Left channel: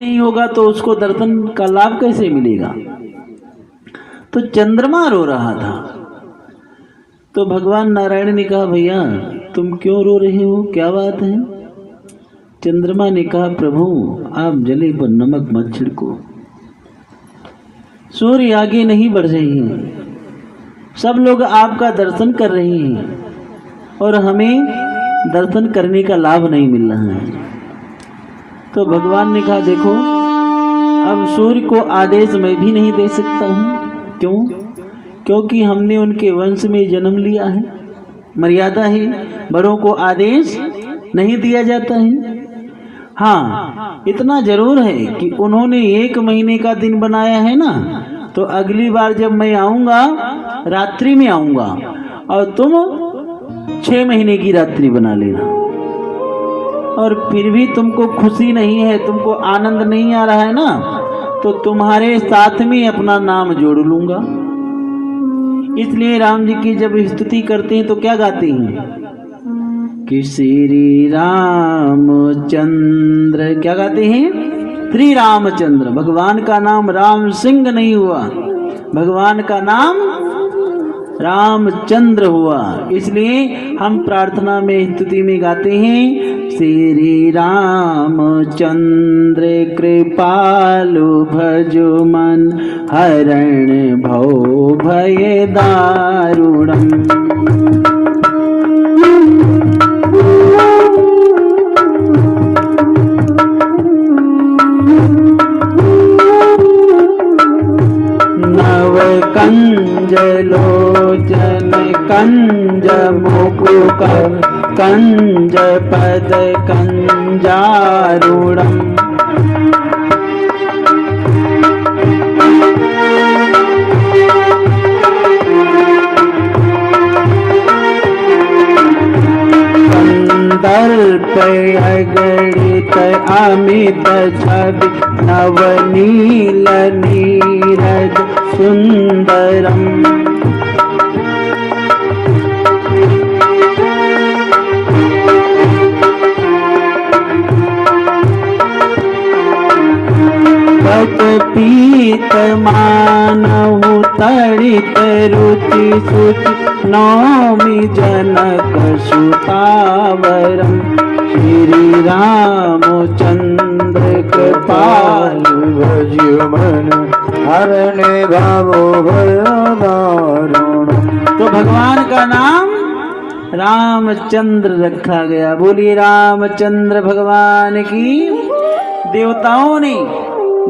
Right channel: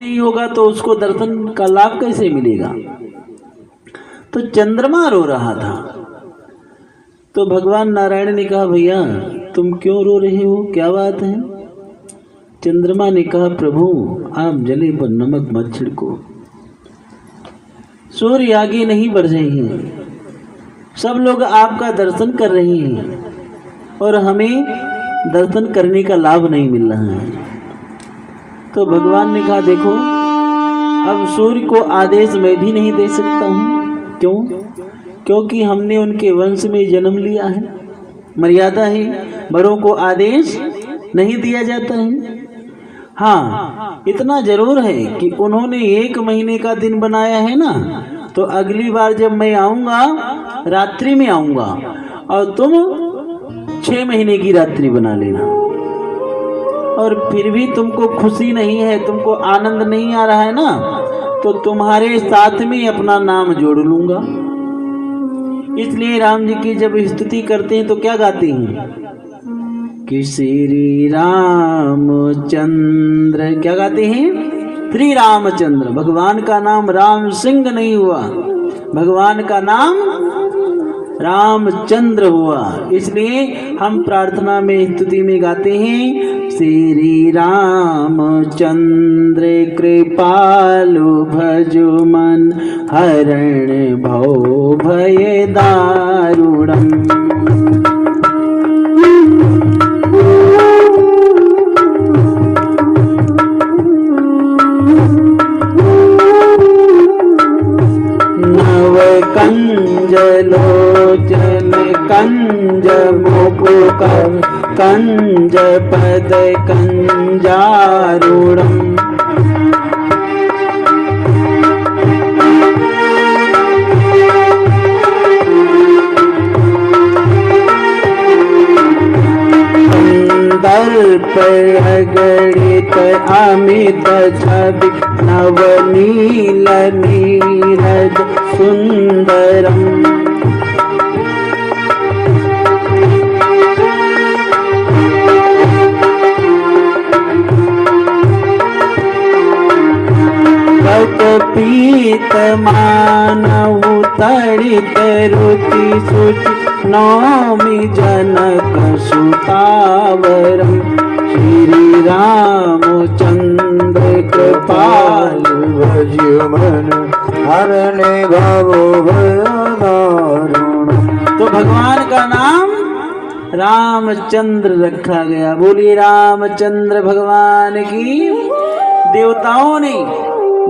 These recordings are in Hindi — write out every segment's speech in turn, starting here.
नहीं होगा तो उसको दर्शन का लाभ कैसे मिलेगा। तो चंद्रमा रो रहा था। तो भगवान नारायण ने कहा, भैया तुम क्यों रो रहे हो, क्या बात है। चंद्रमा ने कहा, प्रभु आप जले पर नमक मत छिड़को, सूर्य आगे नहीं बढ़ रहे हैं, सब लोग आपका दर्शन कर रहे हैं और हमें दर्शन करने का लाभ नहीं मिल रहा है। तो भगवान ने कहा, देखो अब सूर्य को आदेश मैं भी नहीं दे सकता हूँ। क्यों? क्योंकि हमने उनके वंश में जन्म लिया है, मर्यादा है, बड़ों को आदेश नहीं दिया जाता है। हाँ इतना जरूर है कि उन्होंने 1 महीने का दिन बनाया है ना, तो अगली बार जब मैं आऊंगा रात्रि में आऊंगा और तुम 6 महीने की रात्रि बना लेना। और फिर भी तुमको खुशी नहीं है, तुमको आनंद नहीं आ रहा है ना, तो तुम्हारे साथ में अपना नाम जोड़ लूंगा। इसलिए राम जी की जब स्तुति करते हैं तो क्या गाते हैं कि श्री रामचंद्र, क्या गाते हैं, श्री रामचंद्र। भगवान का नाम राम सिंह नहीं हुआ, भगवान का नाम रामचंद्र हुआ। इसलिए हम प्रार्थना में स्तुति में गाते हैं, श्री रामचंद्र कृपालु भजो मन हरण भव भय दारुणम। लोचन कंज मुकुक कंज पद कंजारूढ़म। कंदर्प अगणित अमित छवि नवनील नीरज सुंदरम। पीत मानहु तड़ित रुचि सुचि नौमि जनक सुतावरम। श्री रामचंद्र कृपालु भजो मन हरणे भवो भय दारुणम। तो भगवान का नाम रामचंद्र रखा गया। बोलिए रामचंद्र भगवान की। देवताओं ने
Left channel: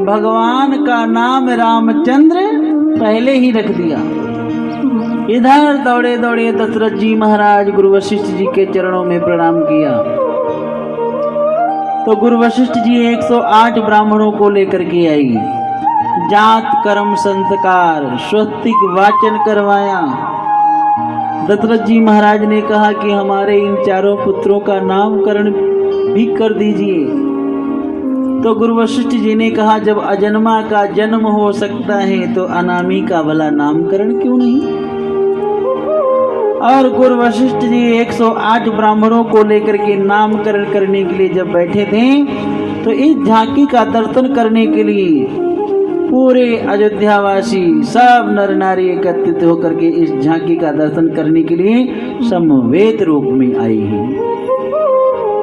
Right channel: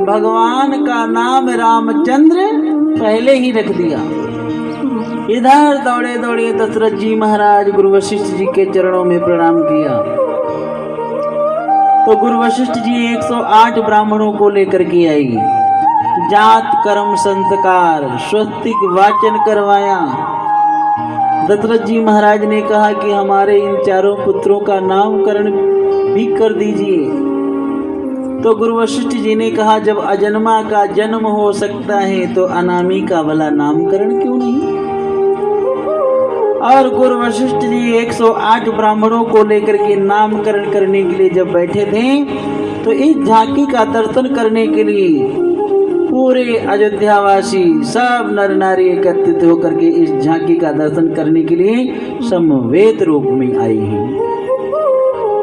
भगवान का नाम रामचंद्र पहले ही रख दिया। इधर दौड़े दौड़े दशरथ जी महाराज गुरु वशिष्ठ जी के चरणों में प्रणाम किया। तो गुरु वशिष्ठ जी 108 ब्राह्मणों को लेकर के आई, जात कर्म संस्कार स्वस्तिक वाचन करवाया। दशरथ जी महाराज ने कहा कि हमारे इन चारों पुत्रों का नामकरण भी कर दीजिए। तो गुरु वशिष्ठ जी ने कहा, जब अजन्मा का जन्म हो सकता है तो अनामी का भला नामकरण क्यों नहीं। और गुरु वशिष्ठ जी 108 ब्राह्मणों को लेकर के नामकरण करने के लिए जब बैठे थे, तो इस झांकी का दर्शन करने के लिए पूरे अयोध्यावासी सब नर नारी एकत्रित होकर के इस झांकी का दर्शन करने के लिए समवेत रूप में आए हैं।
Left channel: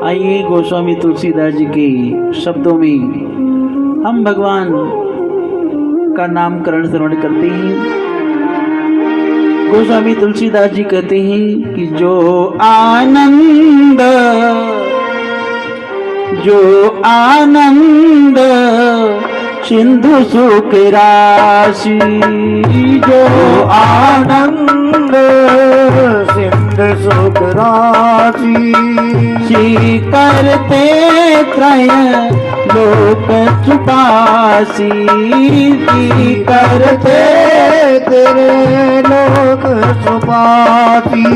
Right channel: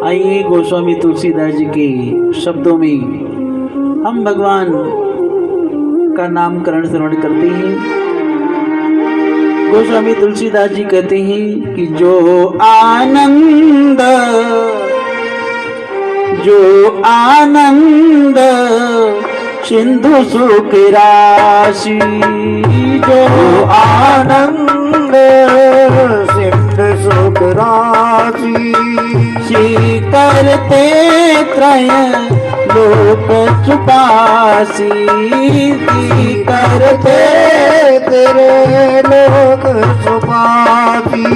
आइए गोस्वामी तुलसीदास जी के शब्दों में हम भगवान का नामकरण श्रवण करते हैं। गोस्वामी तुलसीदास जी कहते हैं कि जो आनंद सिंधु सुख राशि, जो आनंद सिंधु सुख राशि, श्री करते त्रय लोक छुपासी, करते तेरे लोक छुपासी।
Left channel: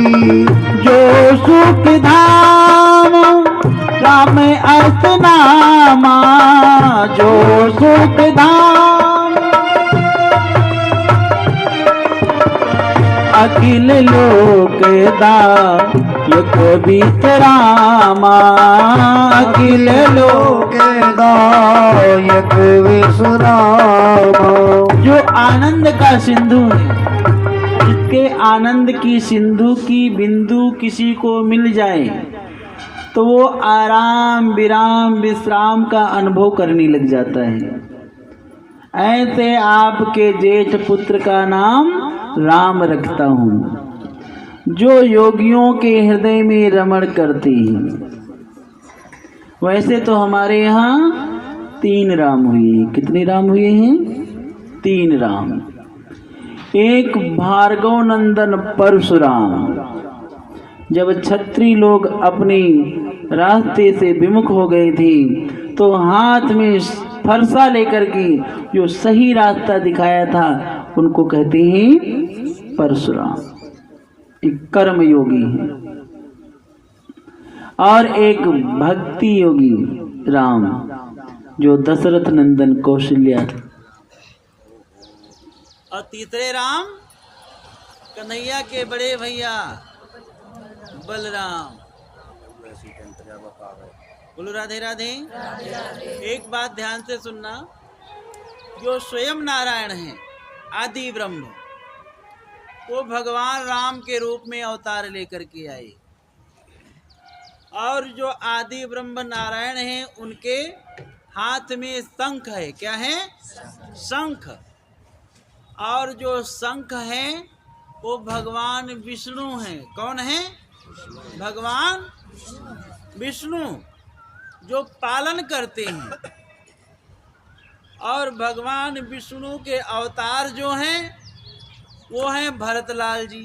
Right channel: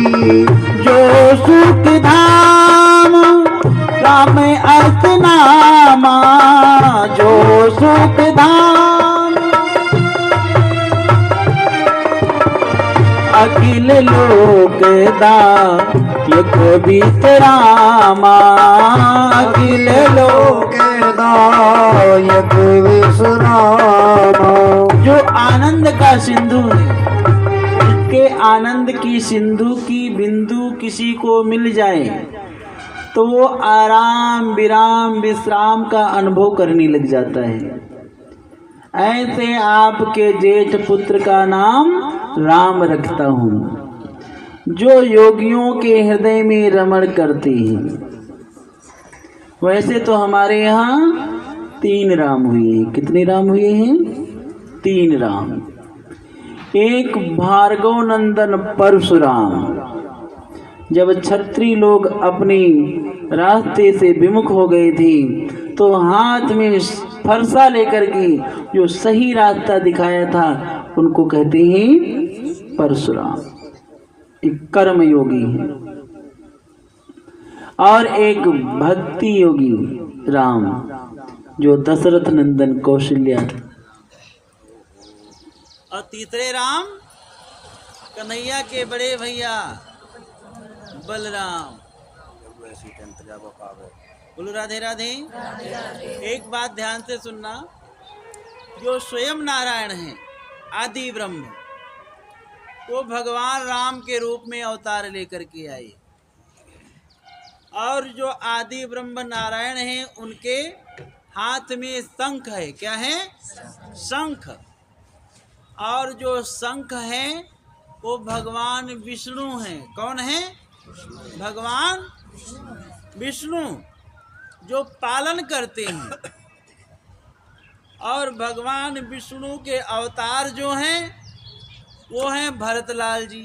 जो सुख धाम राम अर्थ नामा, जो सुख धाम अखिल लोक दायक बीतरामा, अखिल लोक दायक भरत विश्राम। जो आनंद का सिंधु है, जिसके आनंद की सिंधु की बिंदु किसी को मिल जाए तो वो आराम विराम विश्राम का अनुभव करने लग जाता है। ऐसे आपके जेठ पुत्र का नाम राम रखता हूँ, जो योगियों के हृदय में रमण करते हैं। वैसे तो हमारे यहाँ 3 राम हुए हैं। कितने राम हुए हैं? 3 राम। एक भार्गव नंदन परशुराम, जब क्षत्रिय लोग अपने रास्ते से विमुख हो गए थे तो हाथ में फरसा लेकर के जो सही रास्ता दिखाया था उनको कहते हैं परशुराम। एक कर्म योगी है और एक भक्ति योगी राम, जो दशरथ नंदन कौशल्या। और तीसरे राम कन्हैया के बड़े भैया बलराम। बोलो राधे राधे। एक बात ध्यान से सुनना, जो स्वयं नारायण हैं आदि ब्रह्म, वो भगवान राम के रूप में अवतार लेकर के आए। और जो आदि ब्रह्म नारायण हैं उनके हाथ में शंख है। क्या है? शंख। और जो शंख है वो भगवान विष्णु हैं। कौन है? भगवान विष्णु, जो पालन करते हैं। और भगवान विष्णु के अवतार जो हैं वो हैं भरतलाल जी।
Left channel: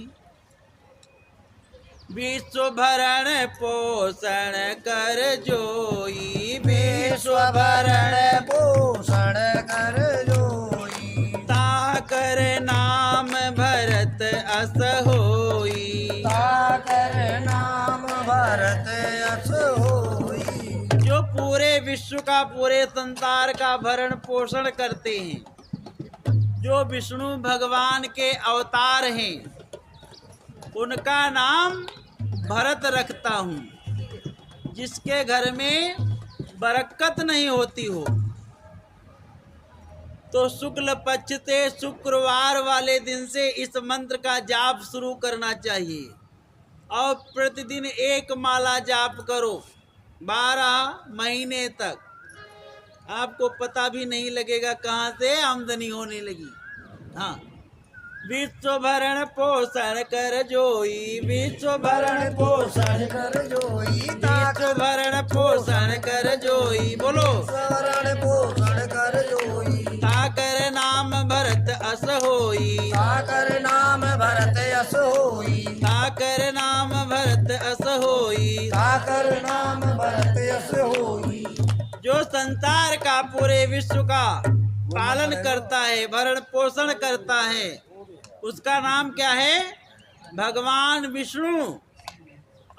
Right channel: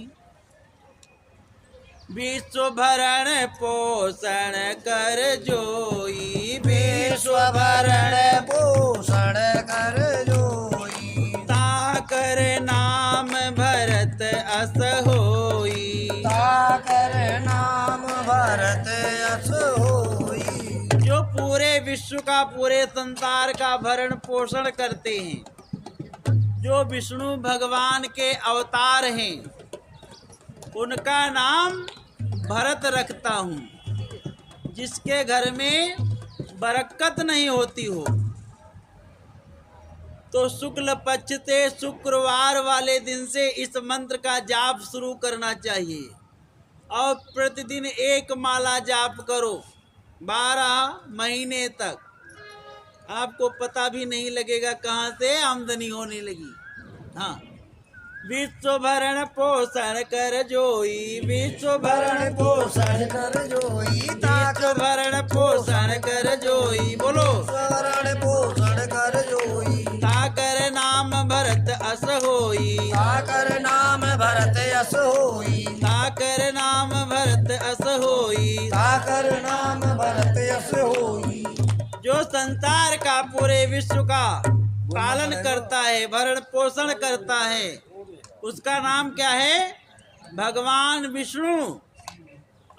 विश्व भरण पोषण कर जोई, विश्व भरण पोषण कर जोई। ताकर नाम भरत अस होई, ताकर नाम भरत अस होई। जो पूरे विश्व का, पूरे संसार का भरण पोषण करते हैं, जो विष्णु भगवान के अवतार हैं, उनका नाम भरत रखता हूँ। जिसके घर में बरकत नहीं होती हो तो शुक्ल पक्ष से शुक्रवार वाले दिन से इस मंत्र का जाप शुरू करना चाहिए और प्रतिदिन 1 माला जाप करो 12 महीने तक। आपको पता भी नहीं लगेगा कहाँ से आमदनी होने लगी। हाँ, विश्व भरण पोषण कर जोई, विश्व भरण पोषण कर जोई। विश्व भरण पोषण कर जोई। बोलो भरण पोषण कर जोई। ताकर नाम भरत अस होई, ताकर नाम भरत अस होई। ताकर नाम भरत अस होई। ताकर नाम भरत अस होई। जो संसार का, पूरे विश्व का पालन करता है, भरण पोषण करता है, उसका नाम क्या है? भगवान विष्णु।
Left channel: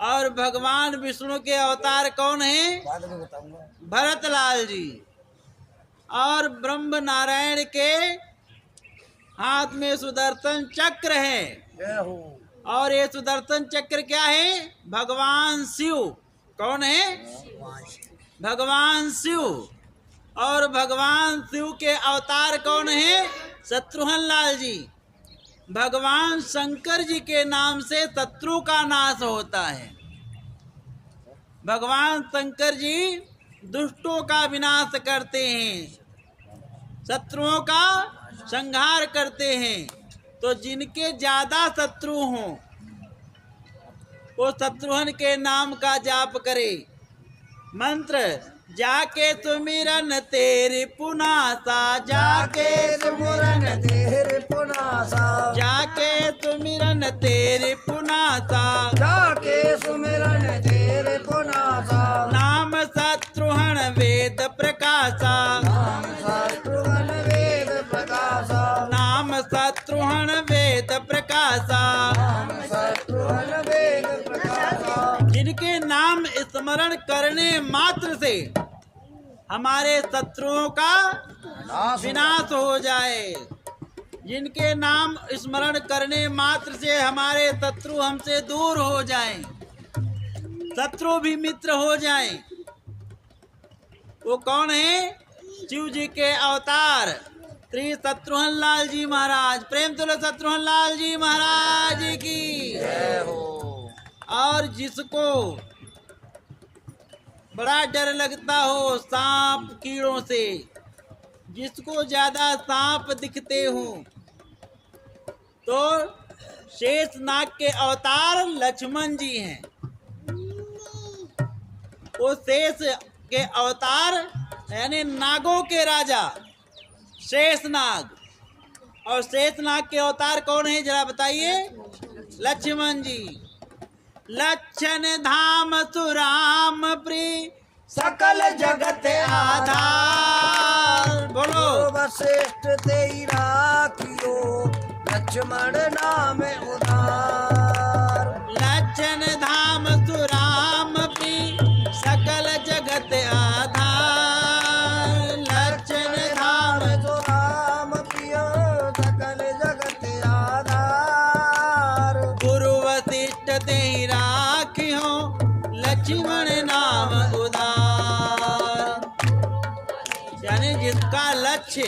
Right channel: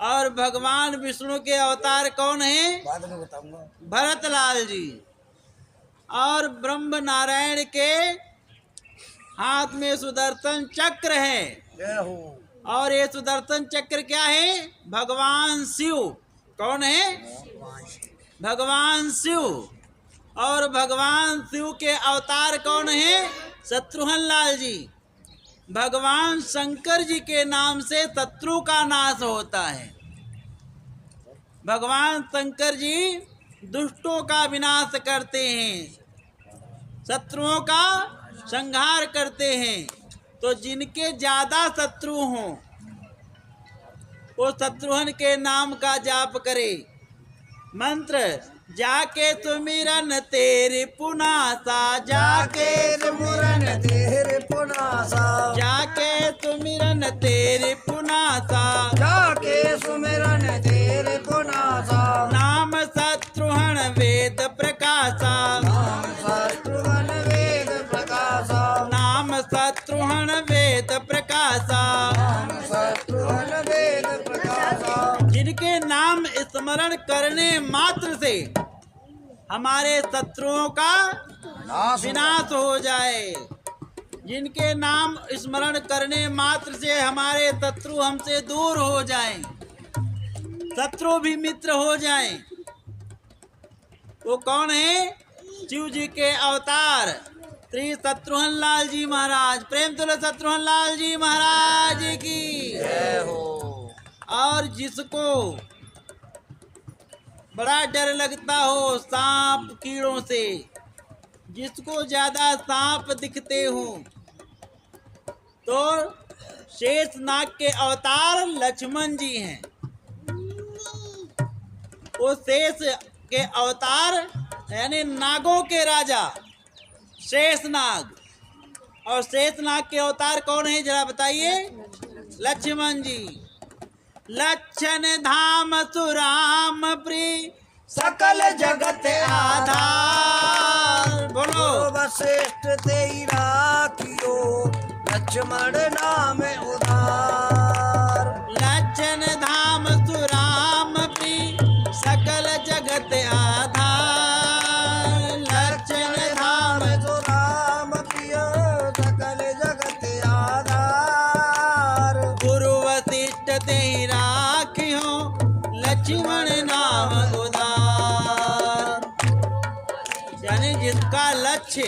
और भगवान विष्णु के अवतार कौन है? भरतलाल जी। और ब्रह्म नारायण के हाथ में सुदर्शन चक्र है। और ये सुदर्शन चक्र क्या है? भगवान शिव। कौन है? भगवान शिव। और भगवान शिव के अवतार कौन है? शत्रुघ्न लाल जी। भगवान शंकर जी के नाम से शत्रु का नाश होता है। भगवान शंकर जी दुष्टों का विनाश करते हैं, शत्रुओं का संहार करते हैं। तो जिनके ज्यादा शत्रु हों वो शत्रुघ्न के नाम का जाप करे। मंत्र जाके सुमिरन तेरे पुनासा, जाके सुमिरन तेरे पुनासा। जाके सुमिरन तेरे पुनासा, जाके सुमिरन तेरे पुनासा। नाम शत्रुघ्न वेद प्रकाशा, नाम शत्रुघ्न वेद प्रकाशा। नाम शत्रुघ्न वेद प्रकाशा। नाम शत्रुघ्न वेद प्रकाशा। जिनके नाम स्मरण करने मात्र से हमारे शत्रुओं का विनाश हो जाए, जिनके नाम स्मरण करने मात्र से हमारे शत्रु हमसे दूर हो जाएं, शत्रु भी मित्र हो जाएं, वो कौन है? शिव जी के अवतार श्री शत्रुघ्न लाल जी महाराज, प्रेम तुल्य शत्रुघ्न लाल जी महाराज की जय हो। और जिसको बड़ा डर लगता हो सांप कीड़ों से, जिसको ज्यादा सांप दिखते हो, तो शेषनाग के अवतार लक्ष्मण जी हैं। वो शेष के अवतार यानी नागों के राजा शेषनाग, और शेषनाग के अवतार कौन है जरा बताइए? लक्ष्मण जी। लक्षण धाम सुराम प्रिय सकल जगत आधार। बोलो श्रेष्ठ तेई राखियो लक्ष्मण नाम उधार। लक्षण धाम सुराम प्रिय सकल जगत आधार। लक्षण धाम राम प्रिय सकल जगत आधार। गुरु वशिष्ठ ते राखियो लक्ष्मण नाम उदार। यानी जिसका लक्ष्य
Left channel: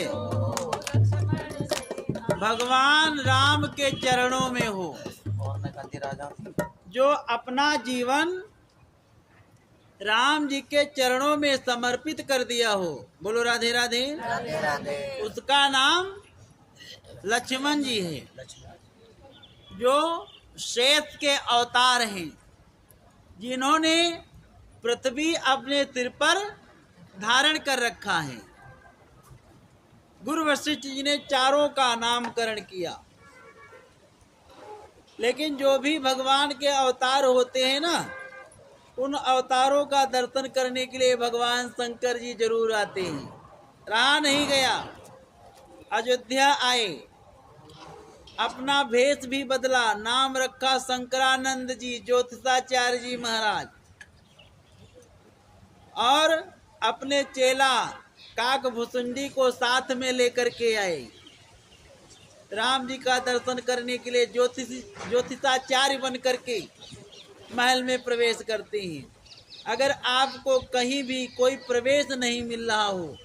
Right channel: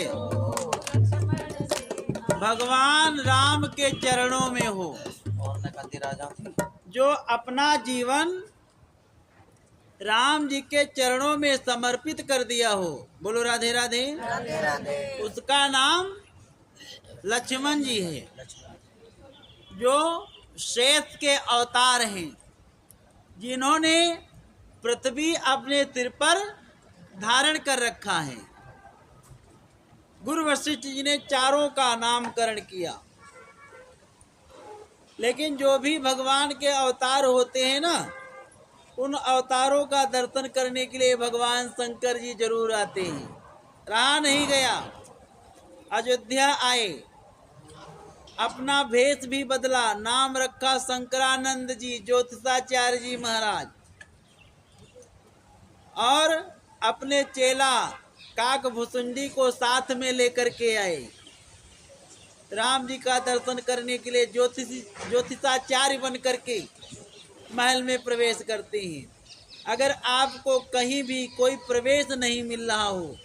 भगवान राम के चरणों में हो, जो अपना जीवन राम जी के चरणों में समर्पित कर दिया हो, बोलो राधे राधे, राधे राधे। उसका नाम लक्ष्मण जी है, जो शेष के अवतार हैं, जिन्होंने पृथ्वी अपने सिर पर धारण कर रखा है। गुरु वशिष्ठ जी ने चारों का नामकरण किया। लेकिन जो भी भगवान के अवतार होते हैं ना, उन अवतारों का दर्शन करने के लिए भगवान शंकर जी जरूर आते हैं। रहा नहीं गया, अयोध्या आए, अपना भेष भी बदला, नाम रखा शंकरानंद जी ज्योतिषाचार्य जी महाराज, और अपने चेला काकभूषुंडी को साथ में लेकर के आए। राम जी का दर्शन करने के लिए ज्योतिषाचार्य बन करके महल में प्रवेश करते हैं। अगर आपको कहीं भी कोई प्रवेश नहीं मिल रहा हो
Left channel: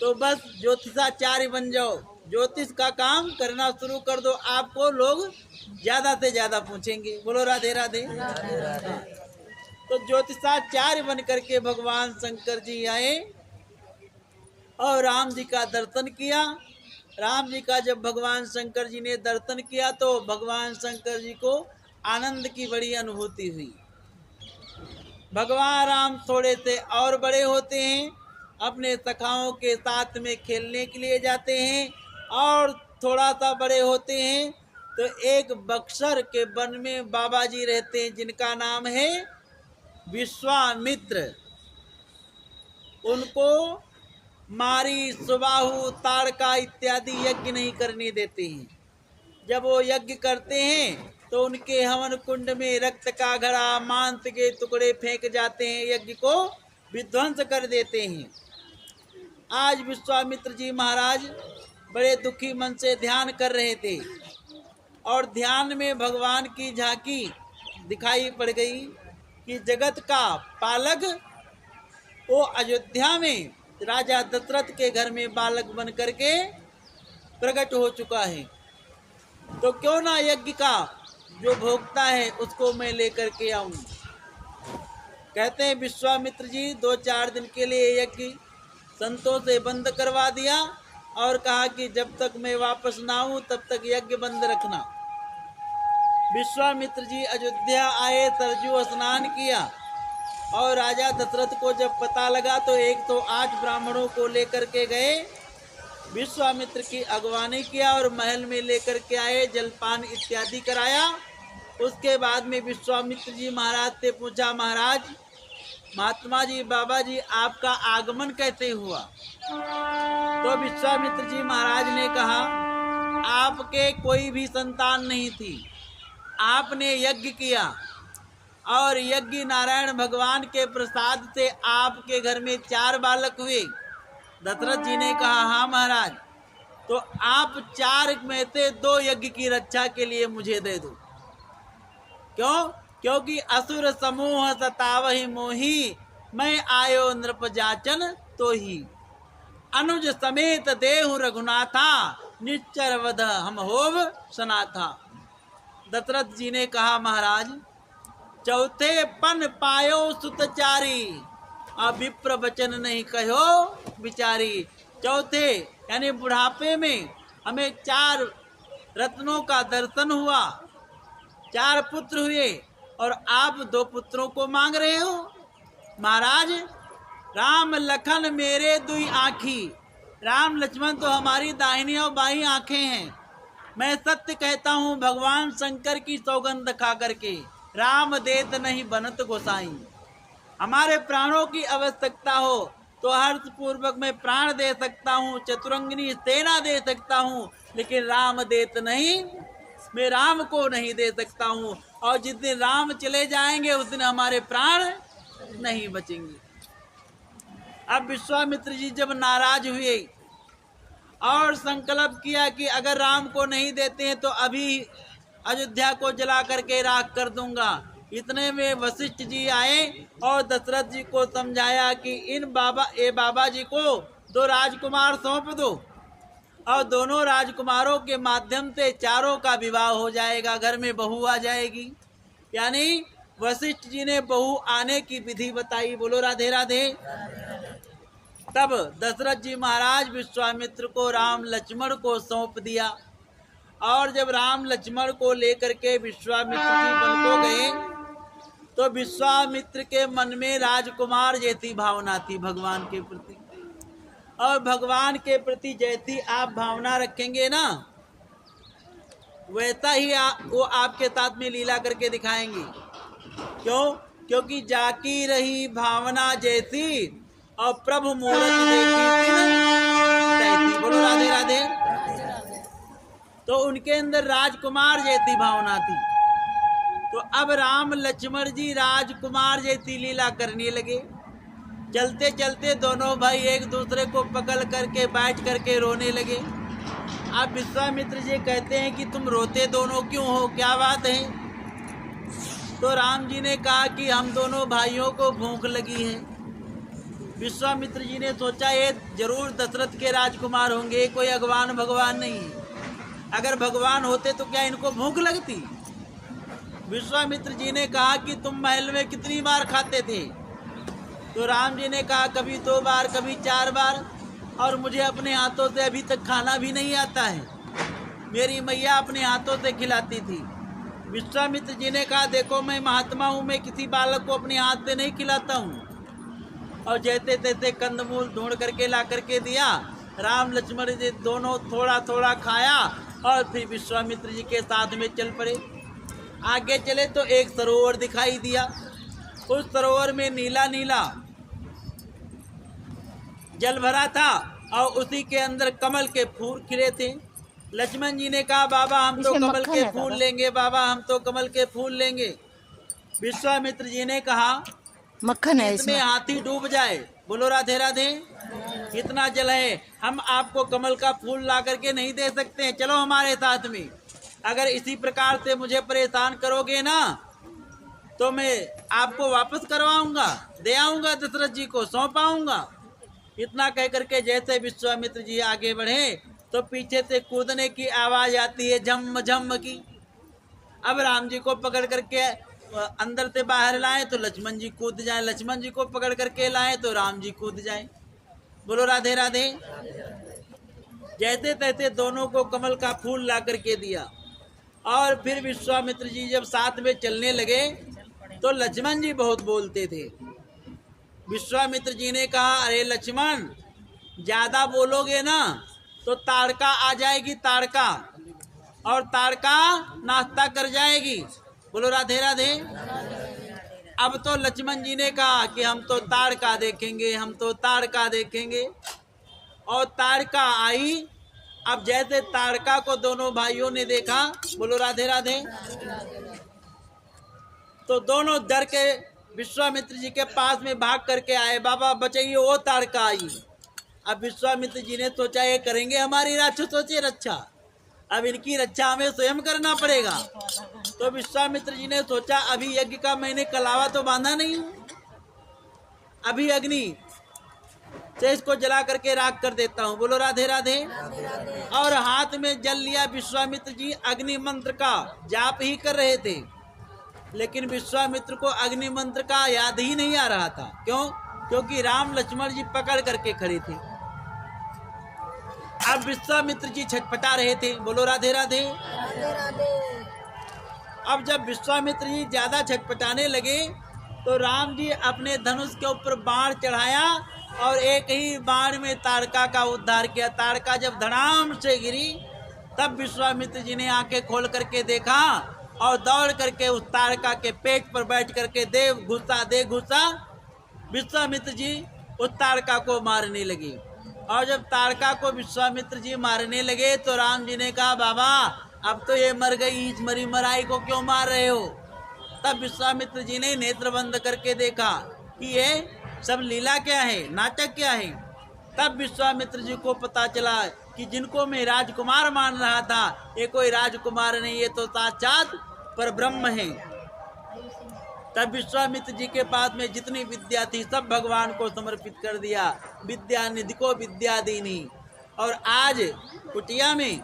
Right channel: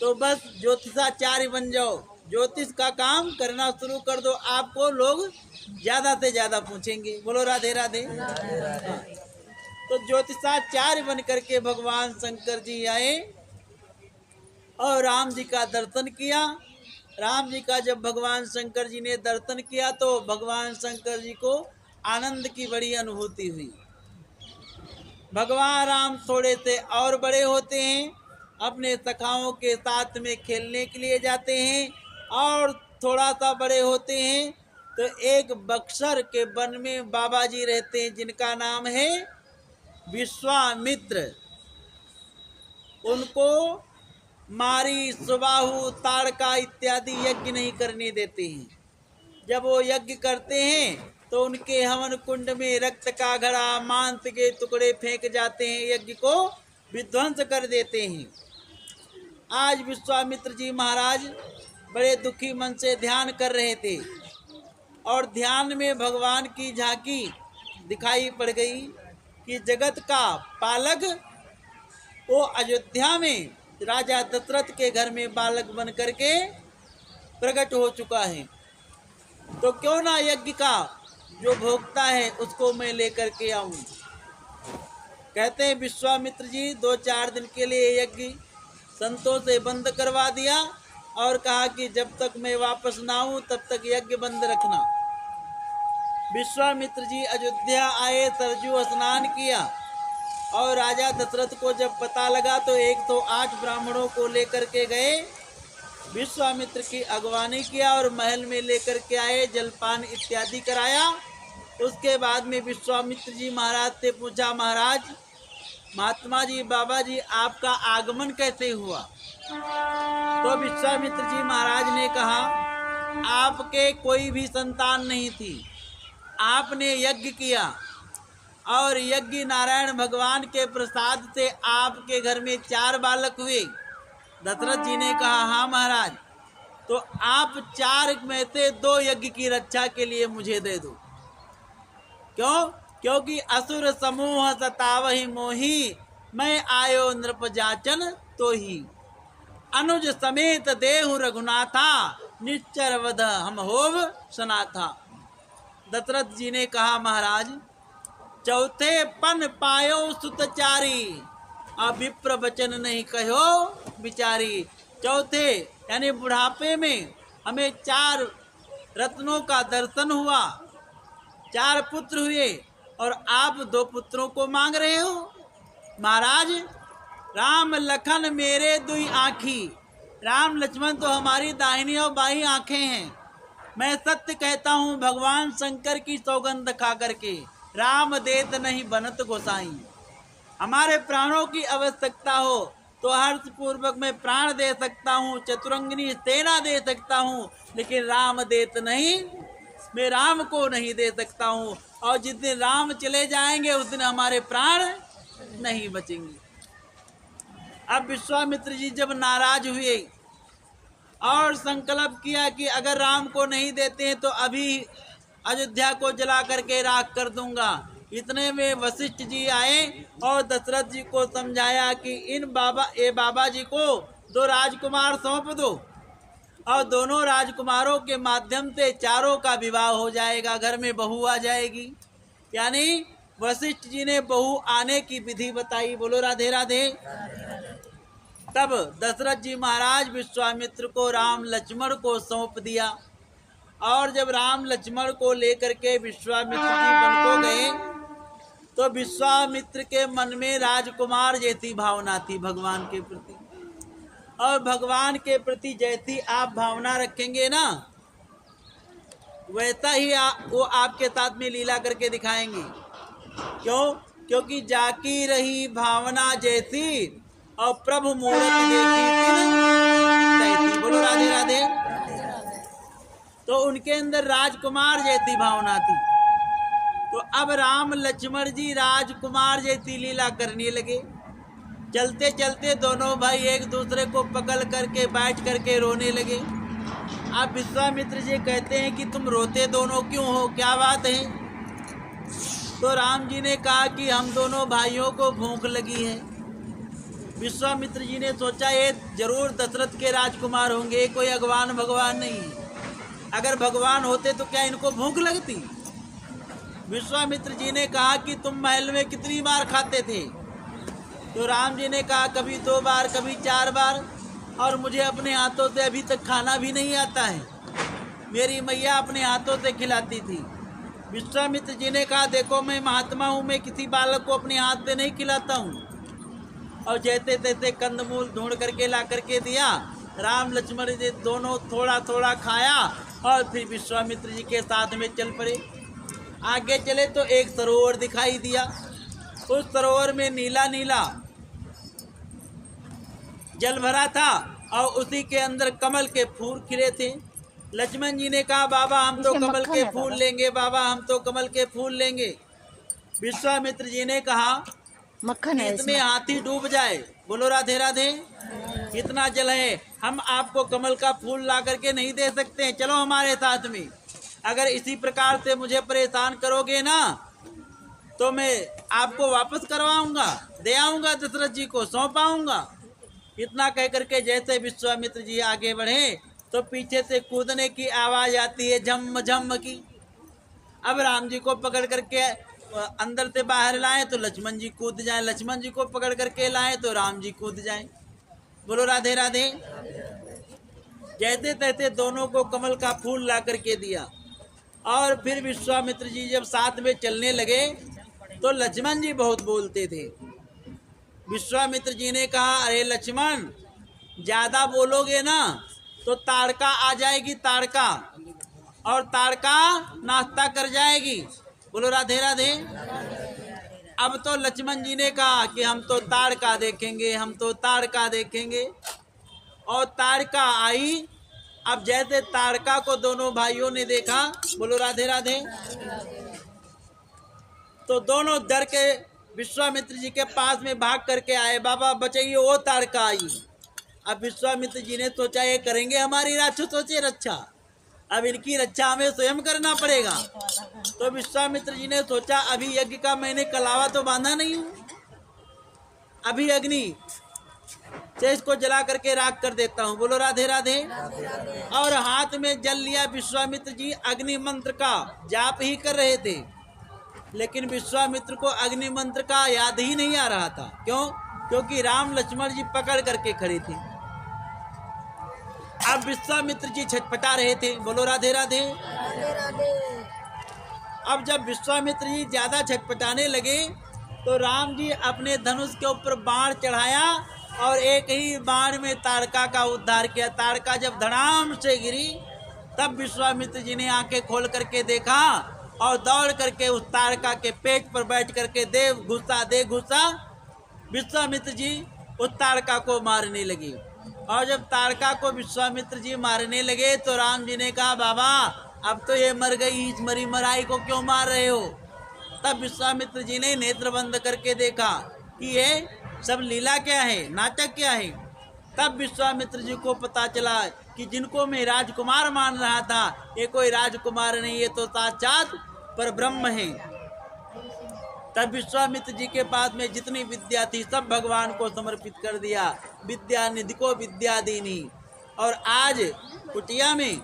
तो बस ज्योतिषाचार्य बन जाओ, ज्योतिष का काम करना शुरू कर दो, आपको लोग ज्यादा से ज्यादा पूछेंगे। बोलो राधे राधे, हाँ। तो ज्योतिषाचार्य बन करके भगवान शंकर जी आए और राम जी का दर्शन किया। राम जी का जब भगवान शंकर जी ने दर्शन किया तो भगवान शंकर जी को आनंद की बड़ी अनुभूति हुई। भगवान राम थोड़े से और बड़े होते हैं, अपने सखाओं के साथ में खेलने के लिए जाते हैं, और थोड़ा सा बड़े होते हैं तो एक बक्सर के वन में बाबा जी रहते हैं, जिनका नाम है विश्वामित्र। उनको मारी, सुबाहु, ताड़का इत्यादि यज्ञ नहीं करने देते हैं। जब वो यज्ञ करते हैं तो उनके हवन कुंड में रक्त का घड़ा, मांस के टुकड़े फेंक जाते हैं, यज्ञ को विध्वंस कर देते हैं। आज विश्वामित्र जी महाराज बड़े दुखी मन से ध्यान कर रहे थे, और ध्यान में भगवान की झांकी दिखाई पड़ गई कि जगत का पालक वो अयोध्या में राजा दशरथ के घर में बालक बन करके प्रकट हो चुका है। तो क्यों ना यज्ञ का जो भोक्ता है उसको मैं लेकर के आऊं। कहते हैं विश्वामित्र जी 2-4 दिन के लिए यज्ञ संतों से बंद करवा दिया, और कहा कि जब तक मैं वापस ना आऊं तब तक यज्ञ बंद रखना। विश्वामित्र जी अयोध्या आए, सरजू स्नान किया, और राजा दशरथ को जब पता लगा तो 108 ब्राह्मणों को लेकर के गए, विश्वामित्र की अगवानी किया और महल में लेकर के आए, जलपान इत्यादि कराया। उसके बाद में विश्वामित्र जी महाराज से पूछा, महाराज, महात्मा जी, बाबा जी, आपका आगमन कैसे हुआ? तो विश्वामित्र जी महाराज ने कहा, आपके कोई भी संतान नहीं थी, आपने यज्ञ किया, और यज्ञ नारायण भगवान के प्रसाद से आपके घर में 4 बालक हुए। दशरथ जी ने कहा, हाँ महाराज, तो आप 4 में से 2 यज्ञ की रक्षा के लिए मुझे दे दो। क्यों? क्योंकि असुर समूह सतावहि मोही, मैं आयो नृप जाचन तो ही। अनुज समेत देहु रघुनाथा, निश्चर वध हम होव सनाथा। दशरथ जी ने कहा, महाराज चौथे पन पायो सुतचारी, अब विप्र वचन नहीं कहो बिचारी। चौथे यानी बुढ़ापे में हमें 4 रत्नों का दर्शन हुआ, 4 पुत्र हुए और आप 2 पुत्रों को मांग रहे हो। महाराज राम लखन मेरे दुई आँखी, राम लक्ष्मण तो हमारी दाहिनी और बाईं आंखें हैं। मैं सत्य कहता हूँ भगवान शंकर की सौगंध खा करके, राम देत नहीं बनत गोसाई। हमारे प्राणों की आवश्यकता हो तो हर्ष पूर्वक मैं प्राण दे सकता हूँ, चतुरंगिनी सेना दे सकता हूँ, लेकिन राम देत नहीं, मैं राम को नहीं दे सकता हूँ। और जिस दिन राम चले जाएंगे उस दिन हमारे प्राण नहीं बचेंगे। अब विश्वामित्र जी जब नाराज हुए और संकल्प किया कि अगर राम को नहीं देते हैं तो अभी अयोध्या को जला करके राख कर दूंगा। इतने में वशिष्ठ जी आए और दशरथ जी को समझाया कि इन बाबा जी को 2 राजकुमार सौंप दो और दोनों राजकुमारों के माध्यम से चारों का विवाह हो जाएगा, घर में बहू आ जाएगी। यानी वशिष्ठ जी ने बहू आने की विधि बताई। बोलो राधे राधे। तब दशरथ जी महाराज विश्वामित्र को राम लक्ष्मण को सौंप दिया और जब राम लक्ष्मण को लेकर के विश्वामित्र जी वन को गए तो विश्वामित्र के मन में राजकुमार जैसी भावना थी भगवान के प्रति। और भगवान के प्रति जैसी आप भावना रखेंगे ना, वैसा ही वो आपके साथ में लीला करके दिखाएंगे। क्यों? क्योंकि जाकी रही भावना जैसी और प्रभु मूर्ति देखी तैसी। बोलो राधे राधे। तो उनके अंदर राजकुमार जैसी भावना थी। तो अब राम लक्ष्मण जी राजकुमार जैसी लीला करने लगे। चलते चलते दोनों भाई एक दूसरे को पकड़ करके बैठ करके रोने लगे। अब विश्वामित्र जी कहते हैं कि तुम रोते दोनों क्यों हो, क्या बात है? तो राम जी ने कहा कि हम दोनों भाइयों को भूख लगी है। विश्वामित्र जी ने सोचा ये जरूर दशरथ के राजकुमार होंगे, कोई अगवान भगवान नहीं है। अगर भगवान होते तो क्या इनको भूख लगती? विश्वामित्र जी ने कहा कि तुम महल में कितनी बार खाते थे? तो राम जी ने कहा कभी 2 बार, कभी 4 बार, और मुझे अपने हाथों से अभी तक खाना भी नहीं आता है। मेरी मैया अपने हाथों से खिलाती थी। विश्वामित्र जी ने कहा देखो मैं महात्मा हूँ, मैं किसी बालक को अपने हाथ से नहीं खिलाता हूँ। और जैसे तैसे कंदमूल ढूंढ करके ला करके दिया। राम लक्ष्मण जी दोनों थोड़ा थोड़ा खाया और फिर विश्वामित्र जी के साथ में चल पड़े। आगे चले तो एक सरोवर दिखाई दिया। उस सरोवर में नीला नीला जल भरा था और उसी के अंदर कमल के फूल खिले थे। लक्ष्मण जी ने कहा बाबा हम तो कमल के फूल लेंगे, बाबा हम तो कमल के फूल लेंगे। विश्वामित्र जी ने कहा मक्खन है इसमें हाथी डूब जाए। बोलो राधे राधे। इतना जल है, हम आपको कमल का फूल ला करके नहीं दे सकते हैं, चलो हमारे साथ में। अगर इसी प्रकार से मुझे परेशान करोगे ना तो मैं आपको वापस करवाऊंगा, दे आऊंगा, दशरथ जी को सौंप आऊंगा। इतना कह करके जैसे विश्वामित्र जी आगे बढ़े तो पीछे से कूदने की आवाज आती है, झम झम की। अब राम जी को पकड़ करके अंदर से बाहर लाए तो लक्ष्मण जी कूद जाए, लक्ष्मण जी को पकड़ करके लाए तो राम जी कूद जाए। बोलो राधे राधे। जैसे तैसे दोनों को कमल का फूल ला करके दिया। और फिर विश्वामित्र जी जब साथ में चलने लगे तो लक्ष्मण जी बहुत बोलते थे। विश्वामित्र जी ने कहा अरे लक्ष्मण ज्यादा बोलोगे ना तो ताड़का आ जाएगी, ताड़का, और ताड़का नाश्ता कर जाएगी। बोलो राधे राधे। अब तो लक्ष्मण जी ने कहा कि हम तो ताड़का देखेंगे, हम तो ताड़का देखेंगे। और ताड़का आई। अब जैसे ताड़का को दोनों भाइयों ने देखा, बोलो राधे राधे, तो दोनों डर के विश्वामित्र जी के पास में भाग करके आए, बाबा बचाइए, वो ताड़का आई। अब विश्वामित्र जी ने सोचा ये करेंगे हमारी राक्षसों से रक्षा, अब इनकी रक्षा हमें स्वयं करना पड़ेगा। तो विश्वामित्र जी ने सोचा अभी यज्ञ का मैंने कलावा तो बांधा नहीं हूं, अभी अग्नि से इसको जला करके राख कर देता हूँ। बोलो राधे राधे। और हाथ में जल लिया। विश्वामित्र जी अग्नि मंत्र का जाप ही कर रहे थे, लेकिन विश्वामित्र को अग्नि मंत्र का याद ही नहीं आ रहा था। क्यों? क्योंकि राम लक्ष्मण जी पकड़ करके खड़े थे। अब विश्वामित्र जी छटपटा रहे थे। बोलो राधे राधे। अब जब विश्वामित्र जी ज्यादा छटपटाने लगे तो राम जी अपने धनुष के ऊपर बाण चढ़ाया और एक ही बाण में ताड़का का उद्धार किया। ताड़का जब धड़ाम से गिरी तब विश्वामित्र जी ने आंखें खोल करके देखा और दौड़ करके उस ताड़का के पेट पर बैठ करके दे घुसा विश्वामित्र जी उस ताड़का को मारने लगे। और जब ताड़का को विश्वामित्र जी मारने लगे तो राम जी ने कहा, बाबा अब तो ये मर गई, इस मरी मराई को क्यों मार रहे हो? तब विश्वामित्र जी ने नेत्र बंद करके देखा कि ये सब लीला क्या है, नाटक क्या है। तब विश्वामित्र जी को पता चला कि जिनको मैं राजकुमार मान रहा था ये कोई राजकुमार नहीं, ये तो साक्षात पर ब्रह्म है। तब विश्वामित्र जी के पास में जितनी विद्या थी सब भगवान को समर्पित कर दिया। विद्या निधि को विद्या दीनी। और आज कुटिया में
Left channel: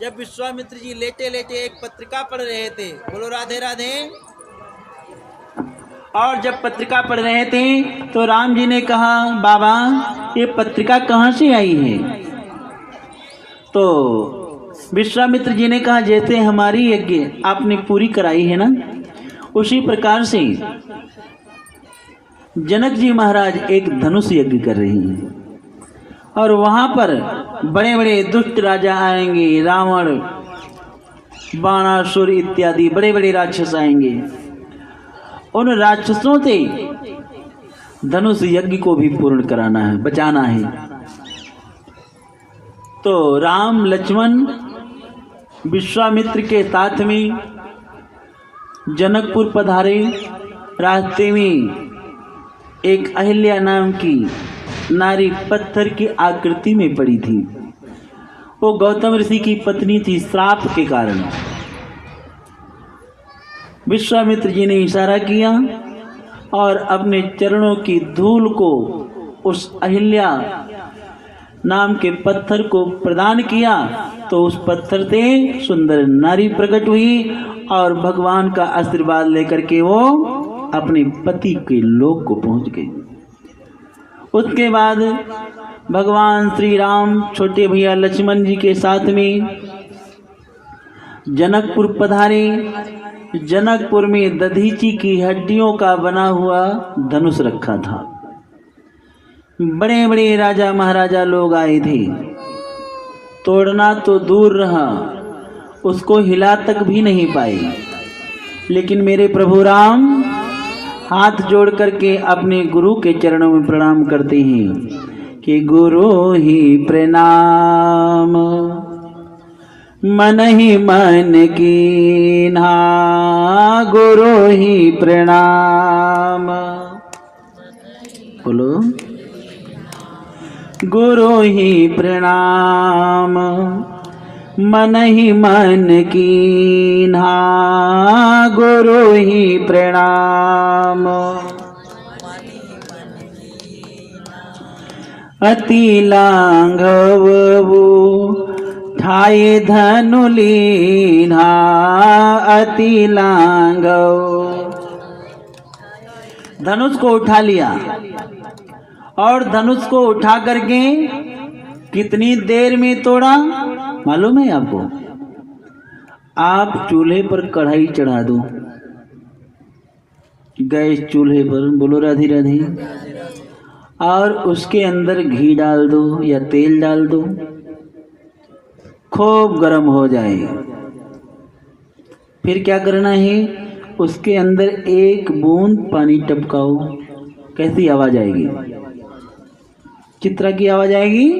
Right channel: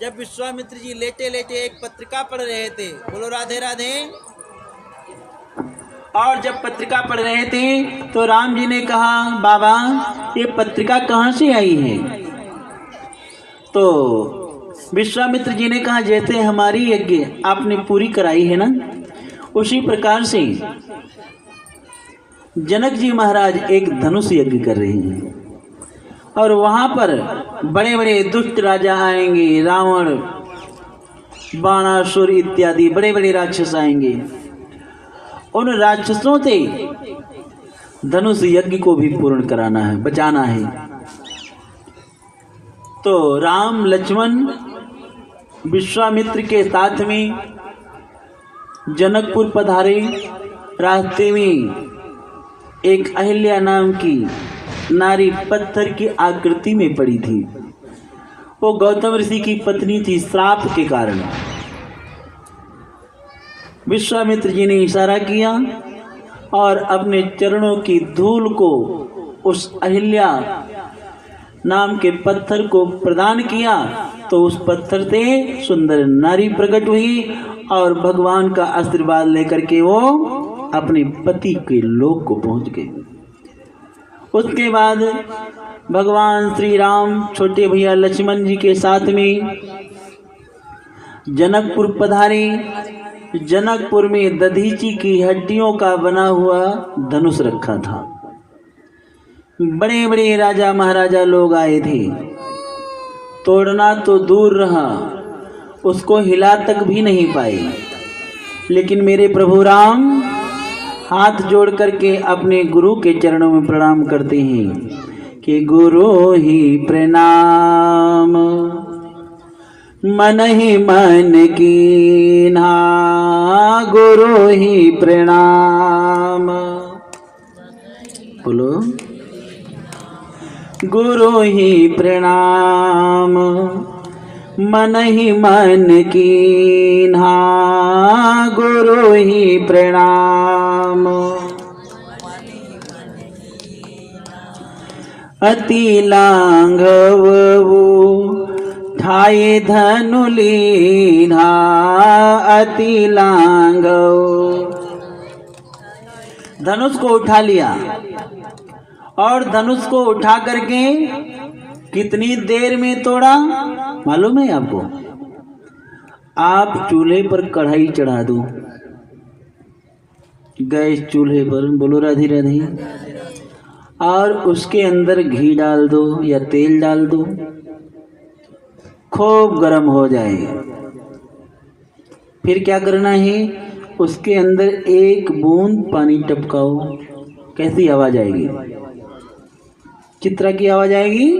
जब विश्वामित्र जी लेटे लेटे एक पत्रिका पढ़ रहे थे, बोलो राधे राधे, और जब पत्रिका पढ़ रहे थे तो राम जी ने कहा, बाबा ये पत्रिका कहाँ से आई है? तो विश्वामित्र जी ने कहा, जैसे हमारी यज्ञ आपने पूरी कराई है ना, उसी प्रकार से जनक जी महाराज एक धनुष यज्ञ कर रहे हैं और वहां पर बड़े बड़े दुष्ट राजा आएंगे, रावण, बाणासुर इत्यादि बड़े बड़े राक्षस आएंगे। उन राक्षसों से धनुष यज्ञ को भी पूर्ण कराना है, बचाना है। तो राम लक्ष्मण विश्वामित्र के साथ में जनकपुर पधारे। रास्ते में एक अहिल्या नाम की नारी पत्थर की आकृति में पड़ी थी। वो गौतम ऋषि की पत्नी थी। श्राप के कारण विश्वामित्र जी ने इशारा किया और अपने चरणों की धूल को उस अहिल्या नाम के पत्थर को प्रदान किया तो उस पत्थर से सुंदर नारी प्रकट हुई और भगवान का आशीर्वाद लेकर के वो अपने पति के लोक को पहुंच गए। उसके बाद भगवान श्री राम छोटे भैया लक्ष्मण जी के साथ में जनकपुर पधारे। जनकपुर में दधीची की हड्डियों का बना हुआ धनुष रखा था। बड़े बड़े राजा महाराजा लोग आए थे। तोड़ना तो दूर रहा, उसको हिला तक भी नहीं पाए। लेकिन मेरे प्रभु राम हाथ जोड़ करके अपने गुरु के चरणों में प्रणाम करते हैं कि गुरु ही प्रणाम, मन ही मन कीन्हा, गुरु ही प्रणाम। बोलो गुरु ही प्रणाम, मन ही मन कीन्हा, गुरु ही प्रणाम। अति लांघवो ठाए धनु लीन्हा, अति लांघव। धनुष को उठा लिया और धनुष को उठा करके कितनी देर में तोड़ा मालूम है आपको? आप चूल्हे पर कढ़ाई चढ़ा दो, गैस चूल्हे पर, बोलो राधे राधे, और उसके अंदर घी डाल दो या तेल डाल दो, खूब गर्म हो जाए। फिर क्या करना है? उसके अंदर एक बूंद पानी टपकाओ। कैसी आवाज आएगी? चित्रा की आवाज आएगी,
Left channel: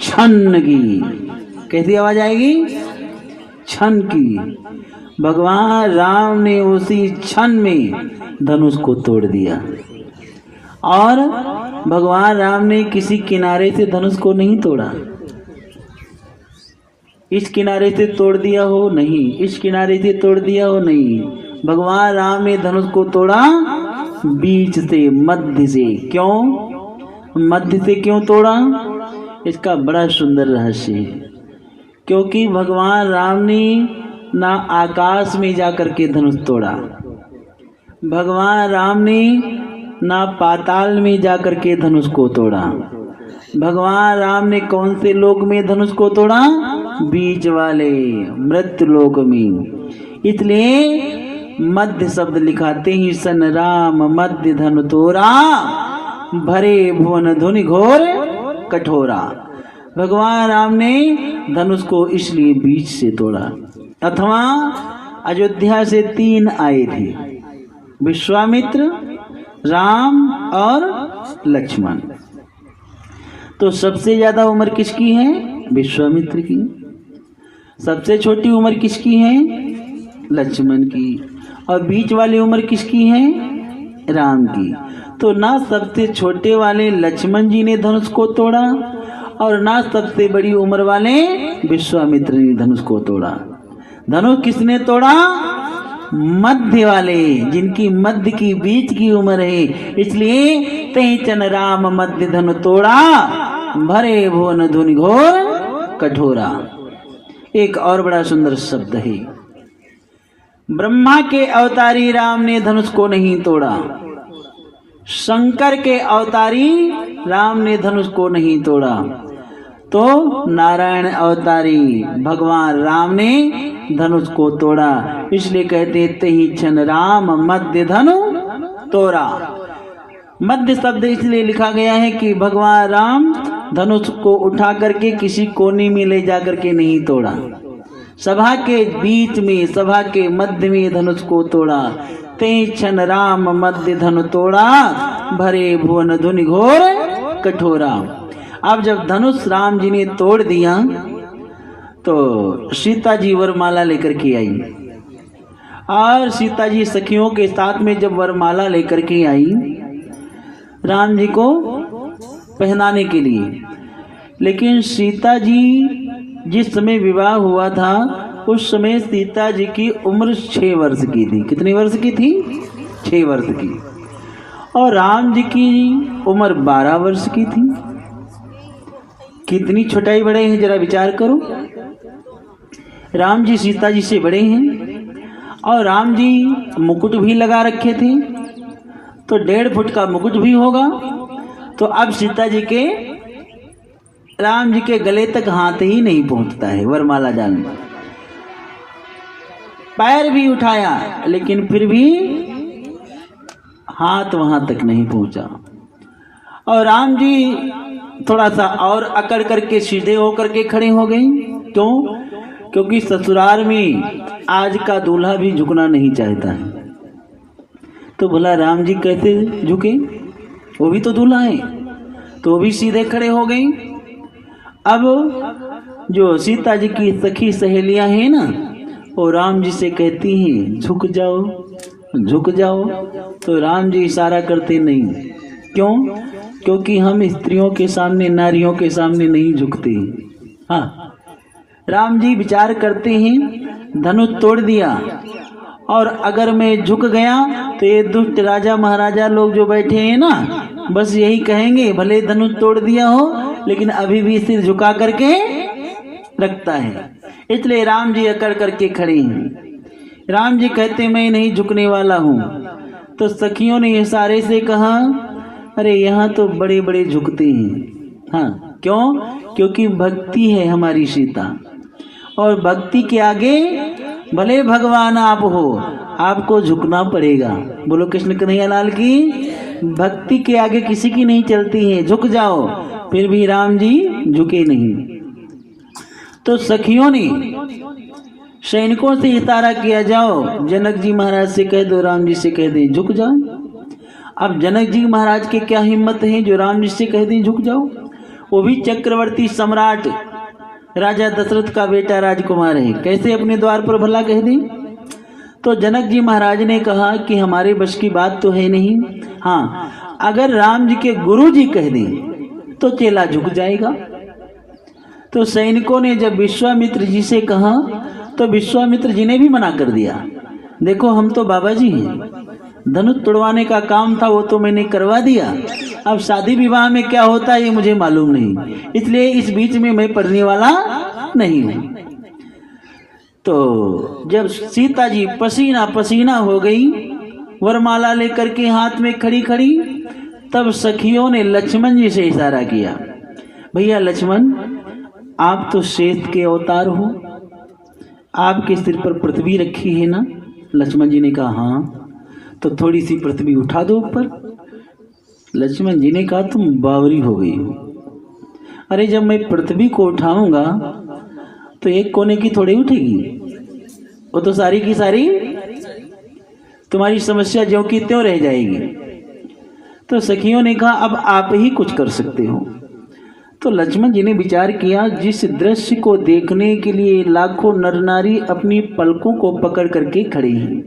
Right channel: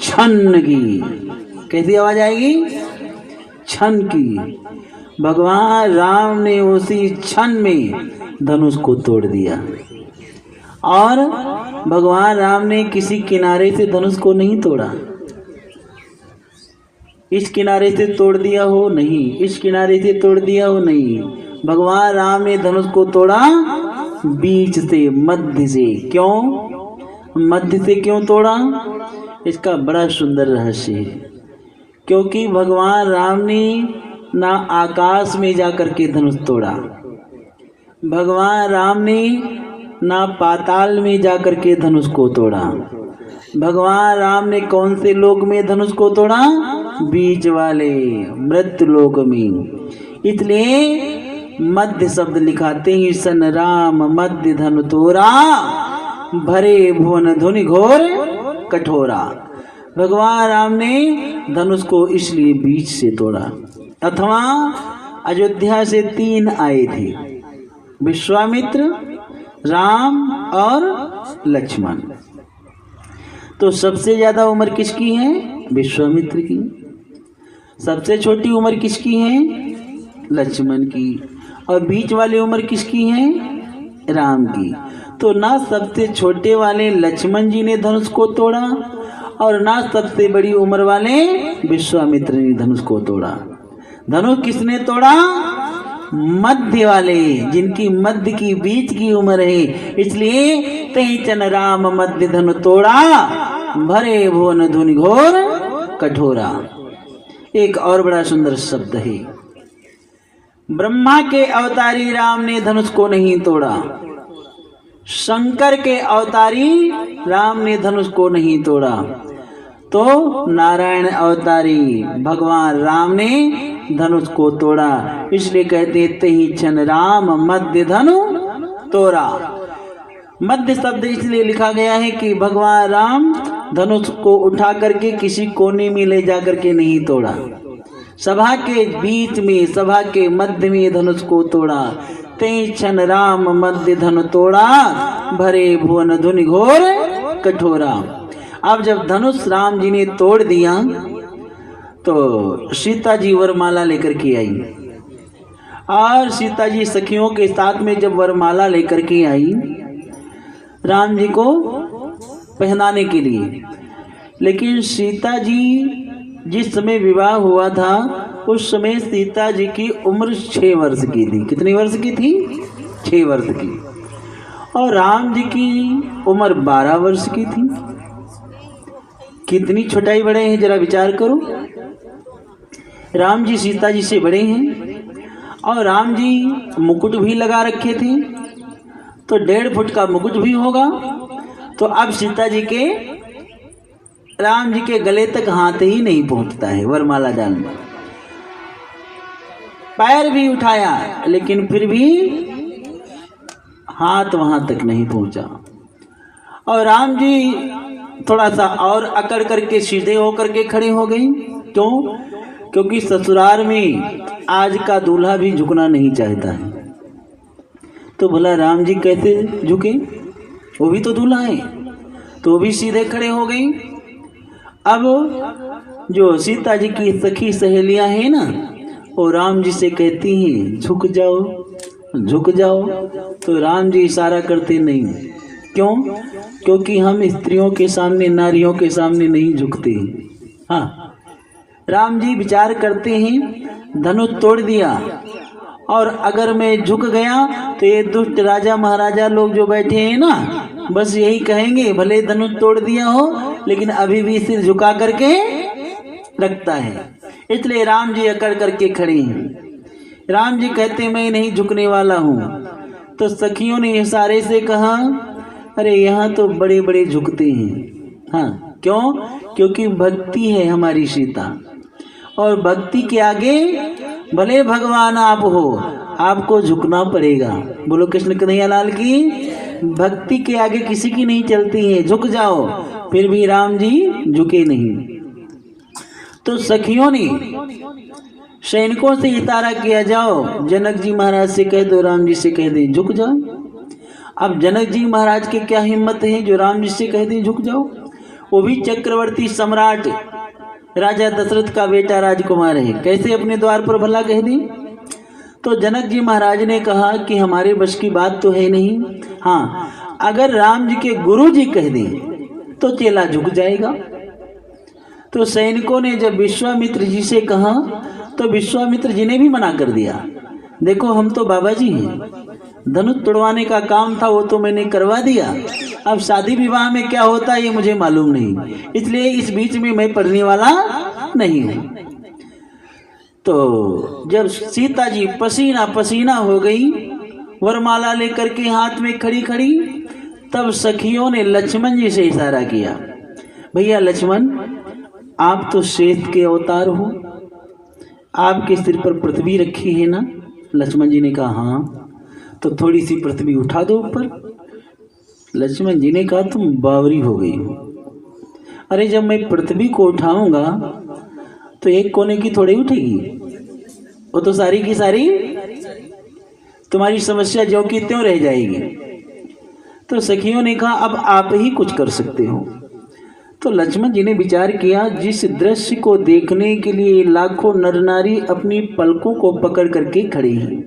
छन की। कैसी आवाज आएगी? छन की। भगवान राम ने उसी क्षण में धनुष को तोड़ दिया और भगवान राम ने किसी किनारे से धनुष को नहीं तोड़ा। इस किनारे से तोड़ दिया हो नहीं, इस किनारे से तोड़ दिया हो नहीं, भगवान राम ने धनुष को तोड़ा बीच से, मध्य से। क्यों? मध्य से क्यों तोड़ा? इसका बड़ा सुंदर रहस्य है। क्योंकि भगवान राम ने ना आकाश में जाकर के धनुष तोड़ा, भगवान राम ने ना पाताल में जाकर के धनुष को तोड़ा, भगवान राम ने कौन से लोक में धनुष को तोड़ा? बीच वाले मृत्यु लोक में। इसलिए मध्य शब्द लिखाते ही सन राम मध्य धनु तोरा, भरे भुवन धुनि घोर कठोरा। भगवान राम ने धनुष को इसलिए बीच से तोड़ा। अथवा अयोध्या से 3 आए थे, विश्वामित्र, राम और लक्ष्मण। तो सबसे ज्यादा उम्र किसकी है? विश्वामित्र की। सबसे छोटी उम्र किसकी है? लक्ष्मण की। और बीच वाली उम्र किसकी है? राम की। तो ना सबसे छोटे वाले लक्ष्मण जी ने धनुष को तोड़ा और ना सबसे बड़ी उम्र वाले विश्वामित्र ने धनुष को तोड़ा। धनुष किसने तोड़ा? मध्य वाले, जिनकी मध्य की बीच की उम्र है। इसलिए तही चन राम मध्य धनु तोड़ा, भरे भुवन धुनि घोर कठोरा। एक और बड़ा सुंदर शब्द है, ब्रह्मा के अवतारी राम ने धनुष को नहीं तोड़ा, शंकर के अवतारी राम ने धनुष को नहीं तोड़ा, तो नारायण अवतारी भगवान राम ने धनुष को तोड़ा। इसलिए कहते तही क्षण राम मध्य धनु तोड़ा। मध्य शब्द इसलिए लिखा गया है कि भगवान राम धनुष को उठा करके किसी कोने में ले जाकर के नहीं तोड़ा, सभा के बीच में, सभा के मध्य में धनुष को तोड़ा। तही क्षण राम मध्य धनु तोड़ा, भरे भुवन धुनि घोर कठोरा। अब जब धनुष राम जी ने तोड़ दिया तो सीता जी वरमाला लेकर के आई, और सीता जी सखियों के साथ में जब वरमाला लेकर के आई राम जी को पहनाने के लिए, लेकिन सीता जी जिस समय विवाह हुआ था उस समय सीता जी की उम्र 6 वर्ष की थी। कितने वर्ष की थी? 6 वर्ष की। और राम जी की उम्र 12 वर्ष की थी। कितनी छोटाई बड़े हैं, जरा विचार करो। राम जी सीता जी से बड़े हैं और राम जी मुकुट भी लगा रखे थे, तो 1.5 फुट का मुकुट भी होगा। तो अब सीता जी के, राम जी के गले तक हाथ ही नहीं पहुंचता है वरमाला डालने। पैर भी उठाया लेकिन फिर भी हाथ वहां तक नहीं पहुंचा। और राम जी थोड़ा सा और अकड़ करके सीधे होकर के खड़े हो गए। क्यों? क्योंकि ससुराल में आज का दूल्हा भी झुकना नहीं चाहता है। तो बोला राम जी कैसे झुके, वो भी तो दूल्हा है। तो वो भी सीधे खड़े हो गए। अब जो सीता जी की सखी सहेलियां हैं ना, वो राम जी से कहती हैं झुक जाओ झुक जाओ। तो राम जी इशारा करते नहीं। क्यों? क्योंकि हम स्त्रियों के सामने, नारियों के सामने नहीं झुकते। हाँ, राम जी विचार करते हैं धनुष तोड़ दिया और अगर मैं झुक गया तो ये दुष्ट राजा महाराजा लोग जो बैठे हैं ना, बस यही कहेंगे भले धनुष तोड़ दिया हो लेकिन अभी भी सिर झुका करके रखता है। इसलिए राम जी अकड़ करके खड़े हैं। राम जी कहते मैं नहीं झुकने वाला हूँ। तो सखियों ने इशारे से कहा अरे यहाँ तो बड़े बड़े झुकते हैं। हाँ, क्यों? क्योंकि भक्ति है हमारी सीता, और भक्ति के आगे भले भगवान आप हो, आपको झुकना पड़ेगा। बोलो कृष्ण कन्हैया लाल की। भक्ति के आगे किसी की नहीं चलती है, झुक जाओ। फिर भी राम जी झुके नहीं। तो सखियों ने सैनिकों से इशारा किया जाओ जनक जी महाराज से कह दो, राम जी से कह दें झुक जाओ। अब जनक जी महाराज की क्या हिम्मत है जो राम जी से कह दें झुक जाओ। वो भी चक्रवर्ती सम्राट राजा दशरथ का बेटा राजकुमार है, कैसे अपने द्वार पर भला कह दें। तो जनक जी महाराज ने कहा कि हमारे बस की बात तो है नहीं। हाँ, अगर राम जी के गुरु जी कह दें तो चेला झुक जाएगा। तो सैनिकों ने जब विश्वामित्र जी से कहा तो विश्वामित्र जी ने भी मना कर दिया। देखो हम तो बाबा जी हैं, धनुष तोड़वाने का काम था वो तो मैंने करवा दिया, अब शादी विवाह में क्या होता है ये मुझे मालूम नहीं, इसलिए इस बीच में मैं पढ़ने वाला नहीं हूँ। तो जब सीता जी पसीना पसीना हो गई, वरमाला लेकर के हाथ में खड़ी खड़ी, तब सखियों ने लक्ष्मण जी से इशारा किया, भैया लक्ष्मण आप तो श्वेत के अवतार हो, आपके सिर पर पृथ्वी रखी है ना? लक्ष्मण जी ने कहा हाँ, तो थोड़ी सी पृथ्वी उठा दो ऊपर। लक्ष्मण जी ने कहा तुम बावरी हो गई हो, अरे जब मैं पृथ्वी को उठाऊंगा तो एक कोने की थोड़ी उठेगी, वो तो सारी की सारी तुम्हारी समस्या ज्यों की त्यों रह जाएगी। तो सखियों ने कहा अब आप ही कुछ कर सकते हो। तो लक्ष्मण जी ने विचार किया, जिस दृश्य को देखने के लिए लाखों नर नारी अपनी पलकों को पकड़ करके खड़े हैं,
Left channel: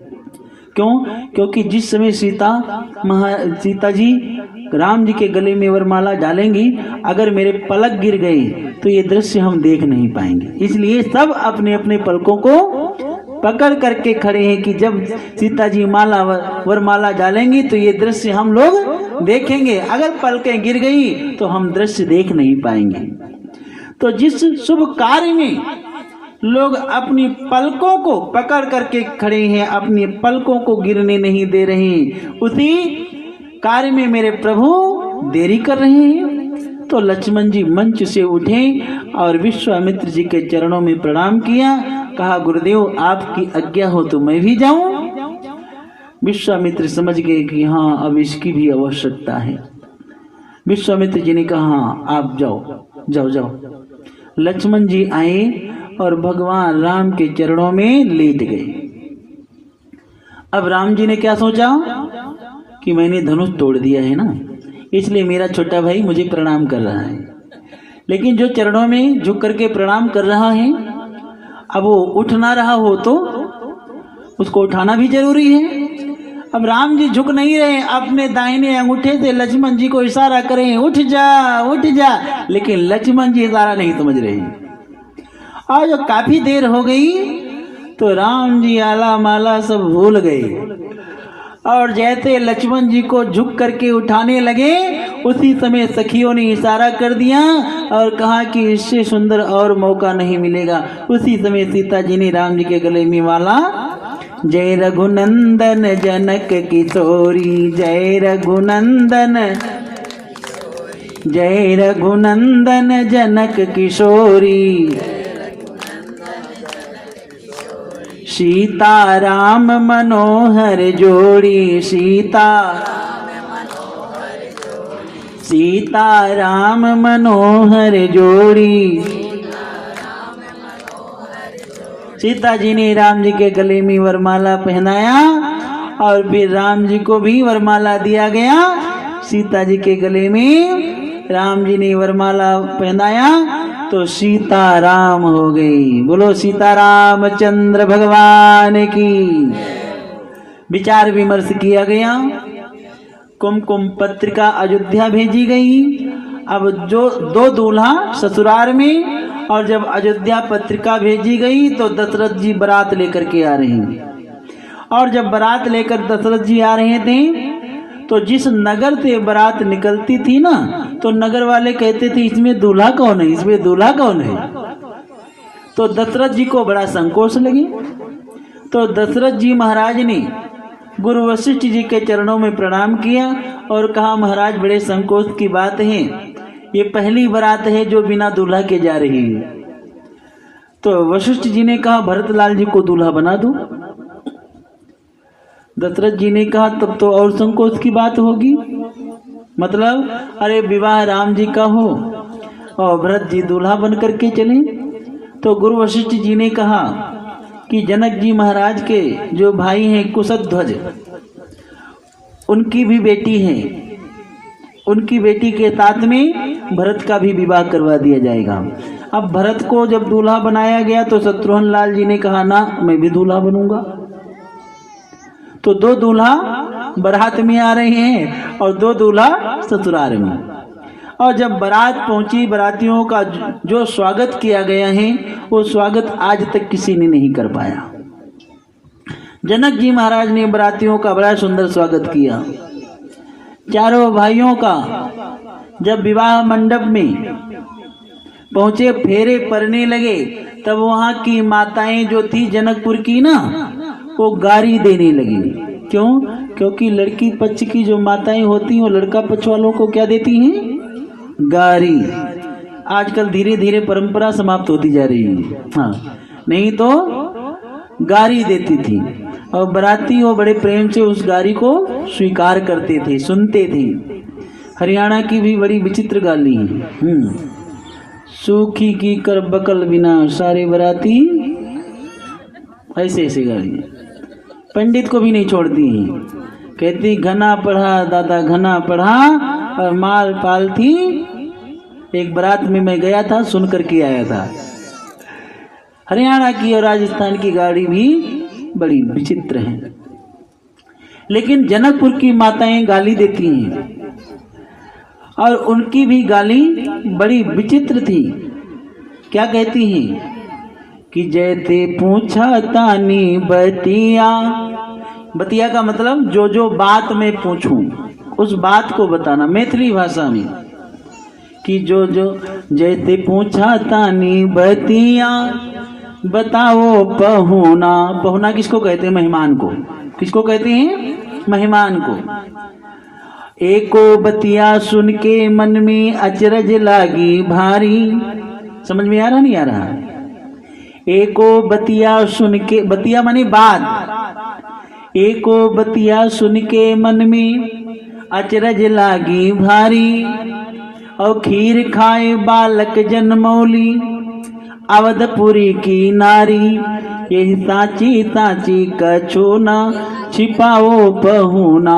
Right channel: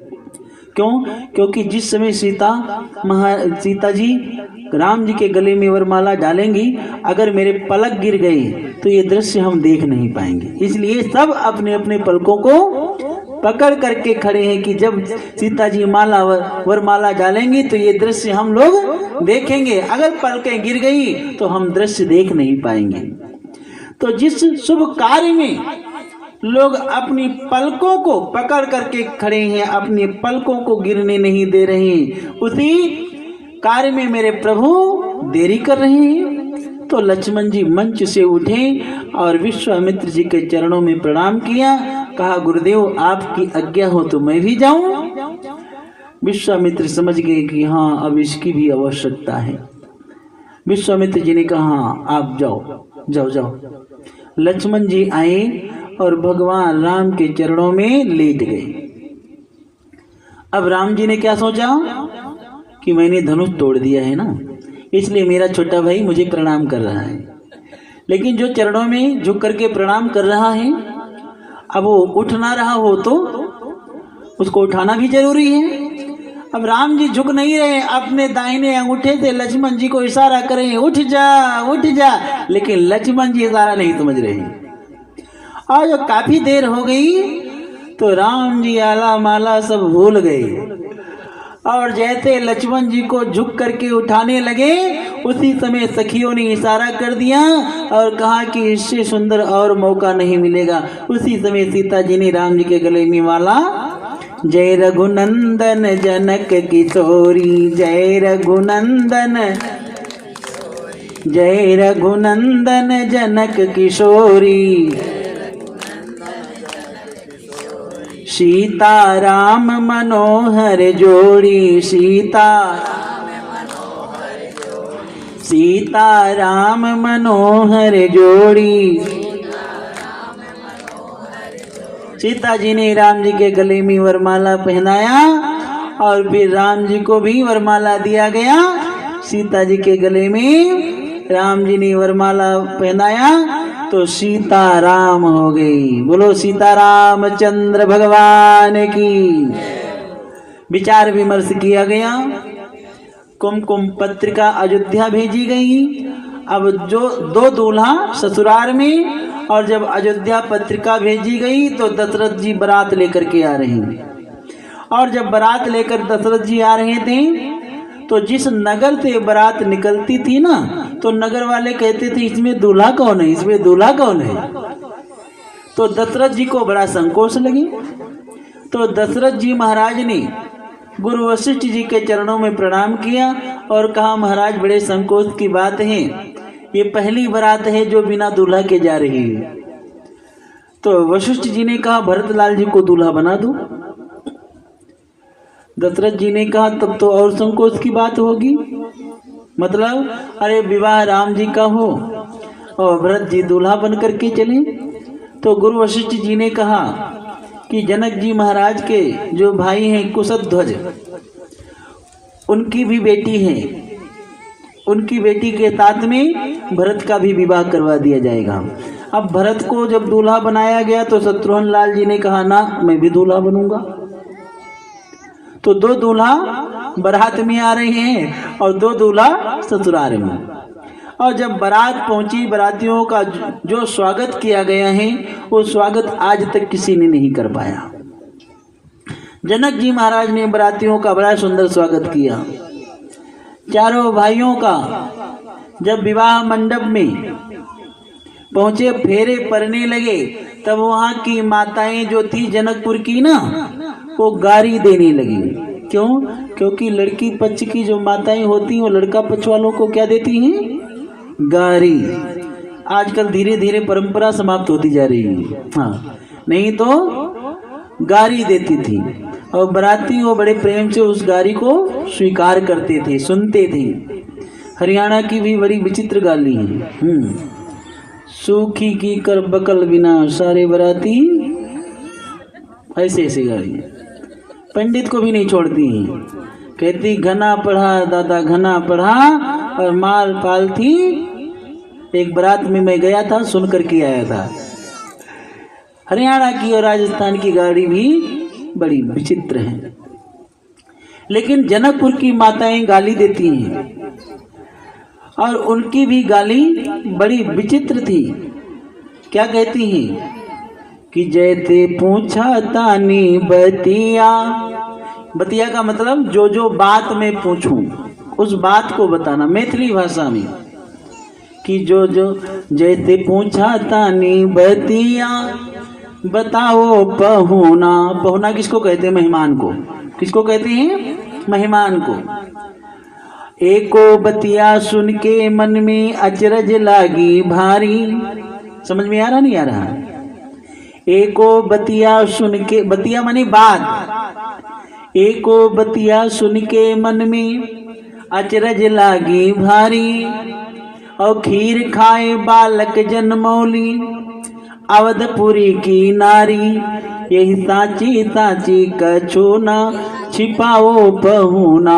क्यों? क्योंकि जिस समय सीता जी राम जी के गले में वरमाला डालेंगी, अगर मेरे पलक गिर गई तो ये दृश्य हम देख नहीं पाएंगे, इसलिए सब अपने अपने पलकों को पकड़ करके खड़े हैं कि जब सीता जी वरमाला डालेंगी तो ये दृश्य हम लोग देखेंगे, अगर पलकें गिर गई तो हम दृश्य देख नहीं पाएंगे। तो जिस शुभ कार्य में लोग अपनी पलकों को पकड़ करके खड़े हैं, अपनी पलकों को गिरने नहीं दे रहे हैं, उसी कार्य में मेरे प्रभु देरी कर रहे हैं। तो लक्ष्मण जी मंच से उठे और विश्वामित्र जी के चरणों में प्रणाम किया, कहा गुरुदेव आपकी आज्ञा हो तो मैं भी जाऊं। विश्वामित्र समझ गए कि हाँ अब इसकी भी आवश्यकता है। विश्वामित्र जी ने कहा हाँ आप जाओ जाओ जाओ। लक्ष्मण जी आए और भगवान राम के चरणों में लेट गए। अब राम जी ने क्या सोचा कि मैंने धनुष तोड़ दिया है ना, इसलिए मेरा छोटा भाई मुझे प्रणाम कर रहा है, लेकिन जो चरणों में झुक करके प्रणाम कर रहा है अब वो उठ ना रहा हो तो उसको उठाना भी जरूरी है। अब राम जी झुक नहीं रहे, अपने दाहिने अंगूठे से लक्ष्मण जी को इशारा करें उठ जा, लेकिन लक्ष्मण जी इशारा नहीं समझ रहे। और जो काफी देर हो गई तो राम जी आला माला सब भूल गए, और जैसे लक्ष्मण जी को झुक करके उठाने लगे उसी समय सखियों ने इशारा कर दिया और कहा कि इससे सुंदर और मौका नहीं मिलेगा। उसी समय सीता जी ने राम जी के गले में माला, जय रघुनंदन जनक किशोरी, जय रघुनंदन जनक किशोरी, सीता राम मनोहर जोड़ी, सीता राम मनोहर जोड़ी। सीता जी ने राम जी के गले में वरमाला पहनाया और फिर राम जी को भी वरमाला दिया गया। सीता जी के गले में राम जी ने वरमाला पहनाया तो सीता राम हो गई। बोलो सीता रामचंद्र भगवान की। विचार विमर्श किया गया, कुमकुम पत्रिका अयोध्या भेजी गई। अब जो दो दूल्हा ससुराल में, और जब अयोध्या पत्रिका भेजी गई तो दशरथ जी बारात लेकर के आ रहे हैं। और जब बारात लेकर दशरथ जी आ रहे थे तो जिस नगर से बारात निकलती थी ना, तो नगर वाले कहते थे इसमें दूल्हा कौन है, इसमें दूल्हा कौन है। तो दशरथ जी को बड़ा संकोच लगी। तो दशरथ जी महाराज ने गुरु वशिष्ठ जी के चरणों में प्रणाम किया और कहा महाराज बड़े संकोच की बात है, ये पहली बारात है जो बिना दूल्हा के जा रही है। तो वशिष्ठ जी ने कहा भरतलाल जी को दूल्हा बना दो। दशरथ जी ने कहा तब तो और संकोच की बात होगी, मतलब अरे विवाह राम जी का हो और भरत जी दूल्हा बन करके चले। तो गुरु वशिष्ठ जी ने कहा कि जनक जी महाराज के जो भाई हैं कुशध्वज, उनकी भी बेटी है, उनकी बेटी के साथ में भरत का भी विवाह करवा दिया जाएगा। अब भरत को जब दूल्हा बनाया गया तो शत्रुघ्न लाल जी ने कहा ना मैं भी दूल्हा बनूंगा। तो दो दूल्हा बारात में आ रहे हैं और दो दूल्हा ससुराल में। और जब बारात पहुंची, बारातियों का जो स्वागत किया गया है वो स्वागत आज तक किसी ने नहीं कर पाया। जनक जी महाराज ने बरातियों का बड़ा सुंदर स्वागत किया। चारों भाइयों का जब विवाह मंडप में पहुंचे, फेरे पड़ने लगे, तब वहां की माताएं जो थी जनकपुर की ना, वो गारी देने लगी। क्यों? क्योंकि लड़की पक्ष की जो माताएं होती हैं वो लड़का पक्ष वालों को क्या देती हैं? गारी। आजकल धीरे धीरे परंपरा समाप्त होती जा रही है। हाँ, नहीं तो गारी देती थी और बराती वो बड़े प्रेम से उस गारी को स्वीकार करते थे, सुनते थे। हरियाणा की भी बड़ी विचित्र गाली है। सूखी की कर बकल बिना सारे बराती, ऐसे ऐसे गाली पंडित को भी नहीं छोड़ती हैं। कहती घना पढ़ा दादा घना पढ़ा और माल पाल थी। एक बारात में मैं गया था, सुन करके आया था। हरियाणा की और राजस्थान की गाड़ी भी बड़ी विचित्र है। लेकिन जनकपुर की माताएं गाली देती हैं और उनकी भी गाली बड़ी विचित्र थी। क्या कहती हैं कि जैसे पूछा तानी बतिया। बतिया का मतलब जो जो बात मैं पूछूं उस बात को बताना, मैथिली भाषा में। कि जो जो जैसे पूछा तानी बतिया बताओ पहुना। पहुना किसको कहते हैं? मेहमान को। किसको कहते हैं? मेहमान को। एको बतिया सुन के मन में अचरज लागी भारी। समझ में आ रहा नहीं आ रहा? एको बतिया सुन के, बतिया माने बात। एको बतिया सुन के मन में अचरज लागी भारी। और खीर खाए बालक जनमौली अवधपुरी की नारी। यही साची साची कछोना छिपाओ पहुना।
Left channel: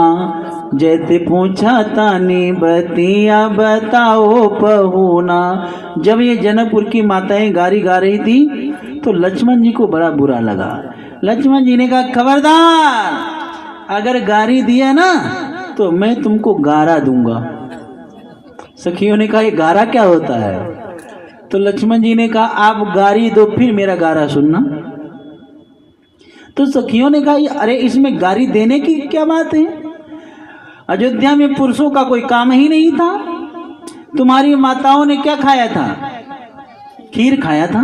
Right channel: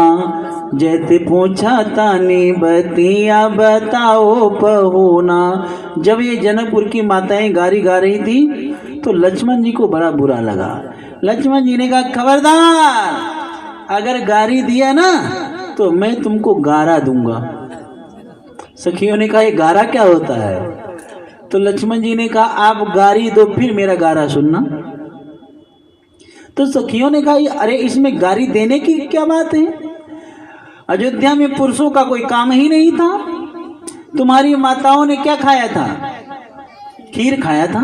जैसे पूछा ताने बतिया बताओ पहुना। जब ये जनकपुर की माताएं गारी गा रही थी तो लक्ष्मण जी को बड़ा बुरा लगा। लक्ष्मण जी ने कहा खबरदार, अगर गारी दिया ना तो मैं तुमको गारा दूंगा। सखियों ने कहा ये गारा क्या होता है? तो लक्ष्मण जी ने कहा आप गारी दो फिर मेरा गारा सुनना। तो सखियों ने कहा अरे इसमें गारी देने की क्या बात है? अयोध्या में पुरुषों का कोई काम ही नहीं था। तुम्हारी माताओं ने क्या खाया था? खीर खाया था।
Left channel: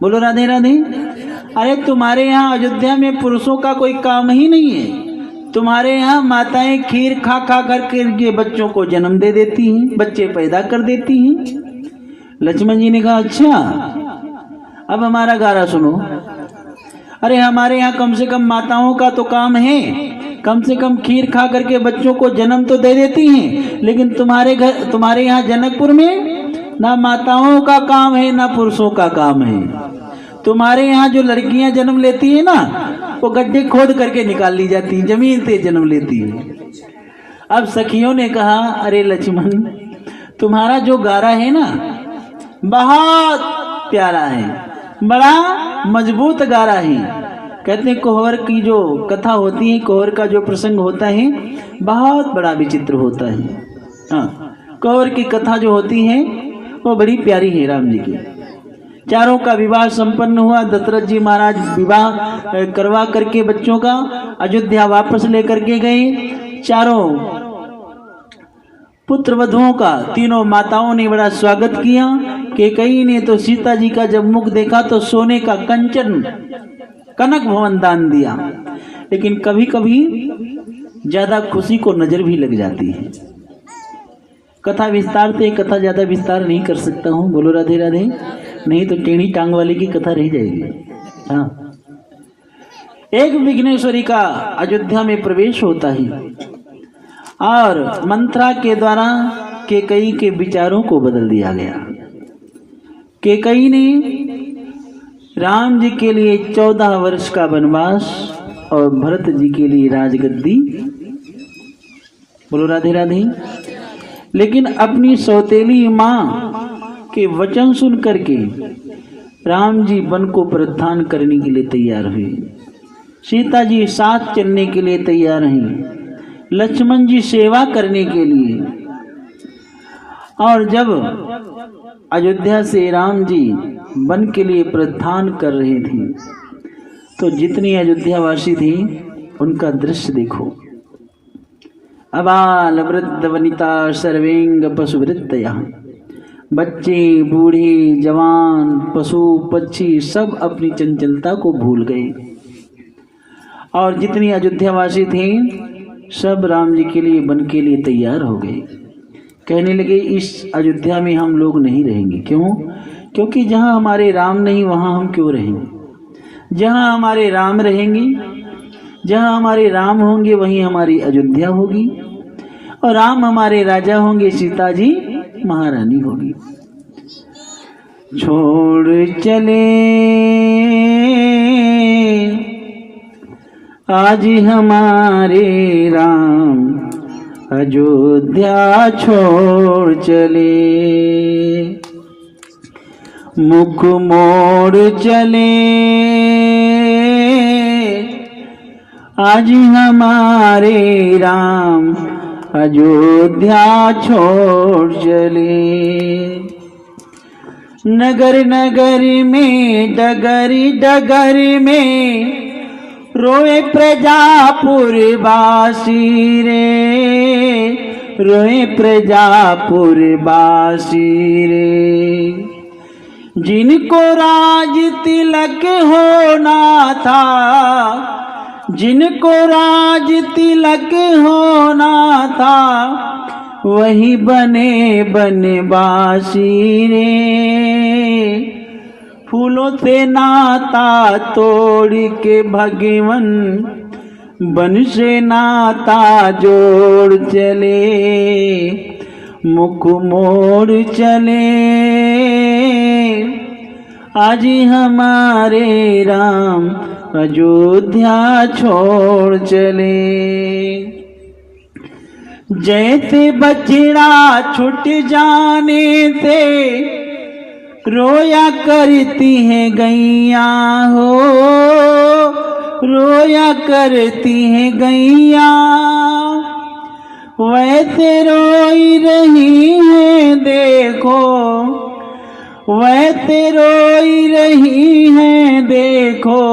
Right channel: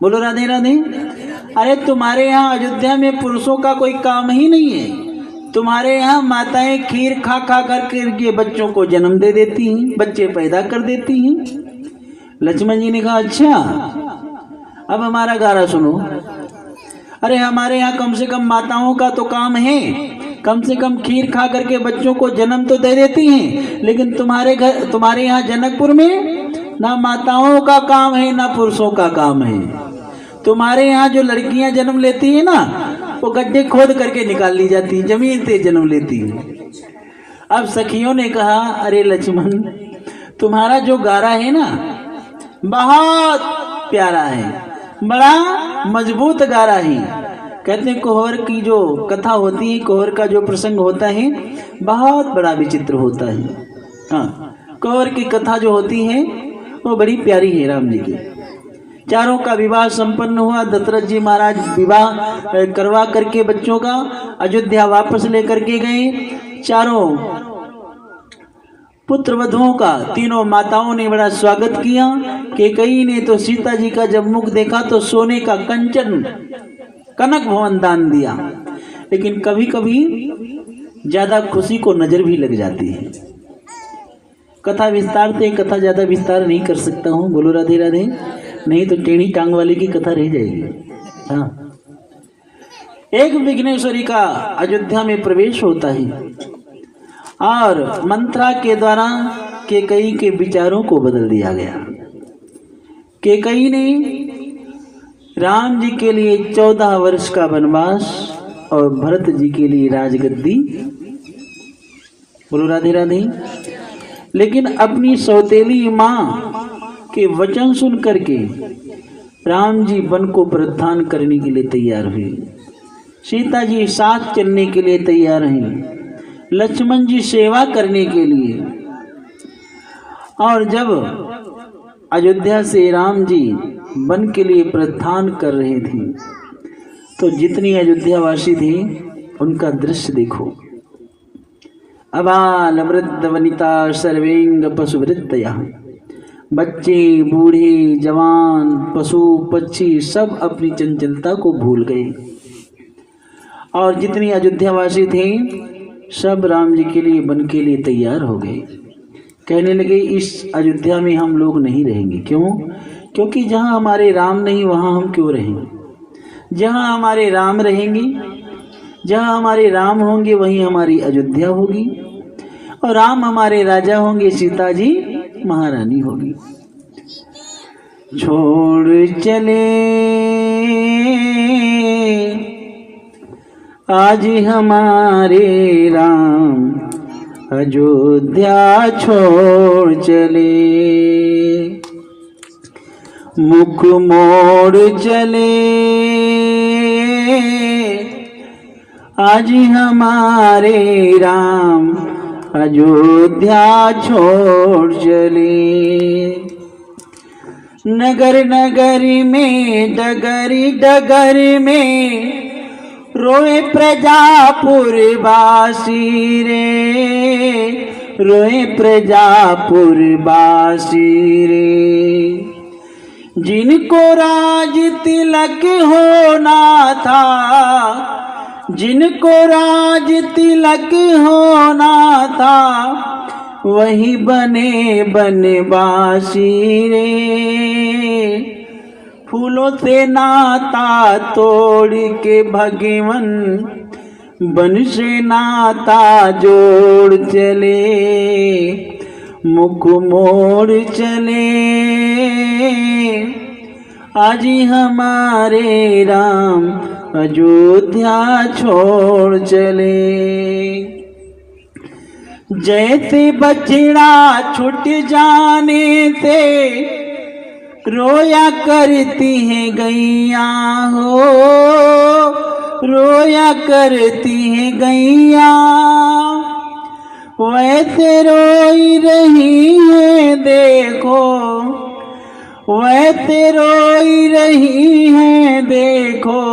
बोलो राधे राधे। अरे तुम्हारे यहाँ अयोध्या में पुरुषों का कोई काम ही नहीं है। तुम्हारे यहाँ माताएं खीर खा खा करके बच्चों को जन्म दे देती हैं, बच्चे पैदा कर देती हैं। लक्ष्मण जी ने कहा अच्छा, अब हमारा गारा सुनो। अरे हमारे यहाँ कम से कम माताओं का तो काम है, कम से कम खीर खा करके बच्चों को जन्म तो दे देती हैं। लेकिन तुम्हारे यहाँ जनकपुर में ना माताओं का काम है ना पुरुषों का काम है। तुम्हारे यहाँ जो लड़कियां जन्म लेती है ना, वो गड्ढे खोद करके निकाल ली जाती है, जमीन से जन्म लेती है। अब सखियों ने कहा अरे लक्ष्मण, तुम्हारा जो गारा है ना बहुत प्यारा है, बड़ा मजबूत गारा है। कहते हैं कोहर की जो कथा होती है, कोहर का जो प्रसंग होता है बहुत बड़ा विचित्र होता है। हाँ, कोहर की कथा जो होती है वो बड़ी प्यारी है। राम जी की चारों का विवाह संपन्न हुआ। दशरथ जी महाराज विवाह करवा करके बच्चों का अयोध्या वापस लेकर के गए। चारों पुत्र वधुओं का तीनों माताओं ने बड़ा स्वागत किया। कैकेयी ने तो सीता जी का जब मुख देखा तो सोने का कंचन कनक भवन दान दिया। लेकिन कभी कभी ज्यादा खुशी को नजर भी लग जाती है। कथा विस्तार से कथा ज्यादा विस्तार नहीं कर सकता हूँ। बोलो राधे राधे, नहीं तो टेढ़ी टांग वाले की कथा रह जाएगी। हाँ, एक विघ्नेश्वरी का अयोध्या में प्रवेश होता है और मंत्रा के द्वारा कैकेयी के विचारों को बदल दिया गया। कैकेयी ने राम जी के लिए 14 वर्ष का वनवास और भरत जी के लिए राजगद्दी। बोलो राधे राधे। लेकिन अपनी सौतेली माँ के वचन सुन करके राम जी वन को प्रस्थान करने के लिए तैयार हुए। सीता जी साथ चलने के लिए तैयार हैं, लक्ष्मण जी सेवा करने के लिए। और जब अयोध्या से राम जी वन के लिए प्रस्थान कर रहे थे तो जितनी अयोध्यावासी थी उनका दृश्य देखो। अबाल वृद्ध वनिता सर्वेंग पशुवृत्तयः, बच्चे बूढ़े जवान पशु पक्षी सब अपनी चंचलता को भूल गए। और जितनी अयोध्यावासी थे सब राम जी के लिए वन के लिए तैयार हो गए। कहने लगे इस अयोध्या में हम लोग नहीं रहेंगे। क्यों? क्योंकि जहाँ हमारे राम नहीं वहाँ हम क्यों रहेंगे। जहाँ हमारे राम रहेंगे, जहाँ हमारे राम होंगे वहीं हमारी अयोध्या होगी, और राम हमारे राजा होंगे, सीता जी महारानी होगी। छोड़ चले आज हमारे राम, अयोध्या छोड़ चले। मुख मोड़ चले आज हमारे राम, अयोध्या छोड़ चले। नगर नगर में डगरी डगर में रोए प्रजापुर वासी रे, रोए प्रजापुर वासी रे। जिनको राज तिलक होना था, जिनको राज तिलक होना था, वही बने बनवासी रे। फूलों से नाता तोड़ के भगवन, बन से नाता जोड़ चले। मुख मोड़ चले आज हमारे राम, अयोध्या छोड़ चले। जैसे बछड़ा छूट जाने से रोया करती है गैया हो, रोया करती है गैया, वैसे रोई रही है देखो, वैसे रोई रही है देखो,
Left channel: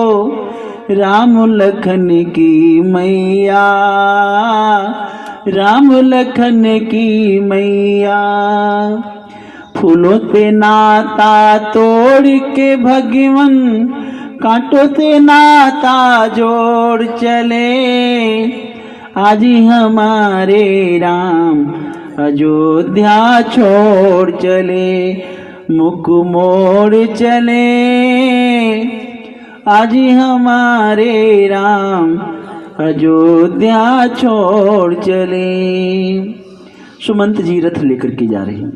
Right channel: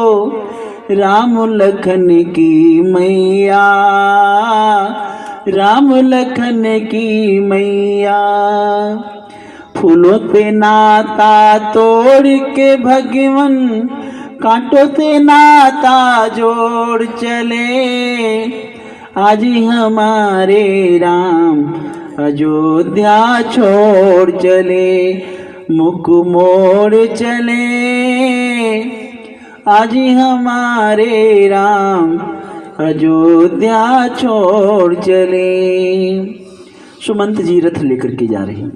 राम लखन की मैया, राम लखन की मैया। फूलों से नाता तोड़ के भगवन, कांटों से नाता जोड़ चले। आज हमारे राम, अयोध्या छोड़ चले। मुख मोड़ चले आज हमारे राम, अयोध्या छोड़ चले। सुमंत जी रथ लेकर के जा रहे हैं,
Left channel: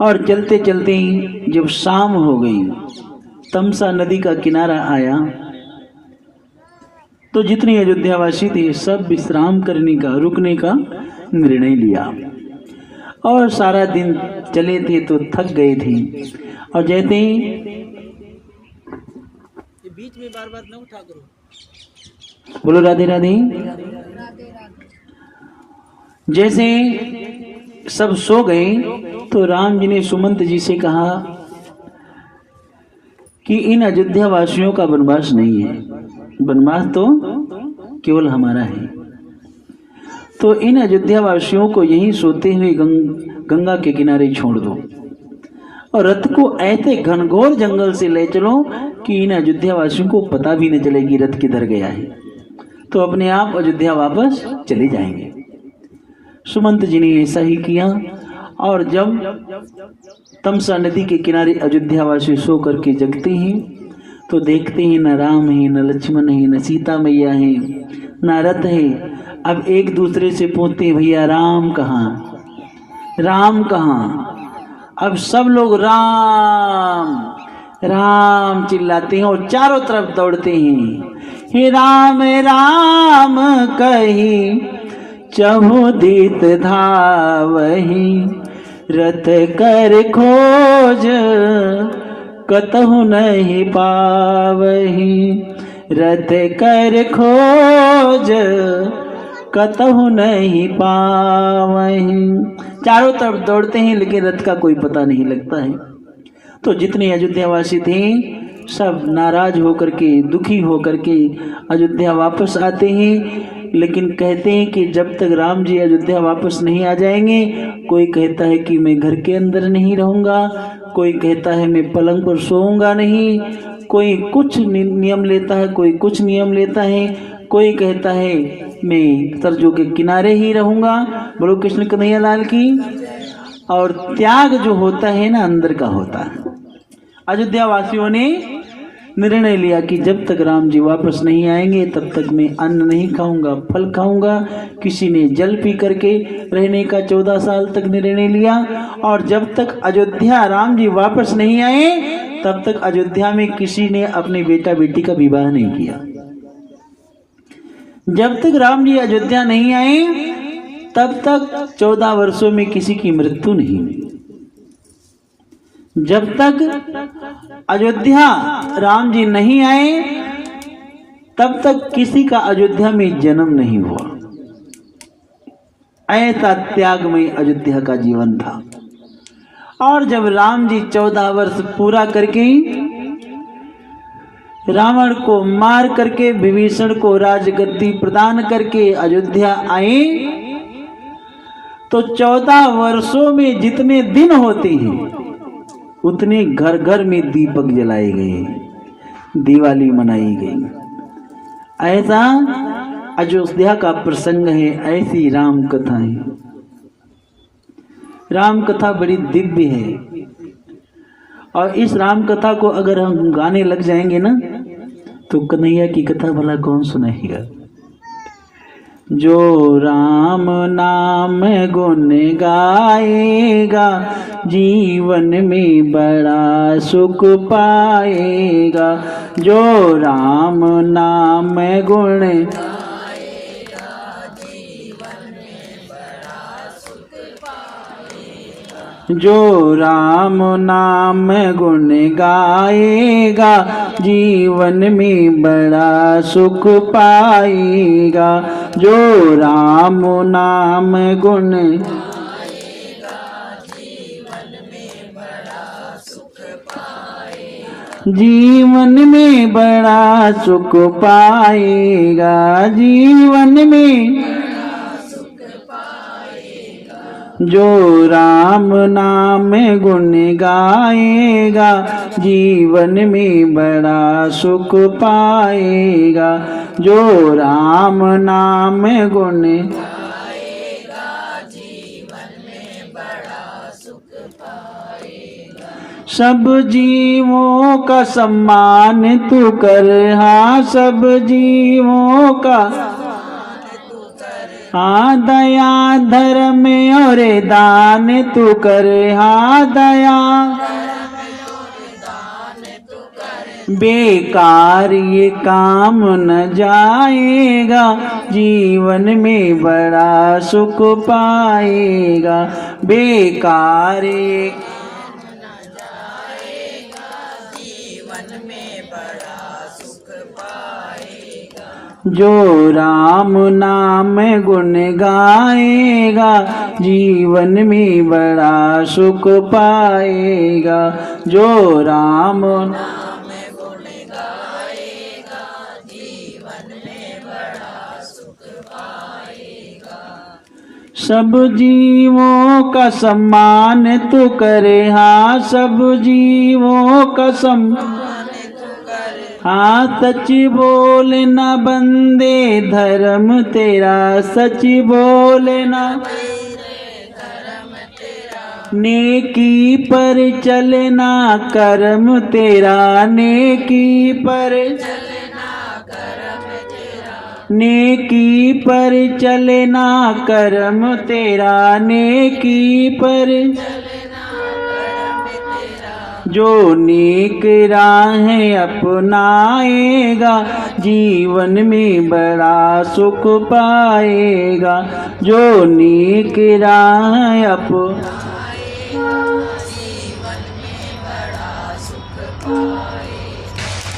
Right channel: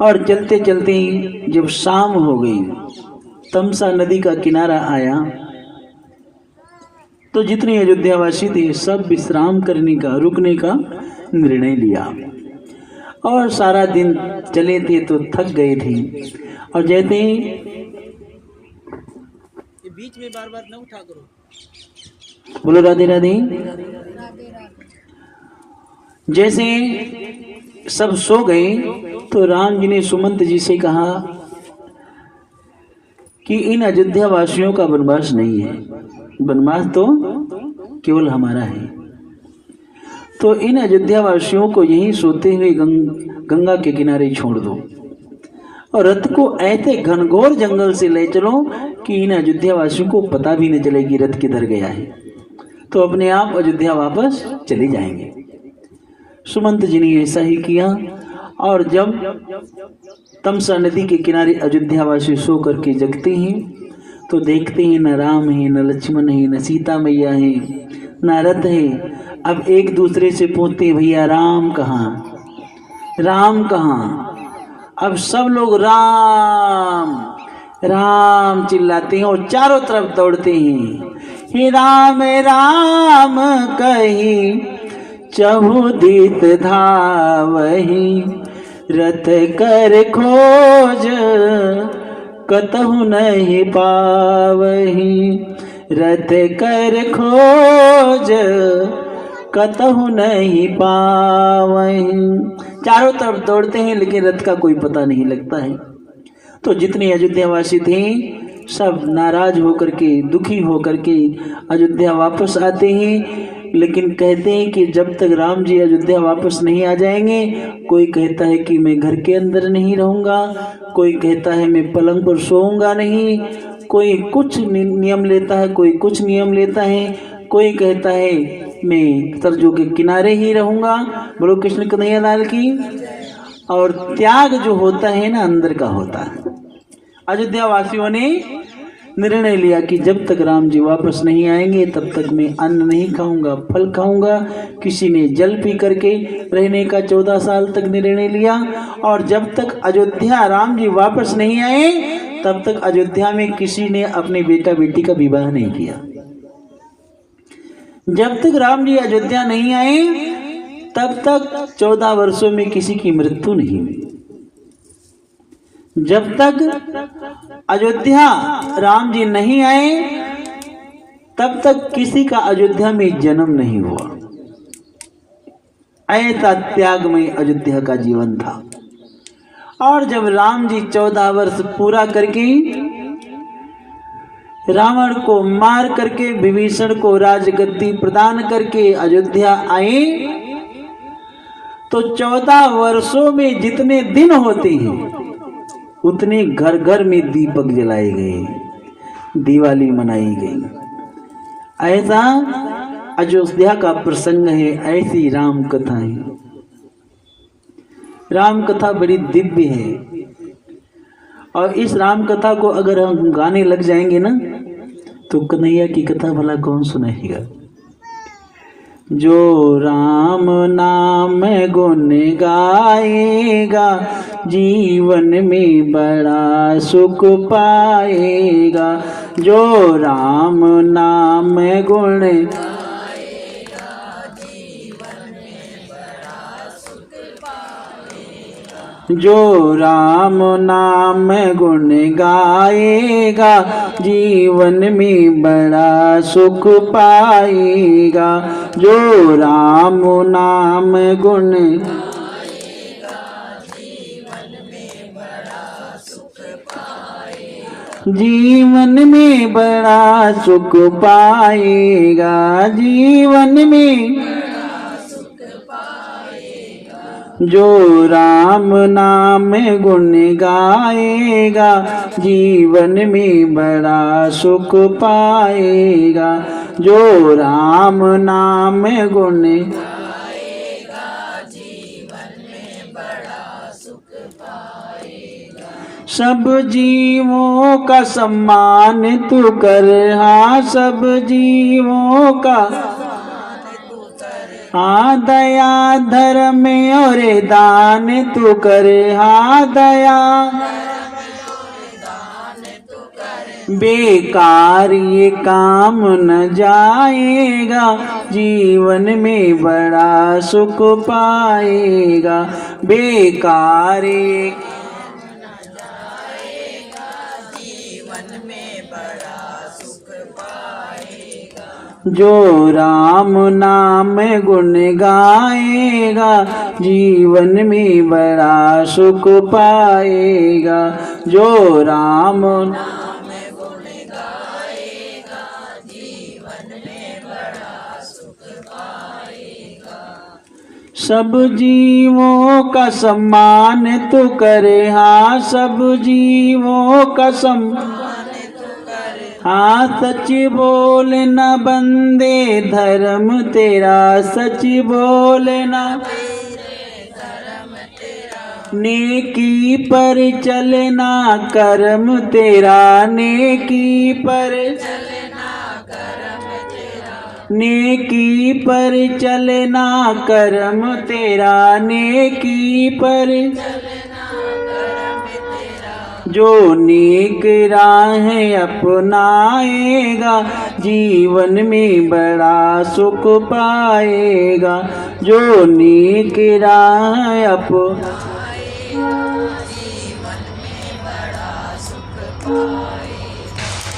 और चलते चलते जब शाम हो गई, तमसा नदी का किनारा आया, तो जितने अयोध्यावासी थे सब विश्राम करने का, रुकने का निर्णय लिया। और सारा दिन चले थे तो थक गए थे, और जैसे बीच में बार बार न उठा करो। बोलो राधे राधे। जैसे सब सो गए तो राम जी ने सुमंत जी से कहा कि इन अयोध्या वासियों का वनवास नहीं है, वनवास तो केवल हमारा है। तो इन अयोध्या वासियों को यहीं सोते हुए गंगा के किनारे छोड़ दो, और रथ को ऐसे घनघोर जंगल से ले चलो कि इन अयोध्या वासियों को पता भी न चलेगी रथ किधर गया है, तो अपने आप अयोध्या वापस चले जाएंगे। सुमंत जी ने ऐसा ही किया, और जब तमसा नदी के किनारे अयोध्यावासी सो करके जगते हैं तो देखते हैं न राम है, न लक्ष्मण है, न सीता मैया है, न रथ है। अब एक दूसरे से पूछते हैं भैया राम कहाँ, राम कहाँ। अब सब लोग राम राम चिल्लाते हैं और चारों तरफ दौड़ते हैं। हे राम राम कही चहुदित धावही, रथ कर खोज कतहु नहीं पावही, रथ कर खोज कतहु नहीं पावही। चारों तरफ दौड़ते हैं लेकिन रथ का कोई पता नहीं लगता है। तो जितने अयोध्यावासी थे सब नाराज होकर के, दुखी होकर के अयोध्या वापस आते हैं। लेकिन कहते हैं कि जब तक राम जी अयोध्या वापस नहीं आ जाएंगे, कोई कहता है कि मैं घर के अंदर नहीं रहूँगा, कोई कहता है मैं पलंग पर सोऊंगा नहीं, कोई कुछ नियम लेता है, कोई कुछ नियम लेता है, कोई कहता है मैं सरजू के किनारे ही रहूँगा। बोलो कृष्ण कन्हैया लाल की। और त्याग जो होता है ना, अंदर का होता है। अयोध्या वासियों ने निर्णय लिया कि जब तक राम जी वापस नहीं आएंगे तब तक मैं अन्न नहीं खाऊंगा, फल खाऊंगा। किसी ने जल पी करके रहने का 14 साल तक निर्णय लिया। और जब तक अयोध्या राम जी वापस नहीं आए तब तक अयोध्या में किसी ने अपने बेटा बेटी का विवाह नहीं किया। जब तक राम जी अयोध्या नहीं आए तब तक 14 वर्षों में किसी की मृत्यु नहीं हुई। जब तक अयोध्या राम जी नहीं आए तब तक किसी का अयोध्या में जन्म नहीं हुआ। ऐसा त्याग में अयोध्या का जीवन था। और जब राम जी 14 वर्ष पूरा करके रावण को मार करके विभीषण को राजगद्दी प्रदान करके अयोध्या आए तो 14 वर्षों में जितने दिन होते हैं उतने घर घर में दीपक जलाए गए, दिवाली मनाई गई। ऐसा अयोध्या का प्रसंग है, ऐसी राम कथा है। राम कथा बड़ी दिव्य है। और इस राम कथा को अगर हम गाने लग जाएंगे ना तो कन्हैया की कथा भला कौन सुनाएगा। जो राम नाम गुण गाएगा जीवन में बड़ा सुख पाएगा। जो राम नाम गुण गाएगा जीवन में बड़ा सुख पाएगा। जो राम नाम गुण गाएगा जीवन में बड़ा सुख पाएगा। जो राम नाम गुण गाएगा जीवन में बड़ा सुख पाएगा। जीवन में बड़ा सुख पाएगा। जीवन में बड़ा सुख पाएगा। जो राम नाम गुण गाएगा जीवन में बड़ा सुख पाएगा। जो राम नाम गुण गाएगा जीवन में बड़ा सुख पाएगा। सब जीवों का सम्मान तू कर, हाँ सब जीवों का हाँ दया धर्म और दान तू कर, हाँ दया बेकार ये काम न जाएगा जीवन में बड़ा सुख पाएगा। बेकार ये काम न जाएगा जीवन में बड़ा सुख पाएगा। जो राम नाम गुण गाएगा जीवन में बड़ा सुख पाएगा। जो राम सब जीवों का सम्मान तो करे, हाँ सब जीवों का सम्मान तो करे। हाँ सच बोलना बंदे धर्म तेरा, सच बोलना नेकी पर चलना कर्म तेरा, नेकी पर नेकी पर चलना कर्म तेरा, नेकी पर जो नेक राह अपनाएगा जीवन में बड़ा सुख पाएगा। जो नेक राह अपनाएगा जीवन में बड़ा सुख पाएगा।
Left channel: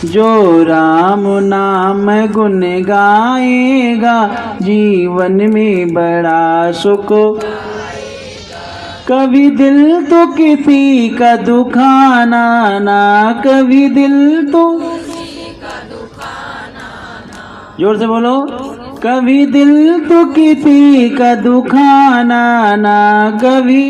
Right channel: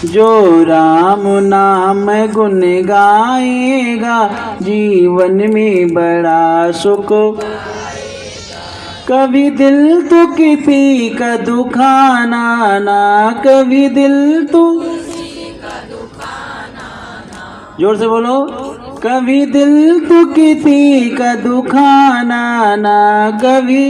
जो राम नाम गुण गाएगा जीवन में बड़ा सुख पाएगा। कभी दिल तो किसी का दुखाना ना, कभी दिल तो जोर से बोलो, कभी दिल तो किसी का दुखाना ना, कभी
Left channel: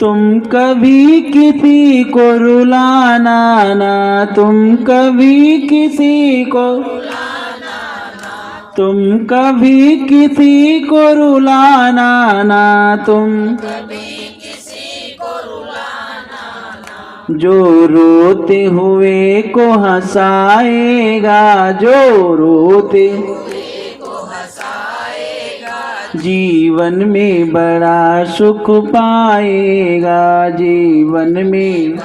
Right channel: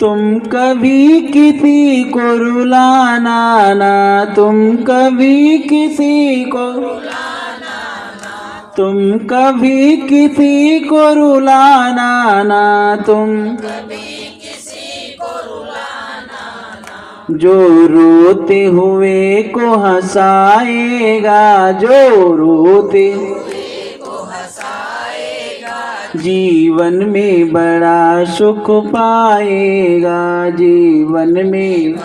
तुम कभी किसी को रुलाना ना, तुम कभी किसी को तुम कभी किसी को रुलाना ना, तुम जो रोते हुए को हंसाएगा, जो रोते जीवन में बड़ा सुख पाएगा, जीवन में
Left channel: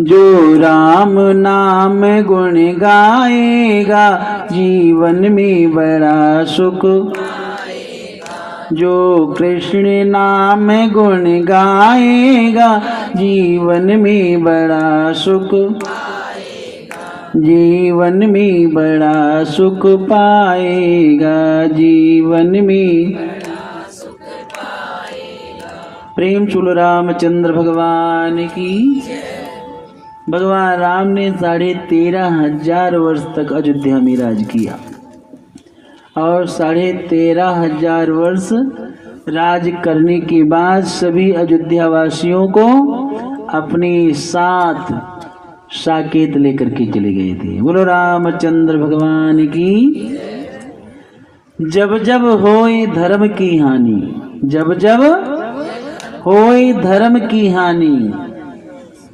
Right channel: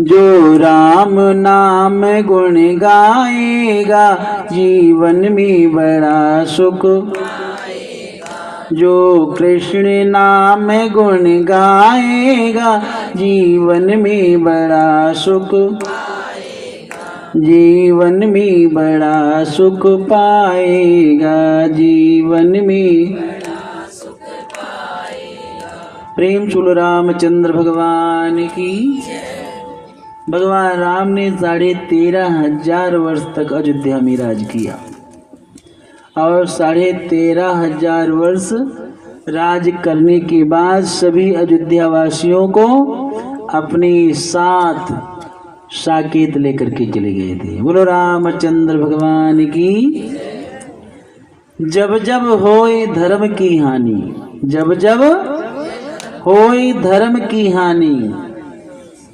जो राम नाम गुण गाएगा, जीवन में बड़ा सुख, जो कृष्ण नाम गुण गाएगा, जीवन में बड़ा सुख, जीवन में बड़ा सुख पाएगा, जीवन में प्रेम चूल रामचंद्र भगवान की। भगवान राम ने 13,500 वर्ष तक अयोध्या में राज किया और 13,500 वर्ष राज करने के बाद सभी अयोध्या वासियों को अपने साथ साकेत लेकर के चले गए थे। बोलो रामचंद्र भगवान की। जब जब होए धर्म की हानि, जब जब होए धर्म की हानि,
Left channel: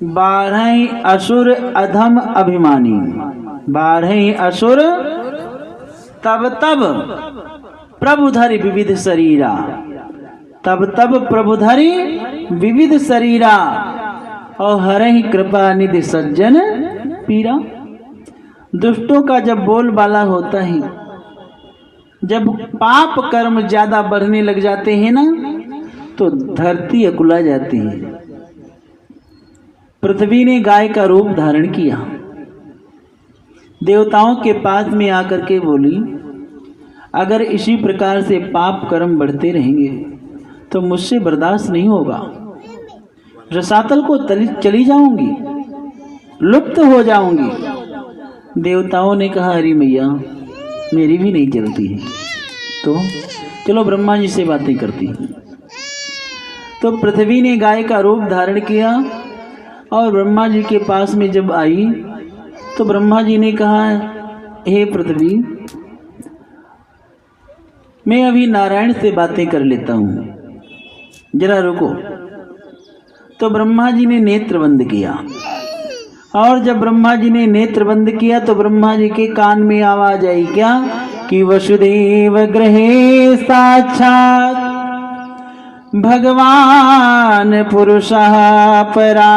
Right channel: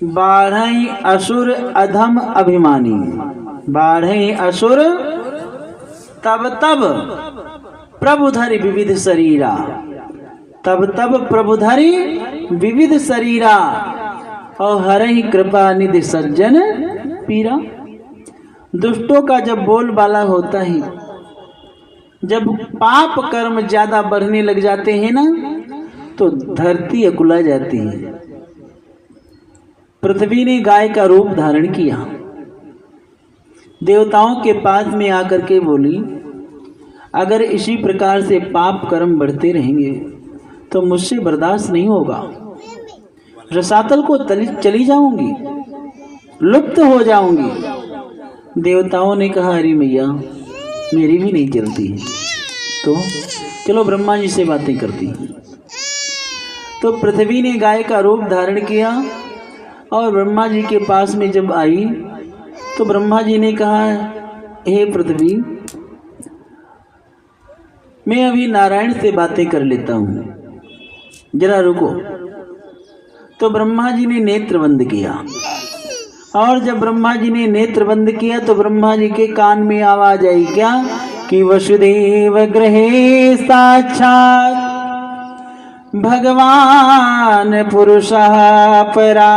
बाढ़े असुर अधम अभिमानी, बाढ़े असुर तब तब प्रभुधरि विविध शरीरा, तब तब प्रभुधरि विविध शरीरा, और हरहि कृपा निधि सज्जन पीरा। दुष्टों का जब बोलबाला होता है, जब पाप कर्म ज्यादा बढ़ने लग जाते हैं ना, तो धरती अकुला जाती है। पृथ्वी ने गाय का रूप धारण किया, देवताओं के पास में आकर के बोली, अगर इसी प्रकार से पाप कर्म बढ़ते रहेंगे तो मुझसे बर्दाश्त नहीं होगा, रसातल को चली जाऊंगी, लुप्त हो जाऊंगी। देवताओं ने कहा, अरे मैया मेरी भी नहीं चलती है, तो चलो ब्रह्मा जी से बातें करती हैं। तो पृथ्वी ने गाय का रूप धारण किया और ब्रह्मा जी के पास में जब आई तो ब्रह्मा जी ने कहा, हे पृथ्वी, मैं अभी नारायण से बातें कर लेता हूँ, जरा रुको। तो ब्रह्मा जी ने नेत्र बंद किया, और जब ब्रह्मा जी ने नेत्र बंद किया तो ब्रह्मा जी के कान में आवाज आई, क्या कि वसुदेव गृहे साक्षात् भगवान पुरुषः परा,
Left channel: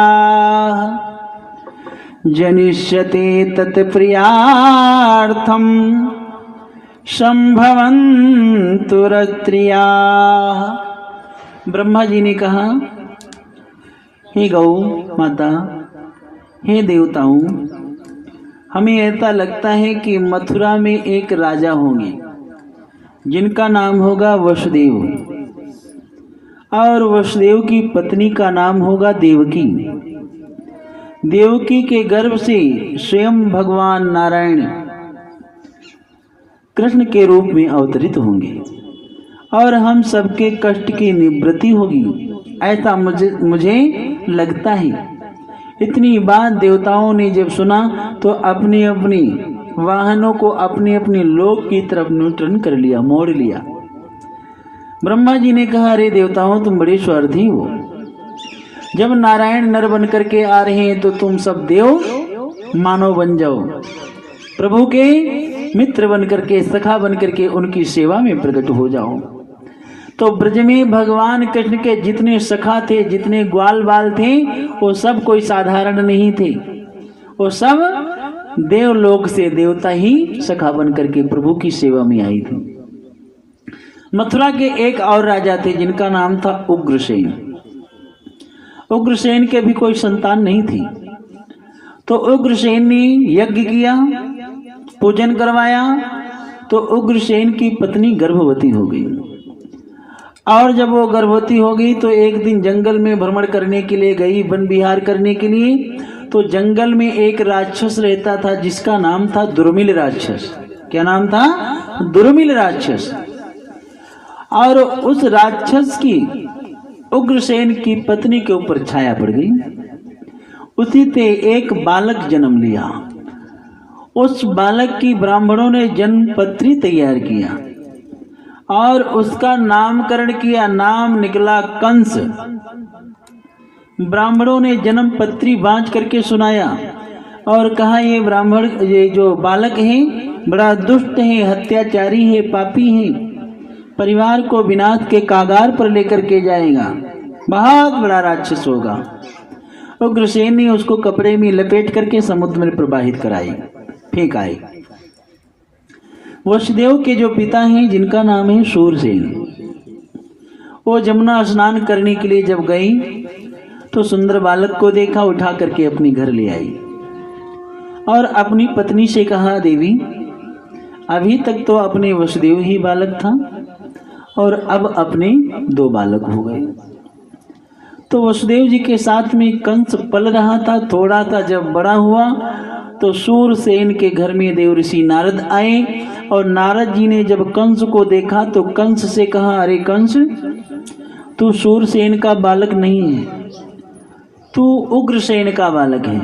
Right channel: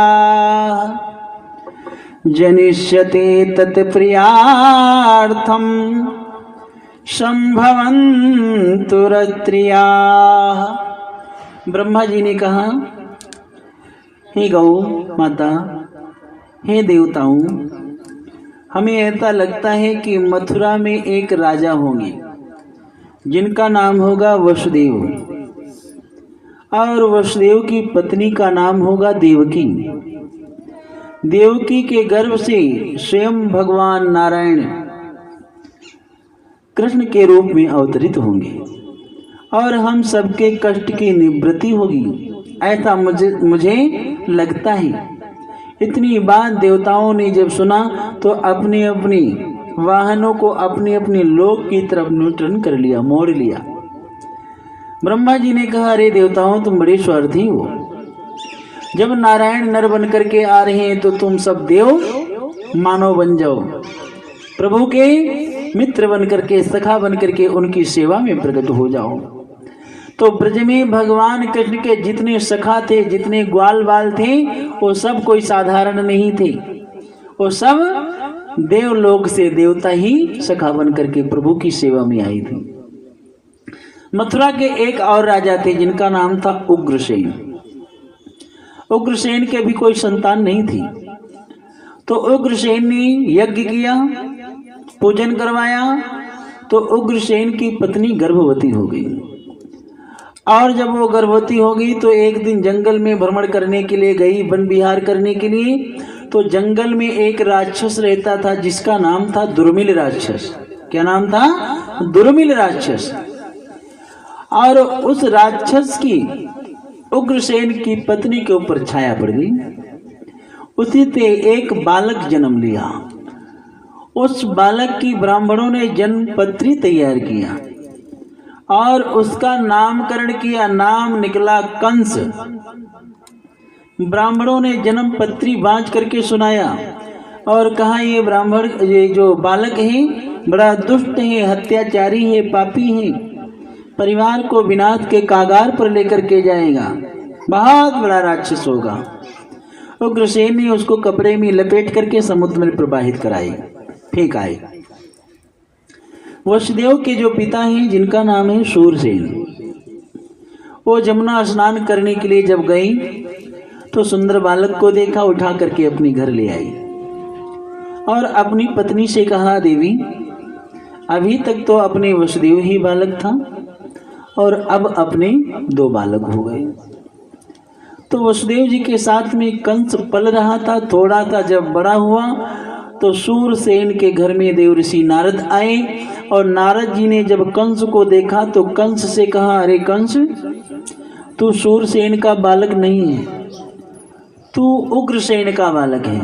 जनिष्यते तत्प्रियार्थम संभवन्तु रत्रियाः। ब्रह्मा जी ने कहा, हे गौ माता, हे देवताओं, हमें ऐसा लगता है कि मथुरा में एक राजा होंगे जिनका नाम होगा वसुदेव, और वसुदेव की पत्नी का नाम होगा देवकी। देवकी के गर्भ से स्वयं भगवान नारायण कृष्ण के रूप में अवतरित होंगे और हम सबके कष्ट की निवृत्ति होगी, ऐसा मुझे लगता है। इतनी बात देवताओं ने जब सुना तो अपनी अपनी वाहनों को अपने अपने लोक की तरफ न्यूट्रन कर लिया, मोड़ लिया। ब्रह्मा जी ने कहा, अरे देवताओं, तुम बड़े स्वार्थी हो, जब नारायण नर बन करके आ रहे हैं तो तुम सब देव मानव बन जाओ, प्रभु के मित्र बन करके, सखा बन करके उनकी सेवा में प्रकट हो जाओ। तो ब्रज में भगवान कृष्ण के जितने सखा थे, जितने ग्वाल बाल थे, वो सब कोई साधारण नहीं थे, वो सब देवलोक से देवता ही सखा बन करके प्रभु की सेवा में आई थी। मथुरा के एक और राजा थे जिनका नाम था उग्रसेन। उग्रसेन के भी कोई संतान नहीं थी, तो उग्रसेन ने यज्ञ किया, पूजन करवाया तो उग्रसेन की पत्नी गर्भवती हो गई। और जब वो गर्भवती हो गई तो एक दिन जंगल में भ्रमण करने के लिए गई, वन विहार करने के लिए। तो जंगल में एक राक्षस रहता था जिसका नाम था दुर्मिल राक्षस। क्या नाम था? दुर्मिल राक्षस। और उस राक्षस की उग्रसेन की पत्नी के ऊपर छाया पड़ गई। उसी से एक बालक जन्म लिया। उस बालक की ब्राह्मणों ने जन्म पत्री तैयार किया और उसका नामकरण किया। नाम निकला कंस। ब्राह्मणों ने जन्म पत्री बांट करके सुनाया और कहा ये ब्राह्मण, ये जो बालक है बड़ा दुष्ट है, हत्याचारी है, पापी है, परिवार को विनाश के कागार पर लेकर के जाएगा, बहुत बड़ा राक्षस होगा। उग्रसेन ने उसको कपड़े में लपेट करके समुद्र में प्रवाहित कराई, फेंक आए। वसुदेव के जो पिता हैं जिनका नाम है शूरसेन, वो जमुना स्नान करने के लिए जब गई तो सुंदर बालक को देखा, उठा करके अपने घर ले आई और अपनी पत्नी से कहा, देवी अभी तक तो अपने वसुदेव ही बालक था और अब अपने 2 बालक हो गए। तो वसुदेव जी के साथ में कंस पल रहा था, थोड़ा था। जब बड़ा हुआ तो शूरसेन के घर में देवऋषि नारद आए और नारद जी ने जब कंस को देखा तो कंस से कहा, अरे कंस, तू शूरसेन का बालक नहीं है, तू उग्रसेन का बालक है।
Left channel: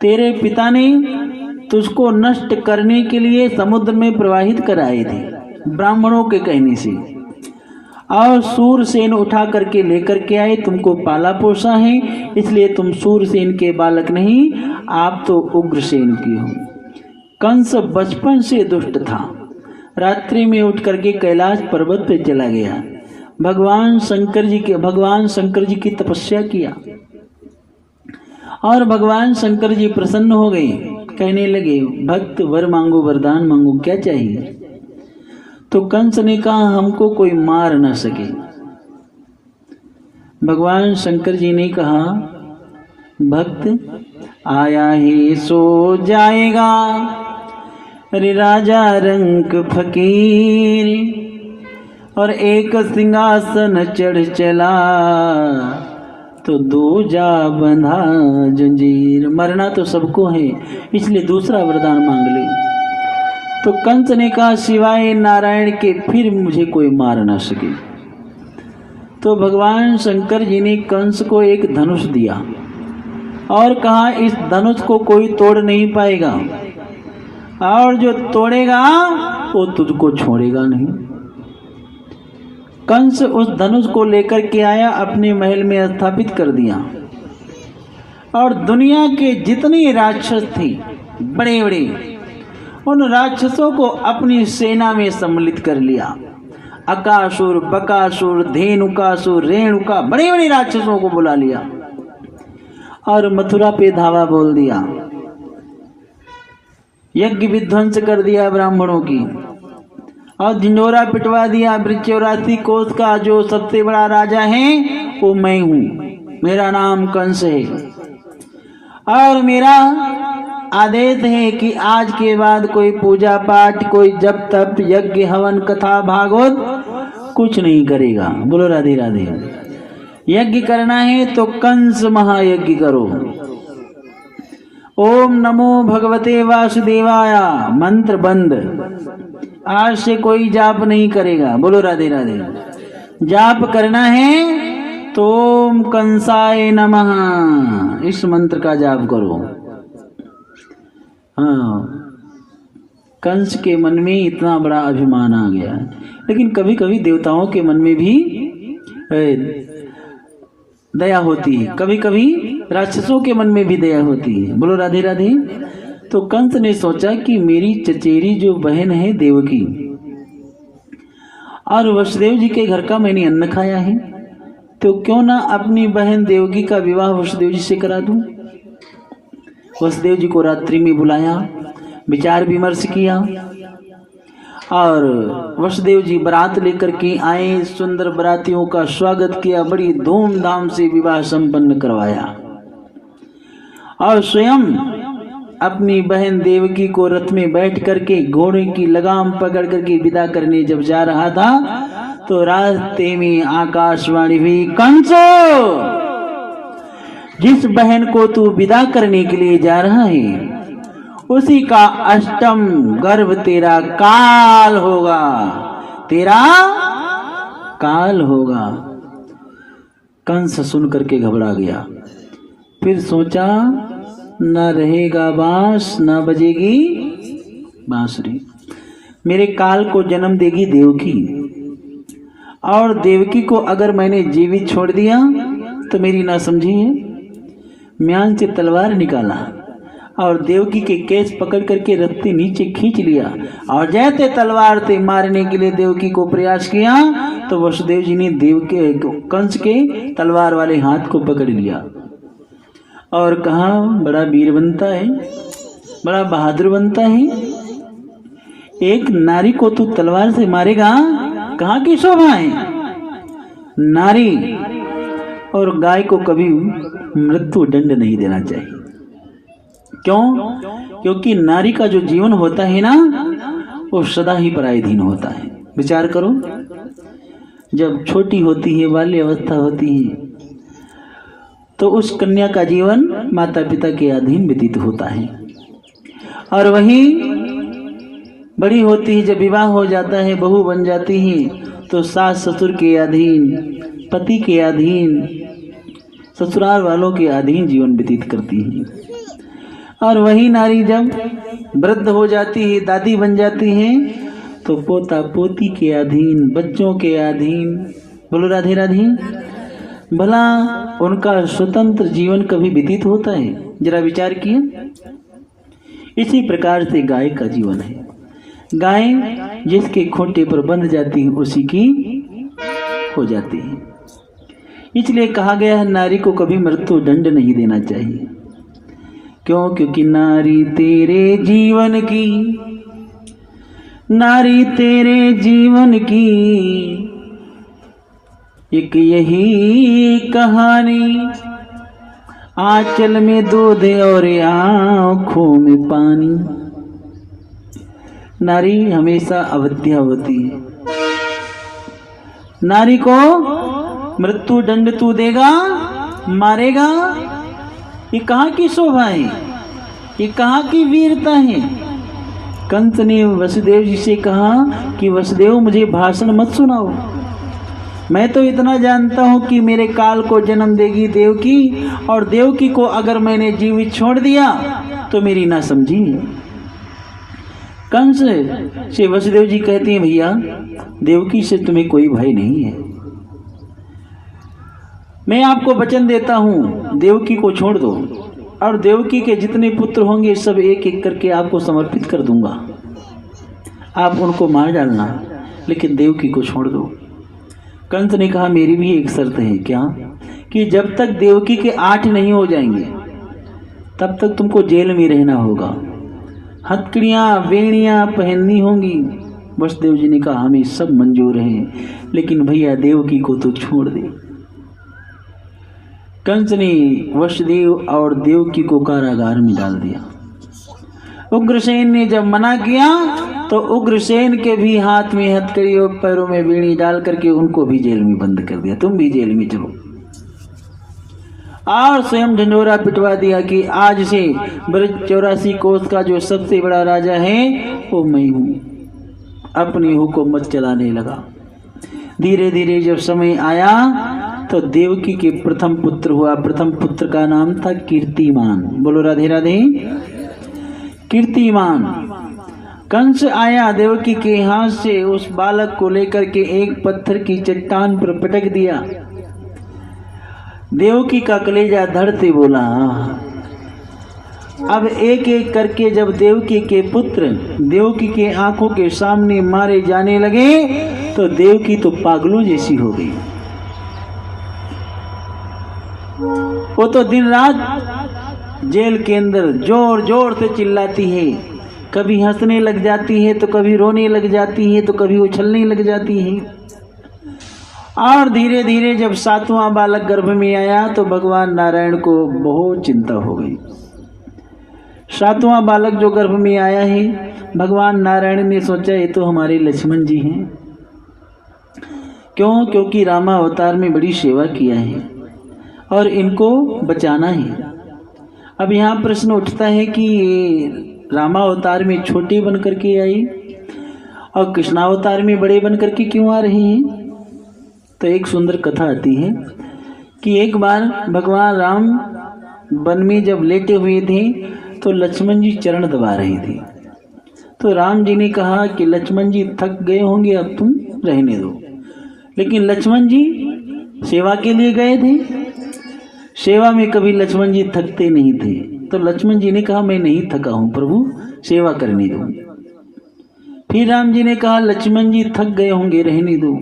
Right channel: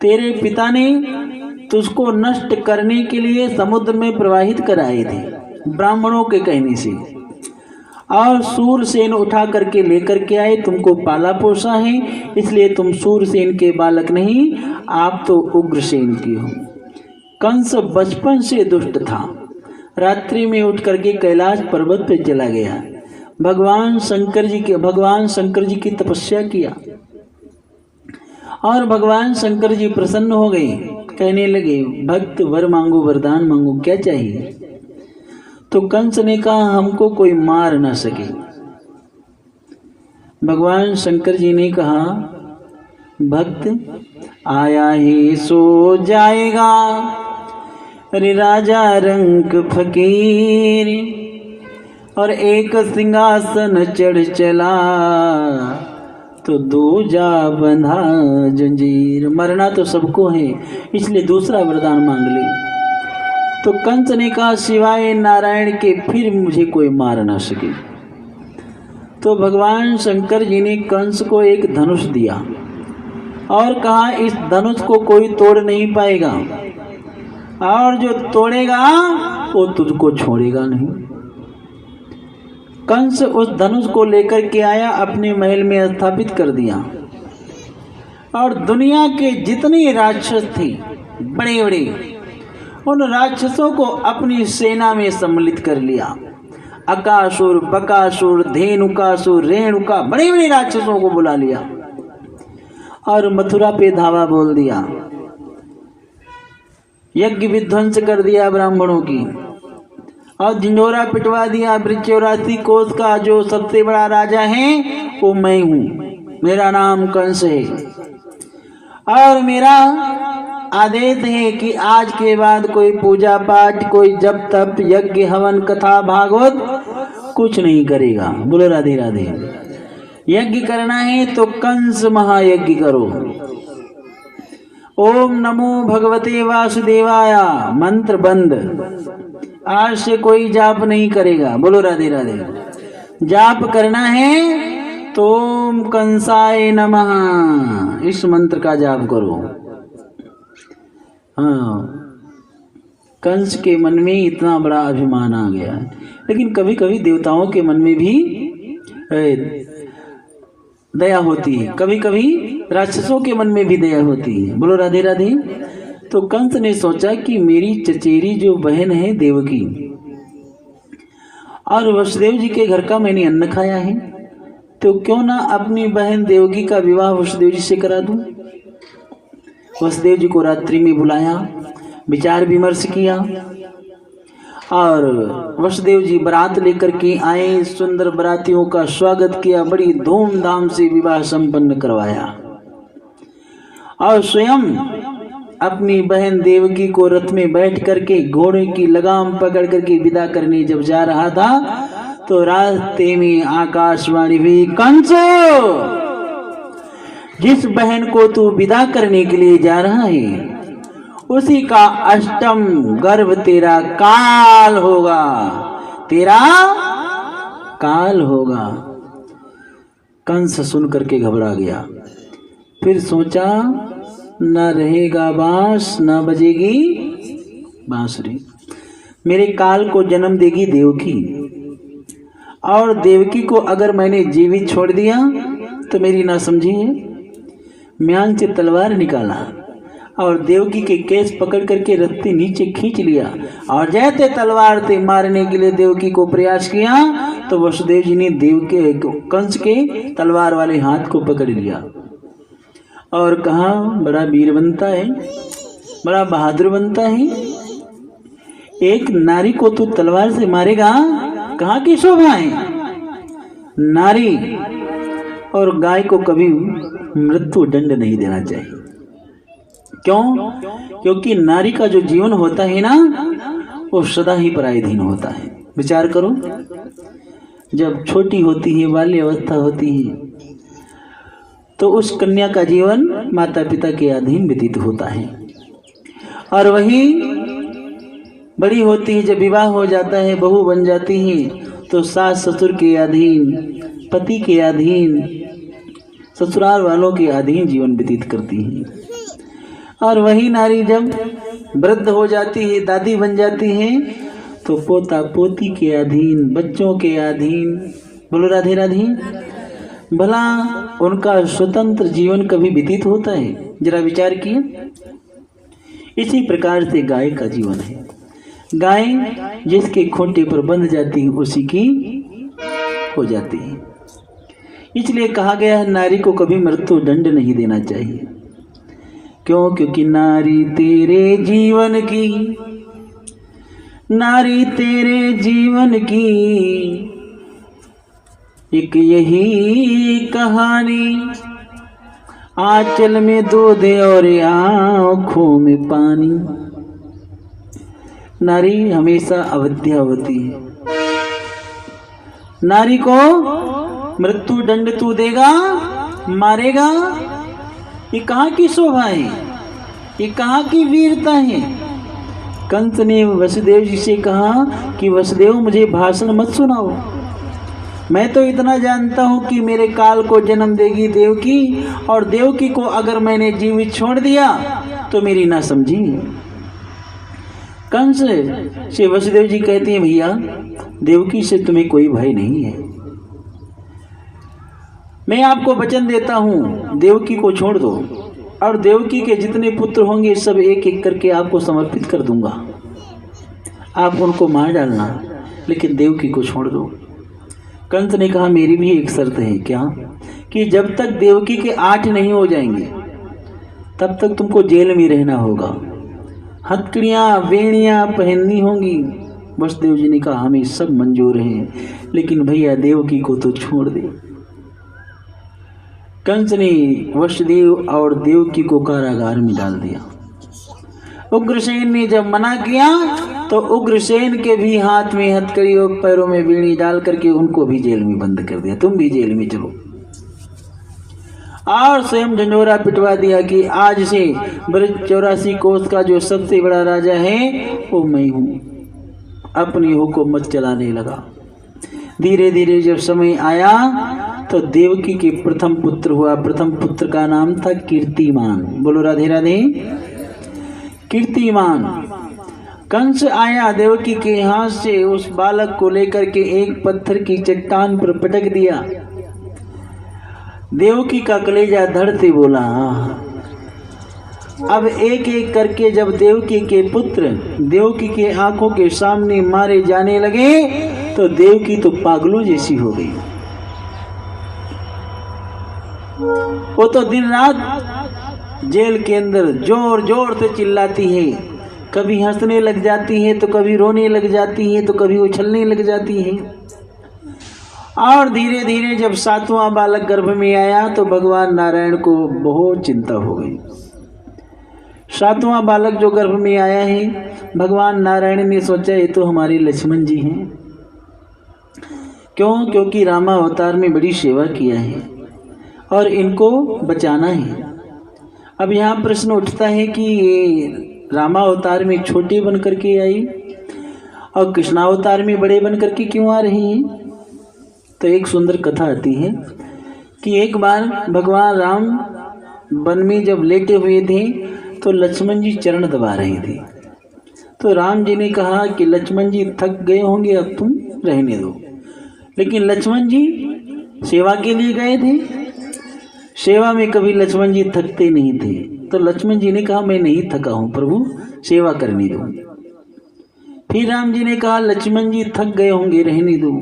तेरे पिता ने तुझको नष्ट करने के लिए समुद्र में प्रवाहित कराए थे ब्राह्मणों के कहने से, और शूरसेन उठा करके लेकर के आए, तुमको पाला पोसा है, इसलिए तुम शूरसेन के बालक नहीं, आप तो उग्रसेन की हो। कंस बचपन से दुष्ट था। रात्रि में उठ करके कैलाश पर्वत पे चला गया, भगवान शंकर जी की तपस्या किया और भगवान शंकर जी प्रसन्न हो गए। कहने लगे, भक्त वर मांगो, वरदान मांगो, क्या चाहिए? तो कंस ने कहा, हमको कोई मार न सके। भगवान शंकर जी ने कहा, भक्त आया है सो जाएगा, अरे राजा रंक फकीर, और एक सिंहासन चढ़ चला तो दूजा बंधा जंजीर। मरना तो सबको है, इसलिए दूसरा वरदान मांग ले। तो कंस ने कहा, सिवाय नारायण के फिर मुझे कोई मार ना सके। तो भगवान शंकर जी ने कंस को एक धनुष दिया और कहा, इस धनुष को कोई तोड़ नहीं पाएगा, और जो तोड़ेगा वो तुझको छोड़ेगा नहीं। कंस उस धनुष को लेकर के आया, अपने महल में स्थापित कर दिया और दुनिया के जितने राक्षस थे बड़े बड़े, उन राक्षसों को अपनी सेना में सम्मिलित कर लिया। अकासुर, बकासुर, धेनुकासुर, रेणुका, बड़े बड़े राक्षसों को बुला लिया और मथुरा पे धावा बोल दिया। यज्ञ विध्वंस कर दिया ब्राह्मणों की और झिंझोरा पिटवा दिया। 84 कोस का जो सबसे बड़ा राजा है वो मैं हूँ, मेरा नाम कंस है और मेरा आदेश है कि आज के बाद कोई पूजा पाठ, कोई जप तप, यज्ञ, हवन, कथा, भागवत कुछ नहीं करेगा। बोलो राधे राधे। यज्ञ करना है तो कंस महायज्ञ करो। ओम नमो भगवते वासुदेवाय, मंत्र बंद। आज से कोई जाप नहीं करेगा। बोलो राधे राधे। जाप करना है तो ओम कंसाय नमः, इस मंत्र का जाप करो। हाँ, कंस के मन में इतना बड़ा अभिमान आ गया है, लेकिन कभी कभी देवताओं के मन में भी दया होती है, कभी कभी राक्षसों के मन में भी दया होती है। बोलो राधे राधे। तो कंस ने सोचा कि मेरी चचेरी जो बहन है देवकी, और वसुदेव जी के घर का मैंने अन्न खाया है, तो क्यों ना अपनी बहन देवकी का विवाह वसुदेव जी से करा दूं। वसुदेव जी को रात्रि में बुलाया, विचार विमर्श किया और वसुदेव जी बारात लेकर के आए। सुंदर बारातियों का स्वागत किया, बड़ी धूमधाम से विवाह संपन्न करवाया और स्वयं अपनी बहन देवकी को रथ में बैठ करके घोड़े की लगाम पकड़ करके विदा करने जब जा रहा था तो रास्ते में आकाशवाणी हुई, कंस, जिस बहन को तू विदा करने के लिए जा रहा है उसी का अष्टम गर्भ तेरा काल होगा, तेरा काल होगा। कंस सुन करके घबरा गया। फिर सोचा, न रहेगा बांस न बजेगी बांसुरी। मेरे काल को जन्म देगी देवकी, और देवकी को अगर मैंने जीवित छोड़ दिया तो मेरी ना समझी है। म्यांग से तलवार निकाला और देवकी के केस पकड़ करके रथ से नीचे खींच लिया, और जैसे तलवार से मारने के लिए देवकी को प्रयास किया तो वसुदेव जी ने कंस के तलवार वाले हाथ को पकड़ लिया और कहा, बड़ा वीर बनता है, बड़ा बहादुर बनता है, एक नारी को तू तलवार से मारेगा, कहाँ की शोभा है। नारी और गाय को कभी मृत्यु दंड नहीं देना चाहिए। क्यों? क्योंकि नारी का जो जीवन होता है ना वो सदा ही पराधीन होता है। विचार करो, जब छोटी होती है, बाल्य अवस्था होती है, तो उस कन्या का जीवन माता पिता के अधीन व्यतीत होता है, और वही बड़ी होती है, जब विवाह हो जाता है, बहू बन जाती है, तो सास ससुर के अधीन, पति के अधीन, ससुराल वालों के अधीन जीवन व्यतीत करती है। और वही नारी जब वृद्ध हो जाती है, दादी बन जाती है, तो पोता पोती के अधीन, बच्चों के अधीन। बोलो राधे राधे। भला उनका स्वतंत्र जीवन कभी व्यतीत होता है? जरा विचार किए। इसी प्रकार से गाय का जीवन है। गाय जिसके खूंटे पर बंध जाती है उसी की हो जाती है। इसलिए कहा गया है, नारी को कभी मृत्यु दंड नहीं देना चाहिए। क्यों? क्योंकि नारी तेरे जीवन की, नारी तेरे जीवन की एक यही कहानी, आंचल में दूध और आंखों में पानी। नारी हमेशा अवध्या होती है। नारी को मृत्यु दंड तू देगा, मारेगा, ये कहाँ की शोभा है, ये कहाँ की वीरता है। कंस ने वसुदेव जी से कहा कि वसुदेव, मुझे भाषण मत सुनाओ, मैं तो इतना जानता हूं कि मेरे काल को जन्म देगी देवकी, और देवकी को अगर मैंने जीवित छोड़ दिया तो मेरी ना समझी। कंस से वसुदेव जी कहती हैं, भैया देवकी से तुम्हें कोई भय नहीं है, मैं आपको वचन देता हूं, देवकी को छोड़ दो, और देवकी के जितने पुत्र होंगे सब एक एक करके आपको समर्पित कर दूंगा, आप उनको मार डालना, लेकिन देवकी को छोड़ दो। कंस ने कहा, मेरी भी एक शर्त है। क्या? कि जब तक देवकी के 8 नहीं हो जाएंगे तब तक तुमको जेल में रहना होगा, हथकड़ियाँ वेणियाँ पहननी होंगी। वसुदेव जी ने कहा, हमें सब मंजूर हैं, लेकिन भैया देवकी को तो छोड़ दे। कंस ने वसुदेव और देवकी को कारागार में डाल दिया। उग्रसेन ने जब मना किया तो उग्रसेन के भी हाथ में हथकड़ी और पैरों में बेड़ी डाल करके उनको भी जेल में बंद कर दिया, तुम भी जेल में चलो। और स्वयं झंझोरा पिटवा दिया कि आज से ब्रज 84 कोस का जो सबसे बड़ा राजा है वो मैं हूं। अपनी हुकूमत चलाने लगा। धीरे धीरे जब समय आया तो देवकी के प्रथम पुत्र हुआ। प्रथम पुत्र का नाम था कीर्तिमान। बोलो राधे राधे। कीर्तिमान। कंस आया, देवकी के हाथ से उस बालक को लेकर के एक पत्थर की चट्टान पर पटक दिया। देवकी का कलेजा धड़ते बोला। अब एक एक करके जब देवकी के पुत्र देवकी के आंखों के सामने मारे जाने लगे तो देवकी तो पागलों जैसी हो गई। वो तो दिन रात जेल के अंदर जोर जोर से चिल्लाती है, कभी हंसने लग जाती है तो कभी रोने लग जाती है तो कभी उछलने लग जाती है। और धीरे धीरे जब 7वां बालक गर्भ में आया तो भगवान नारायण को बहुत चिंता हो गई। सातवां बालक जो गर्भ में आया है, भगवान नारायण ने सोचा ये तो हमारे लक्ष्मण जी हैं। क्यों? क्योंकि रामा अवतार में बड़ी सेवा किया है और इनको बचाना है। अब यहाँ प्रश्न उठता है कि ये रामा अवतार में छोटे बन करके आई और कृष्णावतार में बड़े बन करके क्यों आ रही हैं? तो एक सुंदर कथा आती है कि एक बार भगवान राम वन में जब लेटे हुए थे तो लक्ष्मण जी चरण दबा रहे थे। तो राम जी ने कहा कि लक्ष्मण जी थक गए होंगे, अब तुम रहने दो। लेकिन लक्ष्मण जी सेवा के लिए गए थे, सेवा में कभी लक्ष्मण जी थकते नहीं थे। तो लक्ष्मण जी ने कहा मैं नहीं थका हूँ प्रभु, सेवा करने दो। फिर राम जी ने कहा लक्ष्मण जी थक गए होंगे, रहने दो।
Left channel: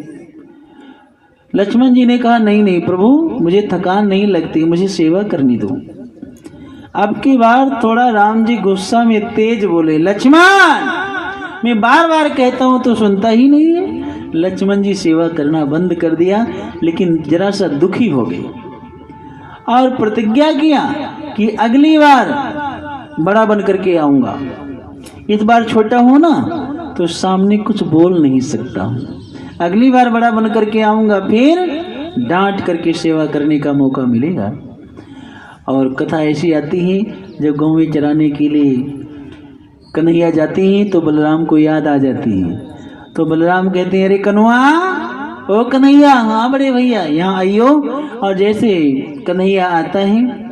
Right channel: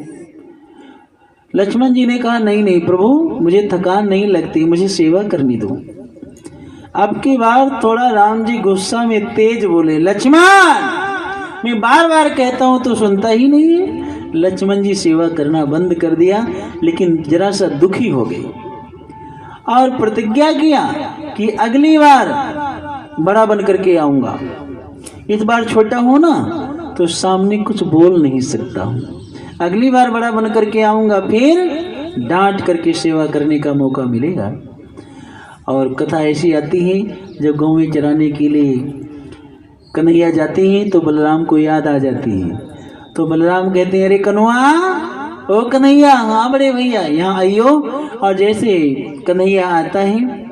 लक्ष्मण जी ने कहा नहीं नहीं प्रभु, मुझे थकान नहीं लगती, मुझे सेवा करनी दो। अब की बार थोड़ा राम जी गुस्सा में तेज बोले, लक्ष्मण मैं बार बार कहता हूं तो सुनता ही नहीं है। लक्ष्मण जी सेवा करना बंद कर दिया, लेकिन जरा सा दुखी हो गए और प्रतिज्ञा किया कि अगली बार बड़ा बन करके आऊंगा। इस बार छोटा हूं ना तो सामने कुछ बोल नहीं सकता हूं, अगली बार बड़ा बन करके आऊंगा, फिर डांट करके सेवा करने का मौका मिलेगा। और कथा ऐसी आती है, जब गाँव में चराने के लिए कन्हैया जाते हैं तो बलराम को याद आ जाती है। तो बलराम कहते हैं अरे कन्हैया, ओ कन्हैया, हाँ बड़े भैया यहाँ आइयो। और जैसे कन्हैया आता है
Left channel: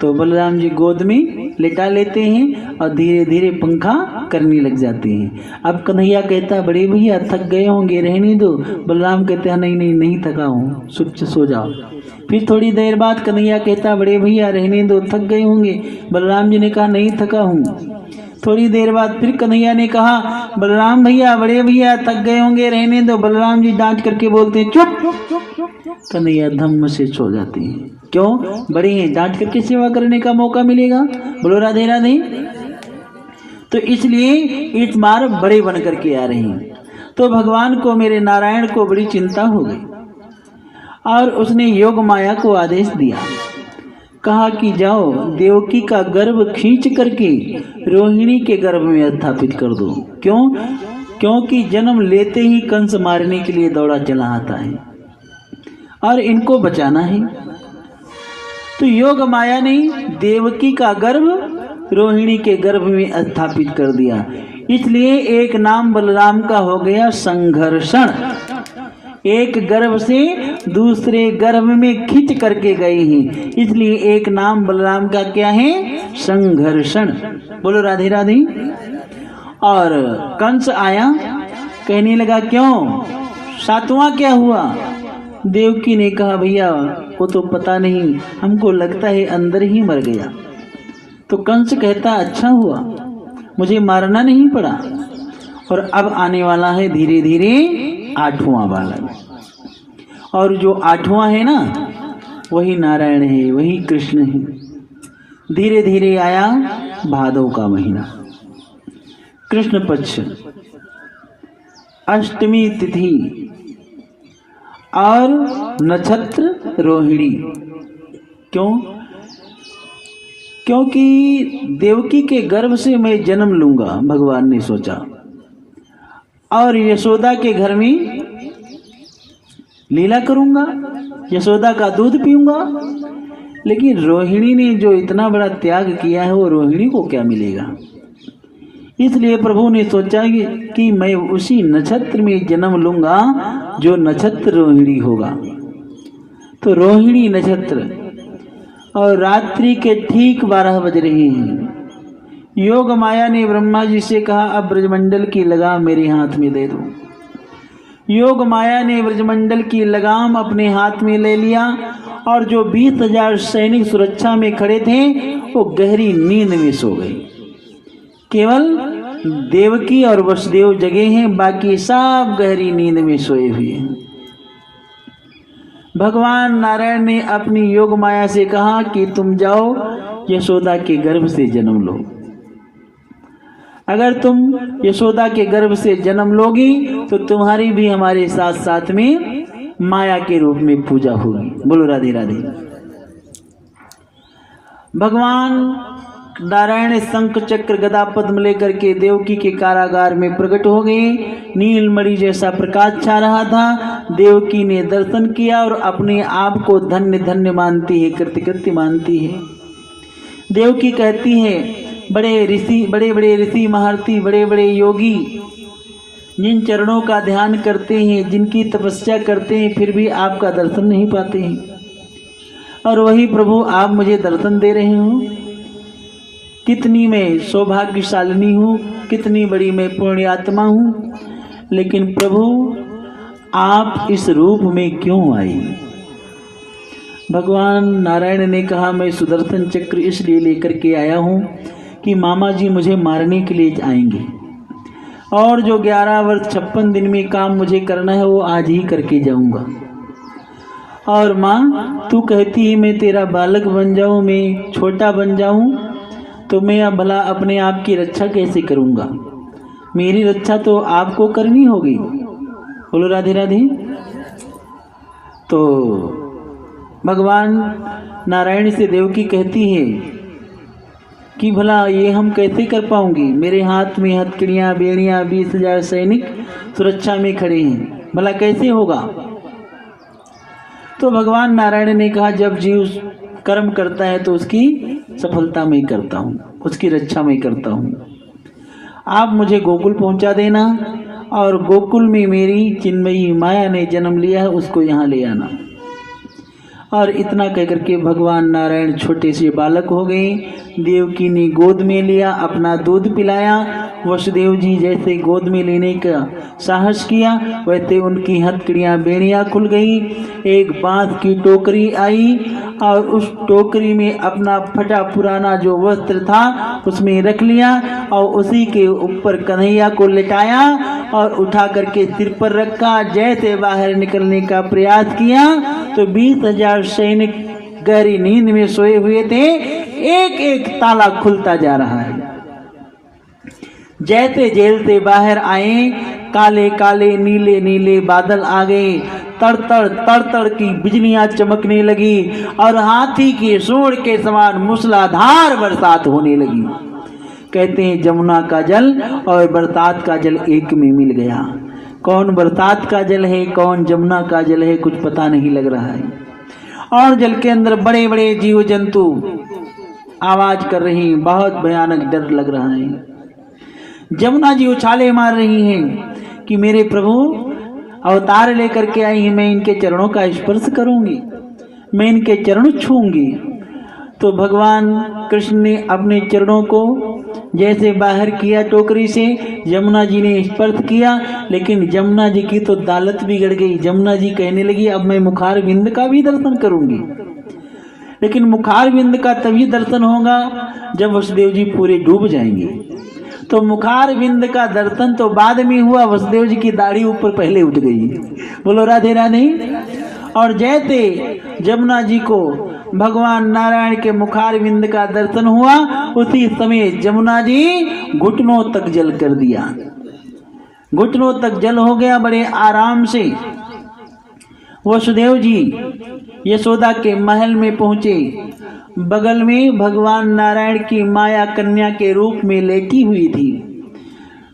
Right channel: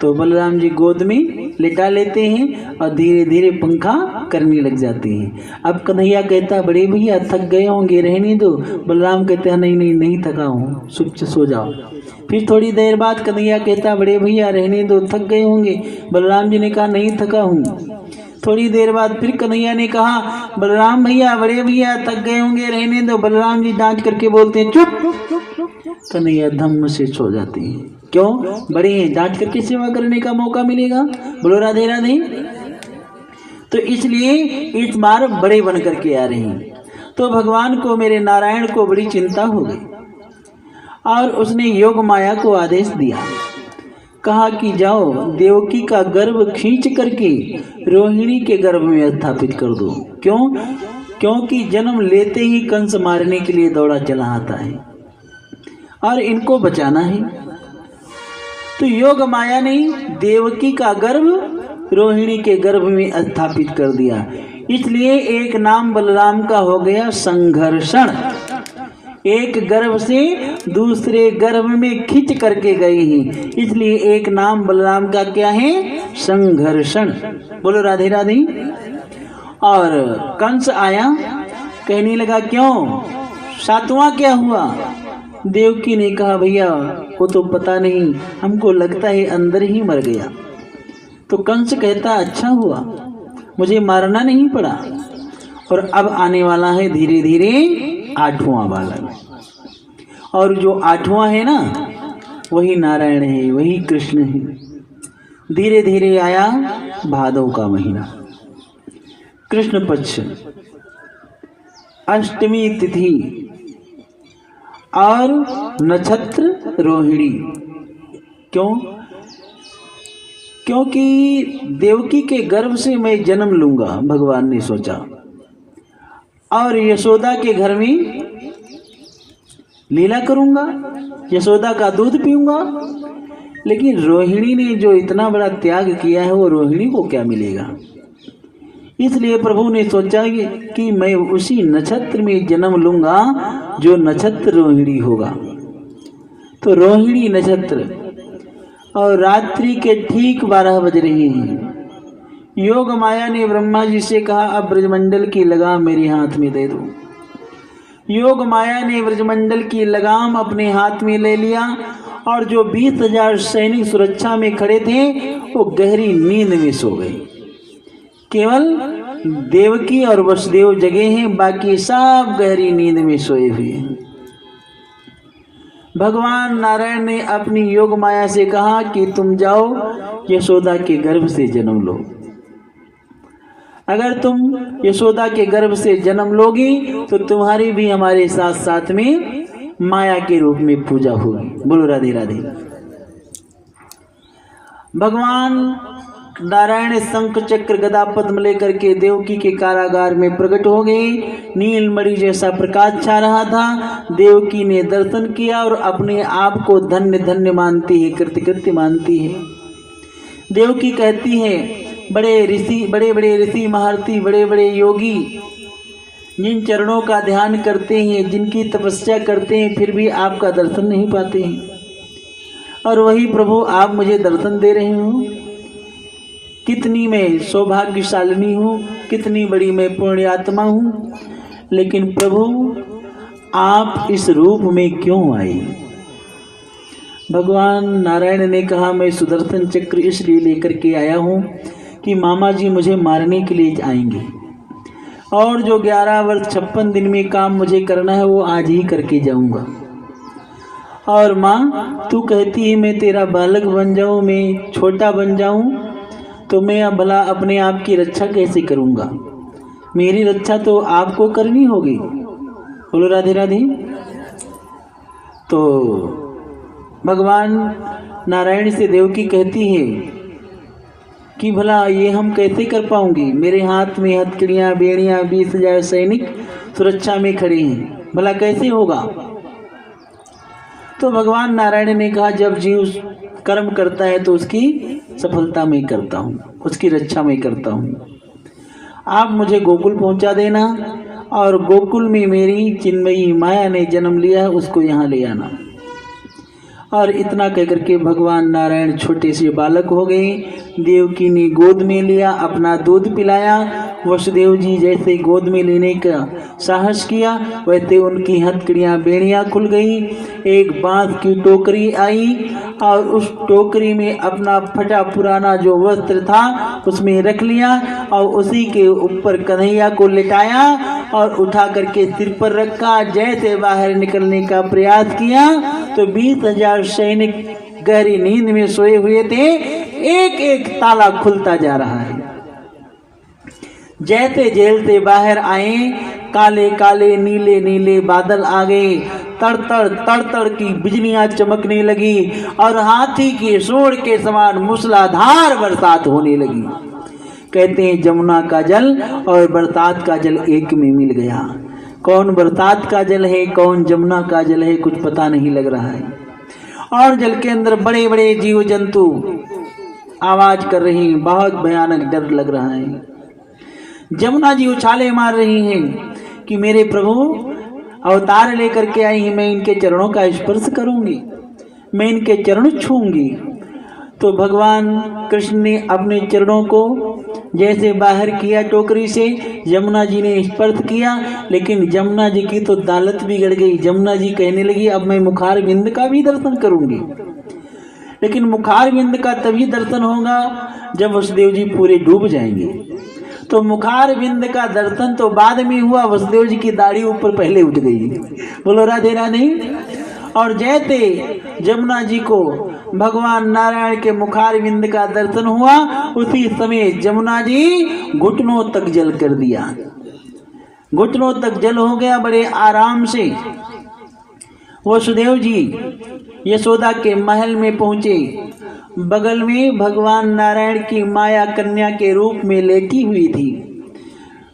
तो बलराम जी गोद में लेटा लेते हैं और धीरे धीरे पंखा करने लग जाते हैं। अब कन्हैया कहता बड़े भैया थक गए होंगे, रहने दो। बलराम कहते हैं नहीं नहीं नहीं थका हूँ, चुप सो जाओ। फिर थोड़ी देर बाद कन्हैया कहता बड़े भैया रहने दो, थक गए होंगे। बलराम जी ने कहा नहीं थका हूँ। थोड़ी देर बाद फिर कन्हैया ने कहा बलराम भैया, बड़े भैया थक गए होंगे, रहने दो। बलराम जी डांट करके बोलते हैं चुप। कन्हैया धम्म से सो जाती है। क्यों? बड़े हैं, डांट करके सेवा करने का मौका मिलेगा। बोलो राधे राधे। तो इसलिए इस बार बड़े बन करके आ रही हैं। तो भगवान को, मेरे नारायण को बड़ी चिंता हो गई और उसने योग माया को आदेश दिया, कहा कि जाओ देवकी का गर्भ खींच करके रोहिणी के गर्भ में स्थापित कर दो। क्यों? क्योंकि जन्म लेते ही कंस मारने के लिए दौड़ा चला आता है और इनको बचाना है। तो योग माया ने देवकी का गर्भ रोहिणी के गर्भ में स्थापित कर दिया। इसलिए एक नाम बलराम का हो गया संघर्षण। एक गर्भ से दूसरे गर्भ में खींच करके गए हैं, इसलिए एक नाम बलराम का क्या है? संघर्षण। बोलो राधे राधे। और कंस आया, कहने लगा क्यों, सातवां क्या हुआ? देवकी ने कहा भैया वो तो पता नहीं, हमको लगता है अंदर ही मर गया। तो कंस कहता अच्छा हुआ, मुझे मारना नहीं पड़ा। और अब आने वाला है धीरे धीरे आठवां बालक, और जो आठवां है ना वही नारायण है, वही कृष्ण है। धीरे धीरे आया भादव का महीना, कृष्ण पक्ष, अष्टमी तिथि और नक्षत्र रोहिणी। क्यों? क्योंकि देवकी के गर्भ से मैं जन्म लूंगा, भगवान ने सोचा, और यशोदा के घर में लीला करूंगा, यशोदा का दूध पीऊंगा। लेकिन रोहिणी ने जो इतना बड़ा त्याग किया है वो रोहिणी को क्या मिलेगा? इसलिए प्रभु ने सोचा कि मैं उसी नक्षत्र में जन्म लूंगा जो नक्षत्र रोहिणी होगा। तो रोहिणी नक्षत्र, और रात्रि के ठीक 12 बज रहे हैं। योग माया ने ब्रह्मा जी से कहा अब ब्रजमंडल की लगाम मेरे हाथ में दे दो। योग माया ने ब्रजमंडल की लगाम अपने हाथ में ले लिया, और जो 20,000 सैनिक सुरक्षा में खड़े थे वो गहरी नींद में सो गए। केवल देवकी और वसुदेव जगे हैं, बाकी सब गहरी नींद में सोए हुए हैं। भगवान नारायण ने अपनी योग माया से कहा कि तुम जाओ यशोदा के गर्भ से जन्म लो। अगर तुम यशोदा के गर्भ से जन्म लोगी तो तुम्हारी भी हमारे साथ साथ में माया के रूप में पूजा होगी। बोलो राधे राधे। भगवान नारायण शंख चक्र गदा पद्म लेकर के देवकी के कारागार में प्रकट हो गए। नीलमणि जैसा प्रकाश छा रहा था। देवकी ने दर्शन किया और अपने आप को धन्य धन्य मानती है, कृतकृत्य मानती है। देवकी कहती है, बड़े बड़े ऋषि महर्षि, बड़े बड़े योगी जिन चरणों का ध्यान करते हैं, जिनकी तपस्या करते हैं, फिर भी आपका दर्शन नहीं पाते हैं, और वही प्रभु आप मुझे दर्शन दे रहे हो। कितनी मैं सौभाग्यशालिनी हूँ, कितनी बड़ी मैं पुण्यात्मा हूँ, लेकिन प्रभु आप इस रूप में क्यों आई? भगवान नारायण ने कहा, मैं सुदर्शन चक्र इसलिए लेकर के आया हूँ कि मामा जी मुझे मारने के लिए आएंगे, और जो 11 वर्ष 56 दिन में काम मुझे करना है वो आज ही करके जाऊंगा। और माँ तू कहती है मैं तेरा बालक बन जाऊं, मैं छोटा बन जाऊं, तो मैं अब भला अपने आप की रक्षा कैसे करूंगा? मेरी रक्षा तो आपको करनी होगी। बोलो राधे राधे। तो भगवान नारायण से देवकी कहती है कि भला ये हम कैसे कर पाऊंगी? मेरे हाथ में हथकड़ियाँ, बेड़ियाँ, 20,000 सैनिक सुरक्षा में खड़े हैं, भला कैसे होगा? तो भगवान नारायण ने कहा, जब जीव कर्म करता है तो उसकी सफलता में करता हूँ, उसकी रक्षा में करता हूँ। आप मुझे गोकुल पहुँचा देना, और गोकुल में मेरी चिन्मयी माया ने जन्म लिया है, उसको यहाँ ले आना। और इतना कहकर के भगवान नारायण छोटे से बालक हो गए। देवकी ने गोद में लिया, अपना दूध पिलाया। वसुदेव जी जैसे गोद में लेने का साहस किया, वैसे उनकी हथकड़ियाँ, बेड़ियाँ खुल गई। एक बांस की टोकरी आई, और उस टोकरी में अपना फटा पुराना जो वस्त्र था उसमें रख लिया, और उसी के ऊपर कन्हैया को लिटाया और उठा करके सिर पर रखा। जैसे बाहर निकलने का प्रयास किया तो 20,000 सैनिक गहरी नींद में सोए हुए थे। एक एक ताला खुलता जा रहा है। जैसे जेल से बाहर आए, काले काले नीले नीले बादल आ गए। तड़ की बिजलियां चमकने लगी, और हाथी के सूंड के समान मूसलाधार बरसात होने लगी। कहते हैं जमुना का जल और बरसात का जल एक में मिल गया। कौन बरसात का जल है, कौन जमुना का जल है, कुछ पता नहीं लग रहा है। और जल के अंदर बड़े बड़े जीव जंतु आवाज कर रहे हैं, बहुत भयानक डर लग रहा है। जमुना जी उछाले मार रही हैं कि मेरे प्रभु अवतार लेकर के आई हैं, मैं इनके चरणों का स्पर्श करूंगी, मैं इनके चरण छूंगी। तो भगवान कृष्ण ने अपने चरणों को जैसे बाहर किया टोकरी से, जमुना जी ने स्पर्श किया, लेकिन जमुना जी की तो दालत बिगड़ गई। जमुना जी कहने लगी, अब मैं मुखार बिंद का भी दर्शन करूंगी। लेकिन मुखार बिंद का तभी दर्शन होगा जब वसुदेव जी पूरे डूब जाएंगे। तो मुखार बिंद का दर्शन तो बाद में हुआ, वसुदेव जी की दाढ़ी ऊपर पहले उठ गई। बोलो राधे राधे। और जैसे जमुना जी को भगवान नारायण के मुखार बिंद का दर्शन हुआ, उसी समय जमुना जी घुटनों तक जल कर दिया। घुटनों तक जल हो गया बड़े आराम से। वसुदेव जी यशोदा के महल में पहुंचे। बगल में भगवान नारायण की माया कन्या के रूप में लेटी हुई थी।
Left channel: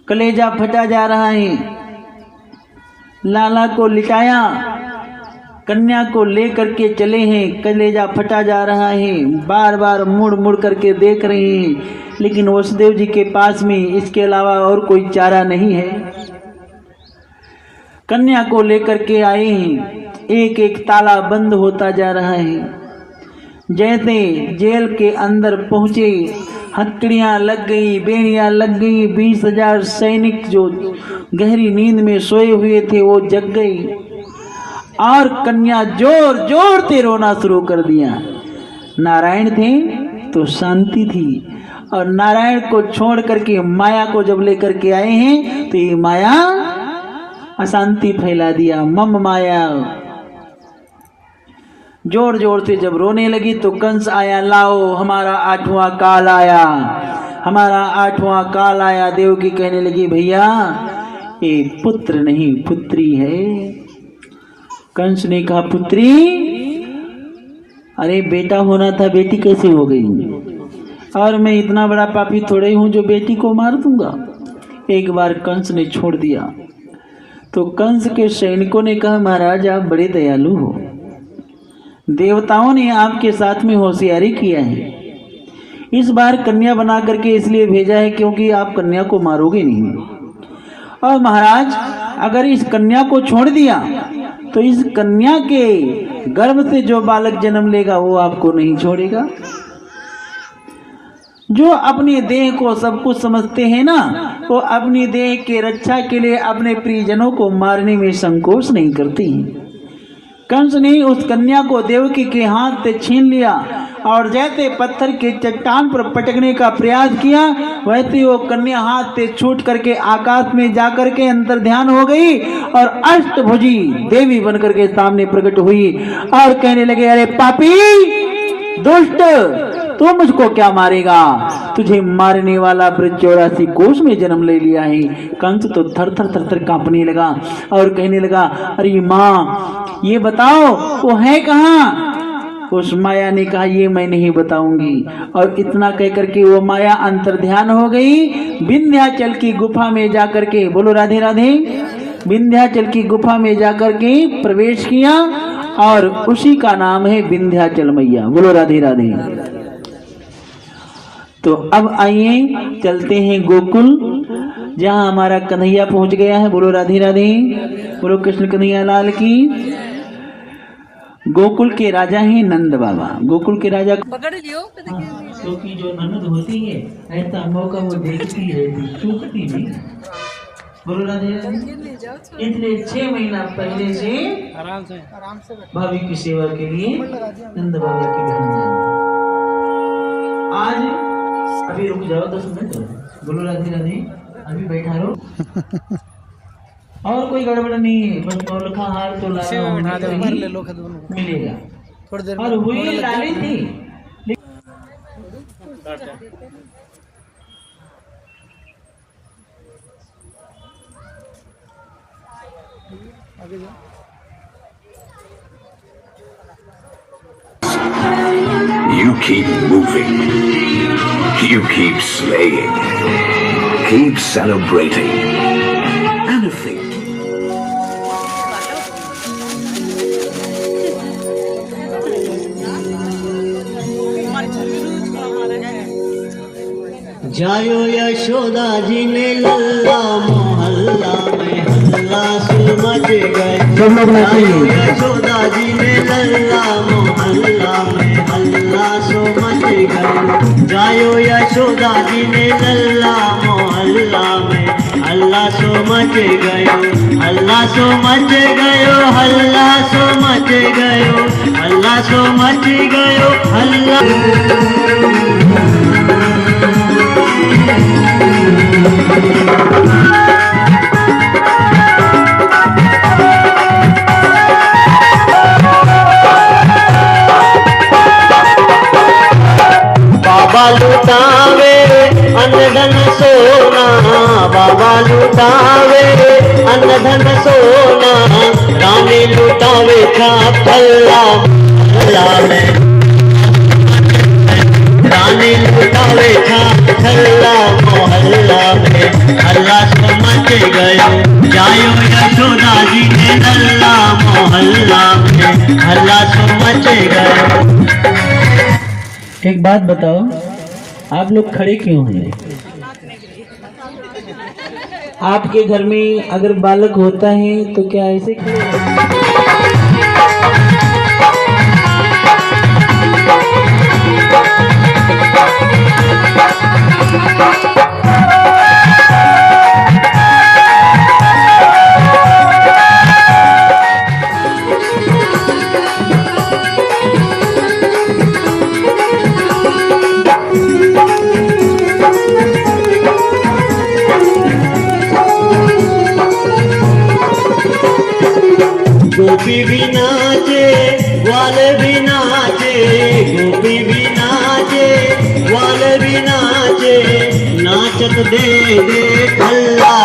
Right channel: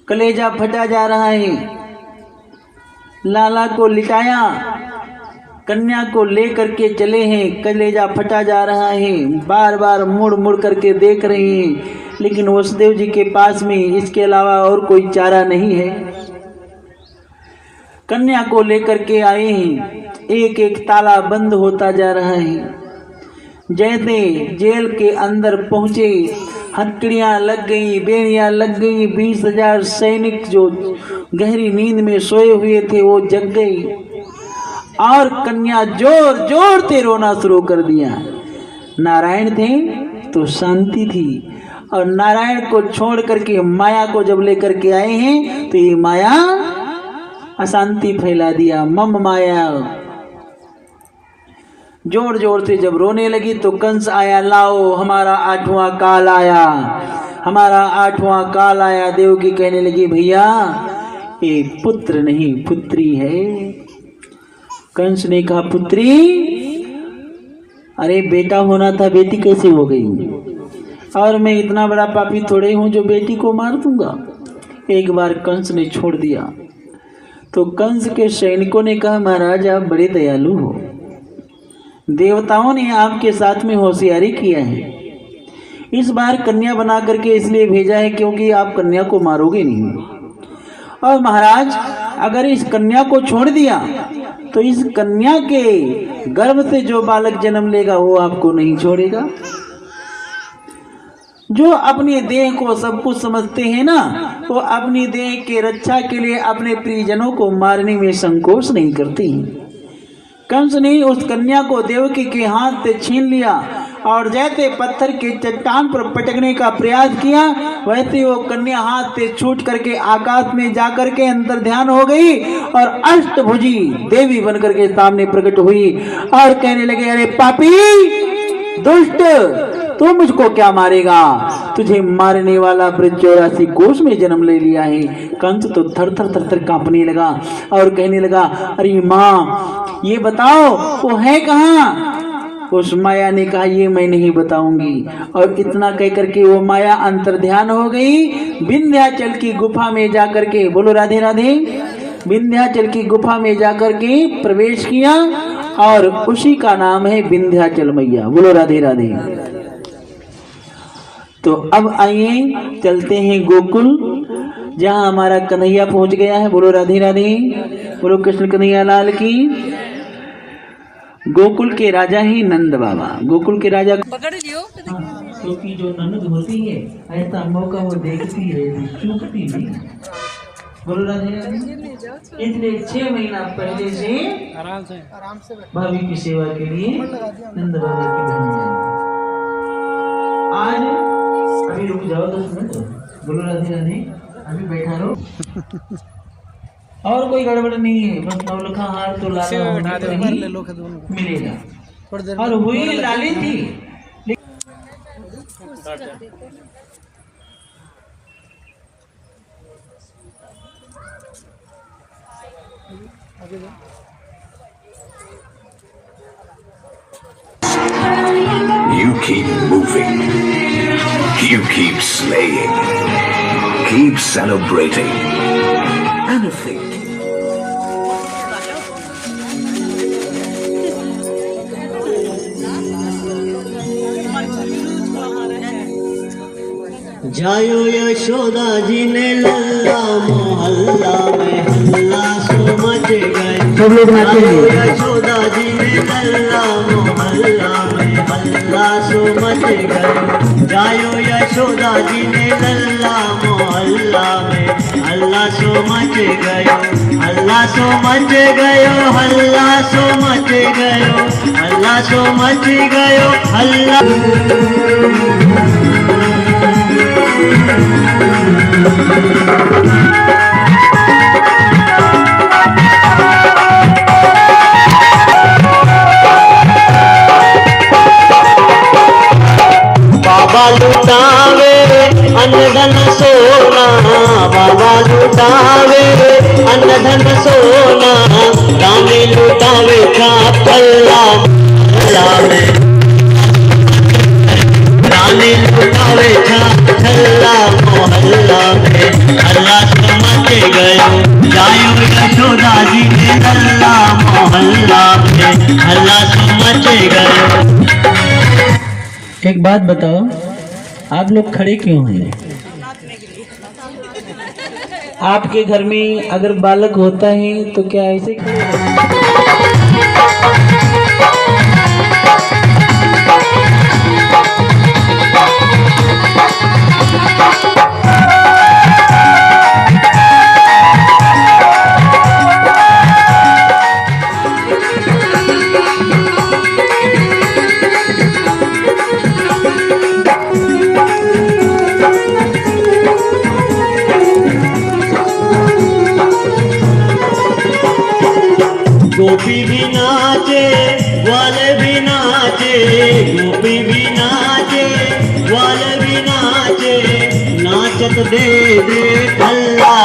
कलेजा फटा जा रहा है। लाला को लिटाया, कन्या को लेकर के चले हैं, कलेजा फटा जा रहा है। बार बार मुड़ मुड़ करके देख रहे हैं, लेकिन वसुदेव जी के पास में इसके अलावा और कोई चारा नहीं है। कन्या को लेकर के आए हैं, एक एक ताला बंद होता जा रहा है। जैसे जेल के अंदर पहुंचे, हथकड़ियां लग गई, बेड़ियां लग गई। 20,000 सैनिक जो गहरी नींद में सोए हुए थे वो जग गई, और कन्या जोर जोर से रोना शुरू कर दिया। नारायण थे तो शांति थी, और नारायण को छोड़ करके माया को जब लेकर के आए हैं तो ये माया अशांति फैला दिया। मम माया जोर जोर से जब रोने लगी तो कंस आया, लाओ हमारा 8वां काल आया, हमारा 8वां काल आया। देवकी कहने लगी, भैया ये पुत्र नहीं पुत्री है। कंस ने कहा, पुत्री? अरे बेटा होना था, बेटी कैसे हो गई? और मैं इतना बड़ा पापी थोड़े हूँ जो बेटी को मार दूंगा। एक बार कंस ने छोड़ दिया तो कंस के सैनिकों ने कहा, महाराज आप बड़े दयालु हो, देवताओं ने आपके साथ में होशियारी किया है, इस बार कन्या बना करके इसलिए भेजा है क्योंकि आप कन्या को मारोगे नहीं। और महाराज अगर इस कन्या को छोड़ दिया तो इस कन्या के गर्भ से जो बालक जन्म लेगा वो आपको नहीं छोड़ेगा। जो अपने देह को सब कुछ समझते हैं ना, वो अपनी देह के रक्षा के लिए अपने प्रियजनों को मारने में संकोच नहीं करते हैं। कंस ने उस कन्या को देवकी के हाथ से छीन लिया और जैसे पत्थर के चट्टान पर पटकने का प्रयास किया, वैसे वो कन्या हाथ से छूट करके आकाश में जाकर के अंतर ध्यान हो गई और अष्टभुजी देवी बनकर के सामने प्रकट हुई और कहने लगे, अरे पापी दुष्ट, तू मुझको क्या मारेगा? तुझे मारने वाला ब्रज 84 कोष में जन्म ले लिया है। कंस तो थर थर थर थर कांपने लगा और कहने लगा, अरे माँ ये बताओ वो है कहाँ? उस माया ने कहा, ये मैं नहीं बताऊंगी। और इतना कह करके वो माया अंतर ध्यान हो गई, विंध्याचल की गुफा में जाकर के, बोलो राधे राधे, विंध्याचल की गुफा में जाकर के प्रवेश किया और उसी का नाम है विंध्याचल मैया। बोलो राधे राधे। तो अब आइए चलते हैं गोकुल, जहां हमारा कन्हैया पहुंच गया है। बोलो राधे राधे, बोलो कृष्ण कन्हैया लाल की। गोकुल के राजा हैं नंद बाबा। गोकुल के राजा पकड़ लियो क्योंकि जो ननद होती है ऐसा मौका वो देखती है, चूकती नहीं। बोलो राधे राधे। इसलिए 6 महीना पहले से आराम से भाभी की सेवा के लिए नंद बाबा की बहन जाएंगे। आज अभी रुक जाओ 10 मिनट। बोलो राधे राधे, अभी बैठा रहो। और कोई गड़बड़ नहीं है, बस नौलखा हार तो मिलेगा। और हुई लाली थी You keep moving. You keep slaying. Keep celebrating. Anything. जायो यशोदा जी ने लल्ला मोहल्ला में हल्ला सो मच गए। जायो यशोदा जी ने लल्ला मोहल्ला में हल्ला सो मच गए। जायो यशोदा जी ने लल्ला मोहल्ला में हल्ला सो मच गयो। हल्ला सो मच गयो, हल्ला सो मच गयो, हल्ला सो मच गयो, हल्ला। बाबा लुटावे अनधन सोना, बाबा लुटावे अनधन सोना, रानी लुटावे छापल्ला में, रानी लुटावे छापल्ला मोहल्ला में, हल्ला सो मच गयो। जायो यशोदा जी ने लल्ला मोहल्ला में हल्ला सो मच गयो। एक बात बताओ, आप लोग खड़े क्यों हैं? आपके घर में अगर बालक होता है तो क्या ऐसे खड़े हैं? गोपी भी नाचे, वाले भी नाचे, गोपी भी नाचे, वाले भी नाचे, नाचत दे दे अल्लाह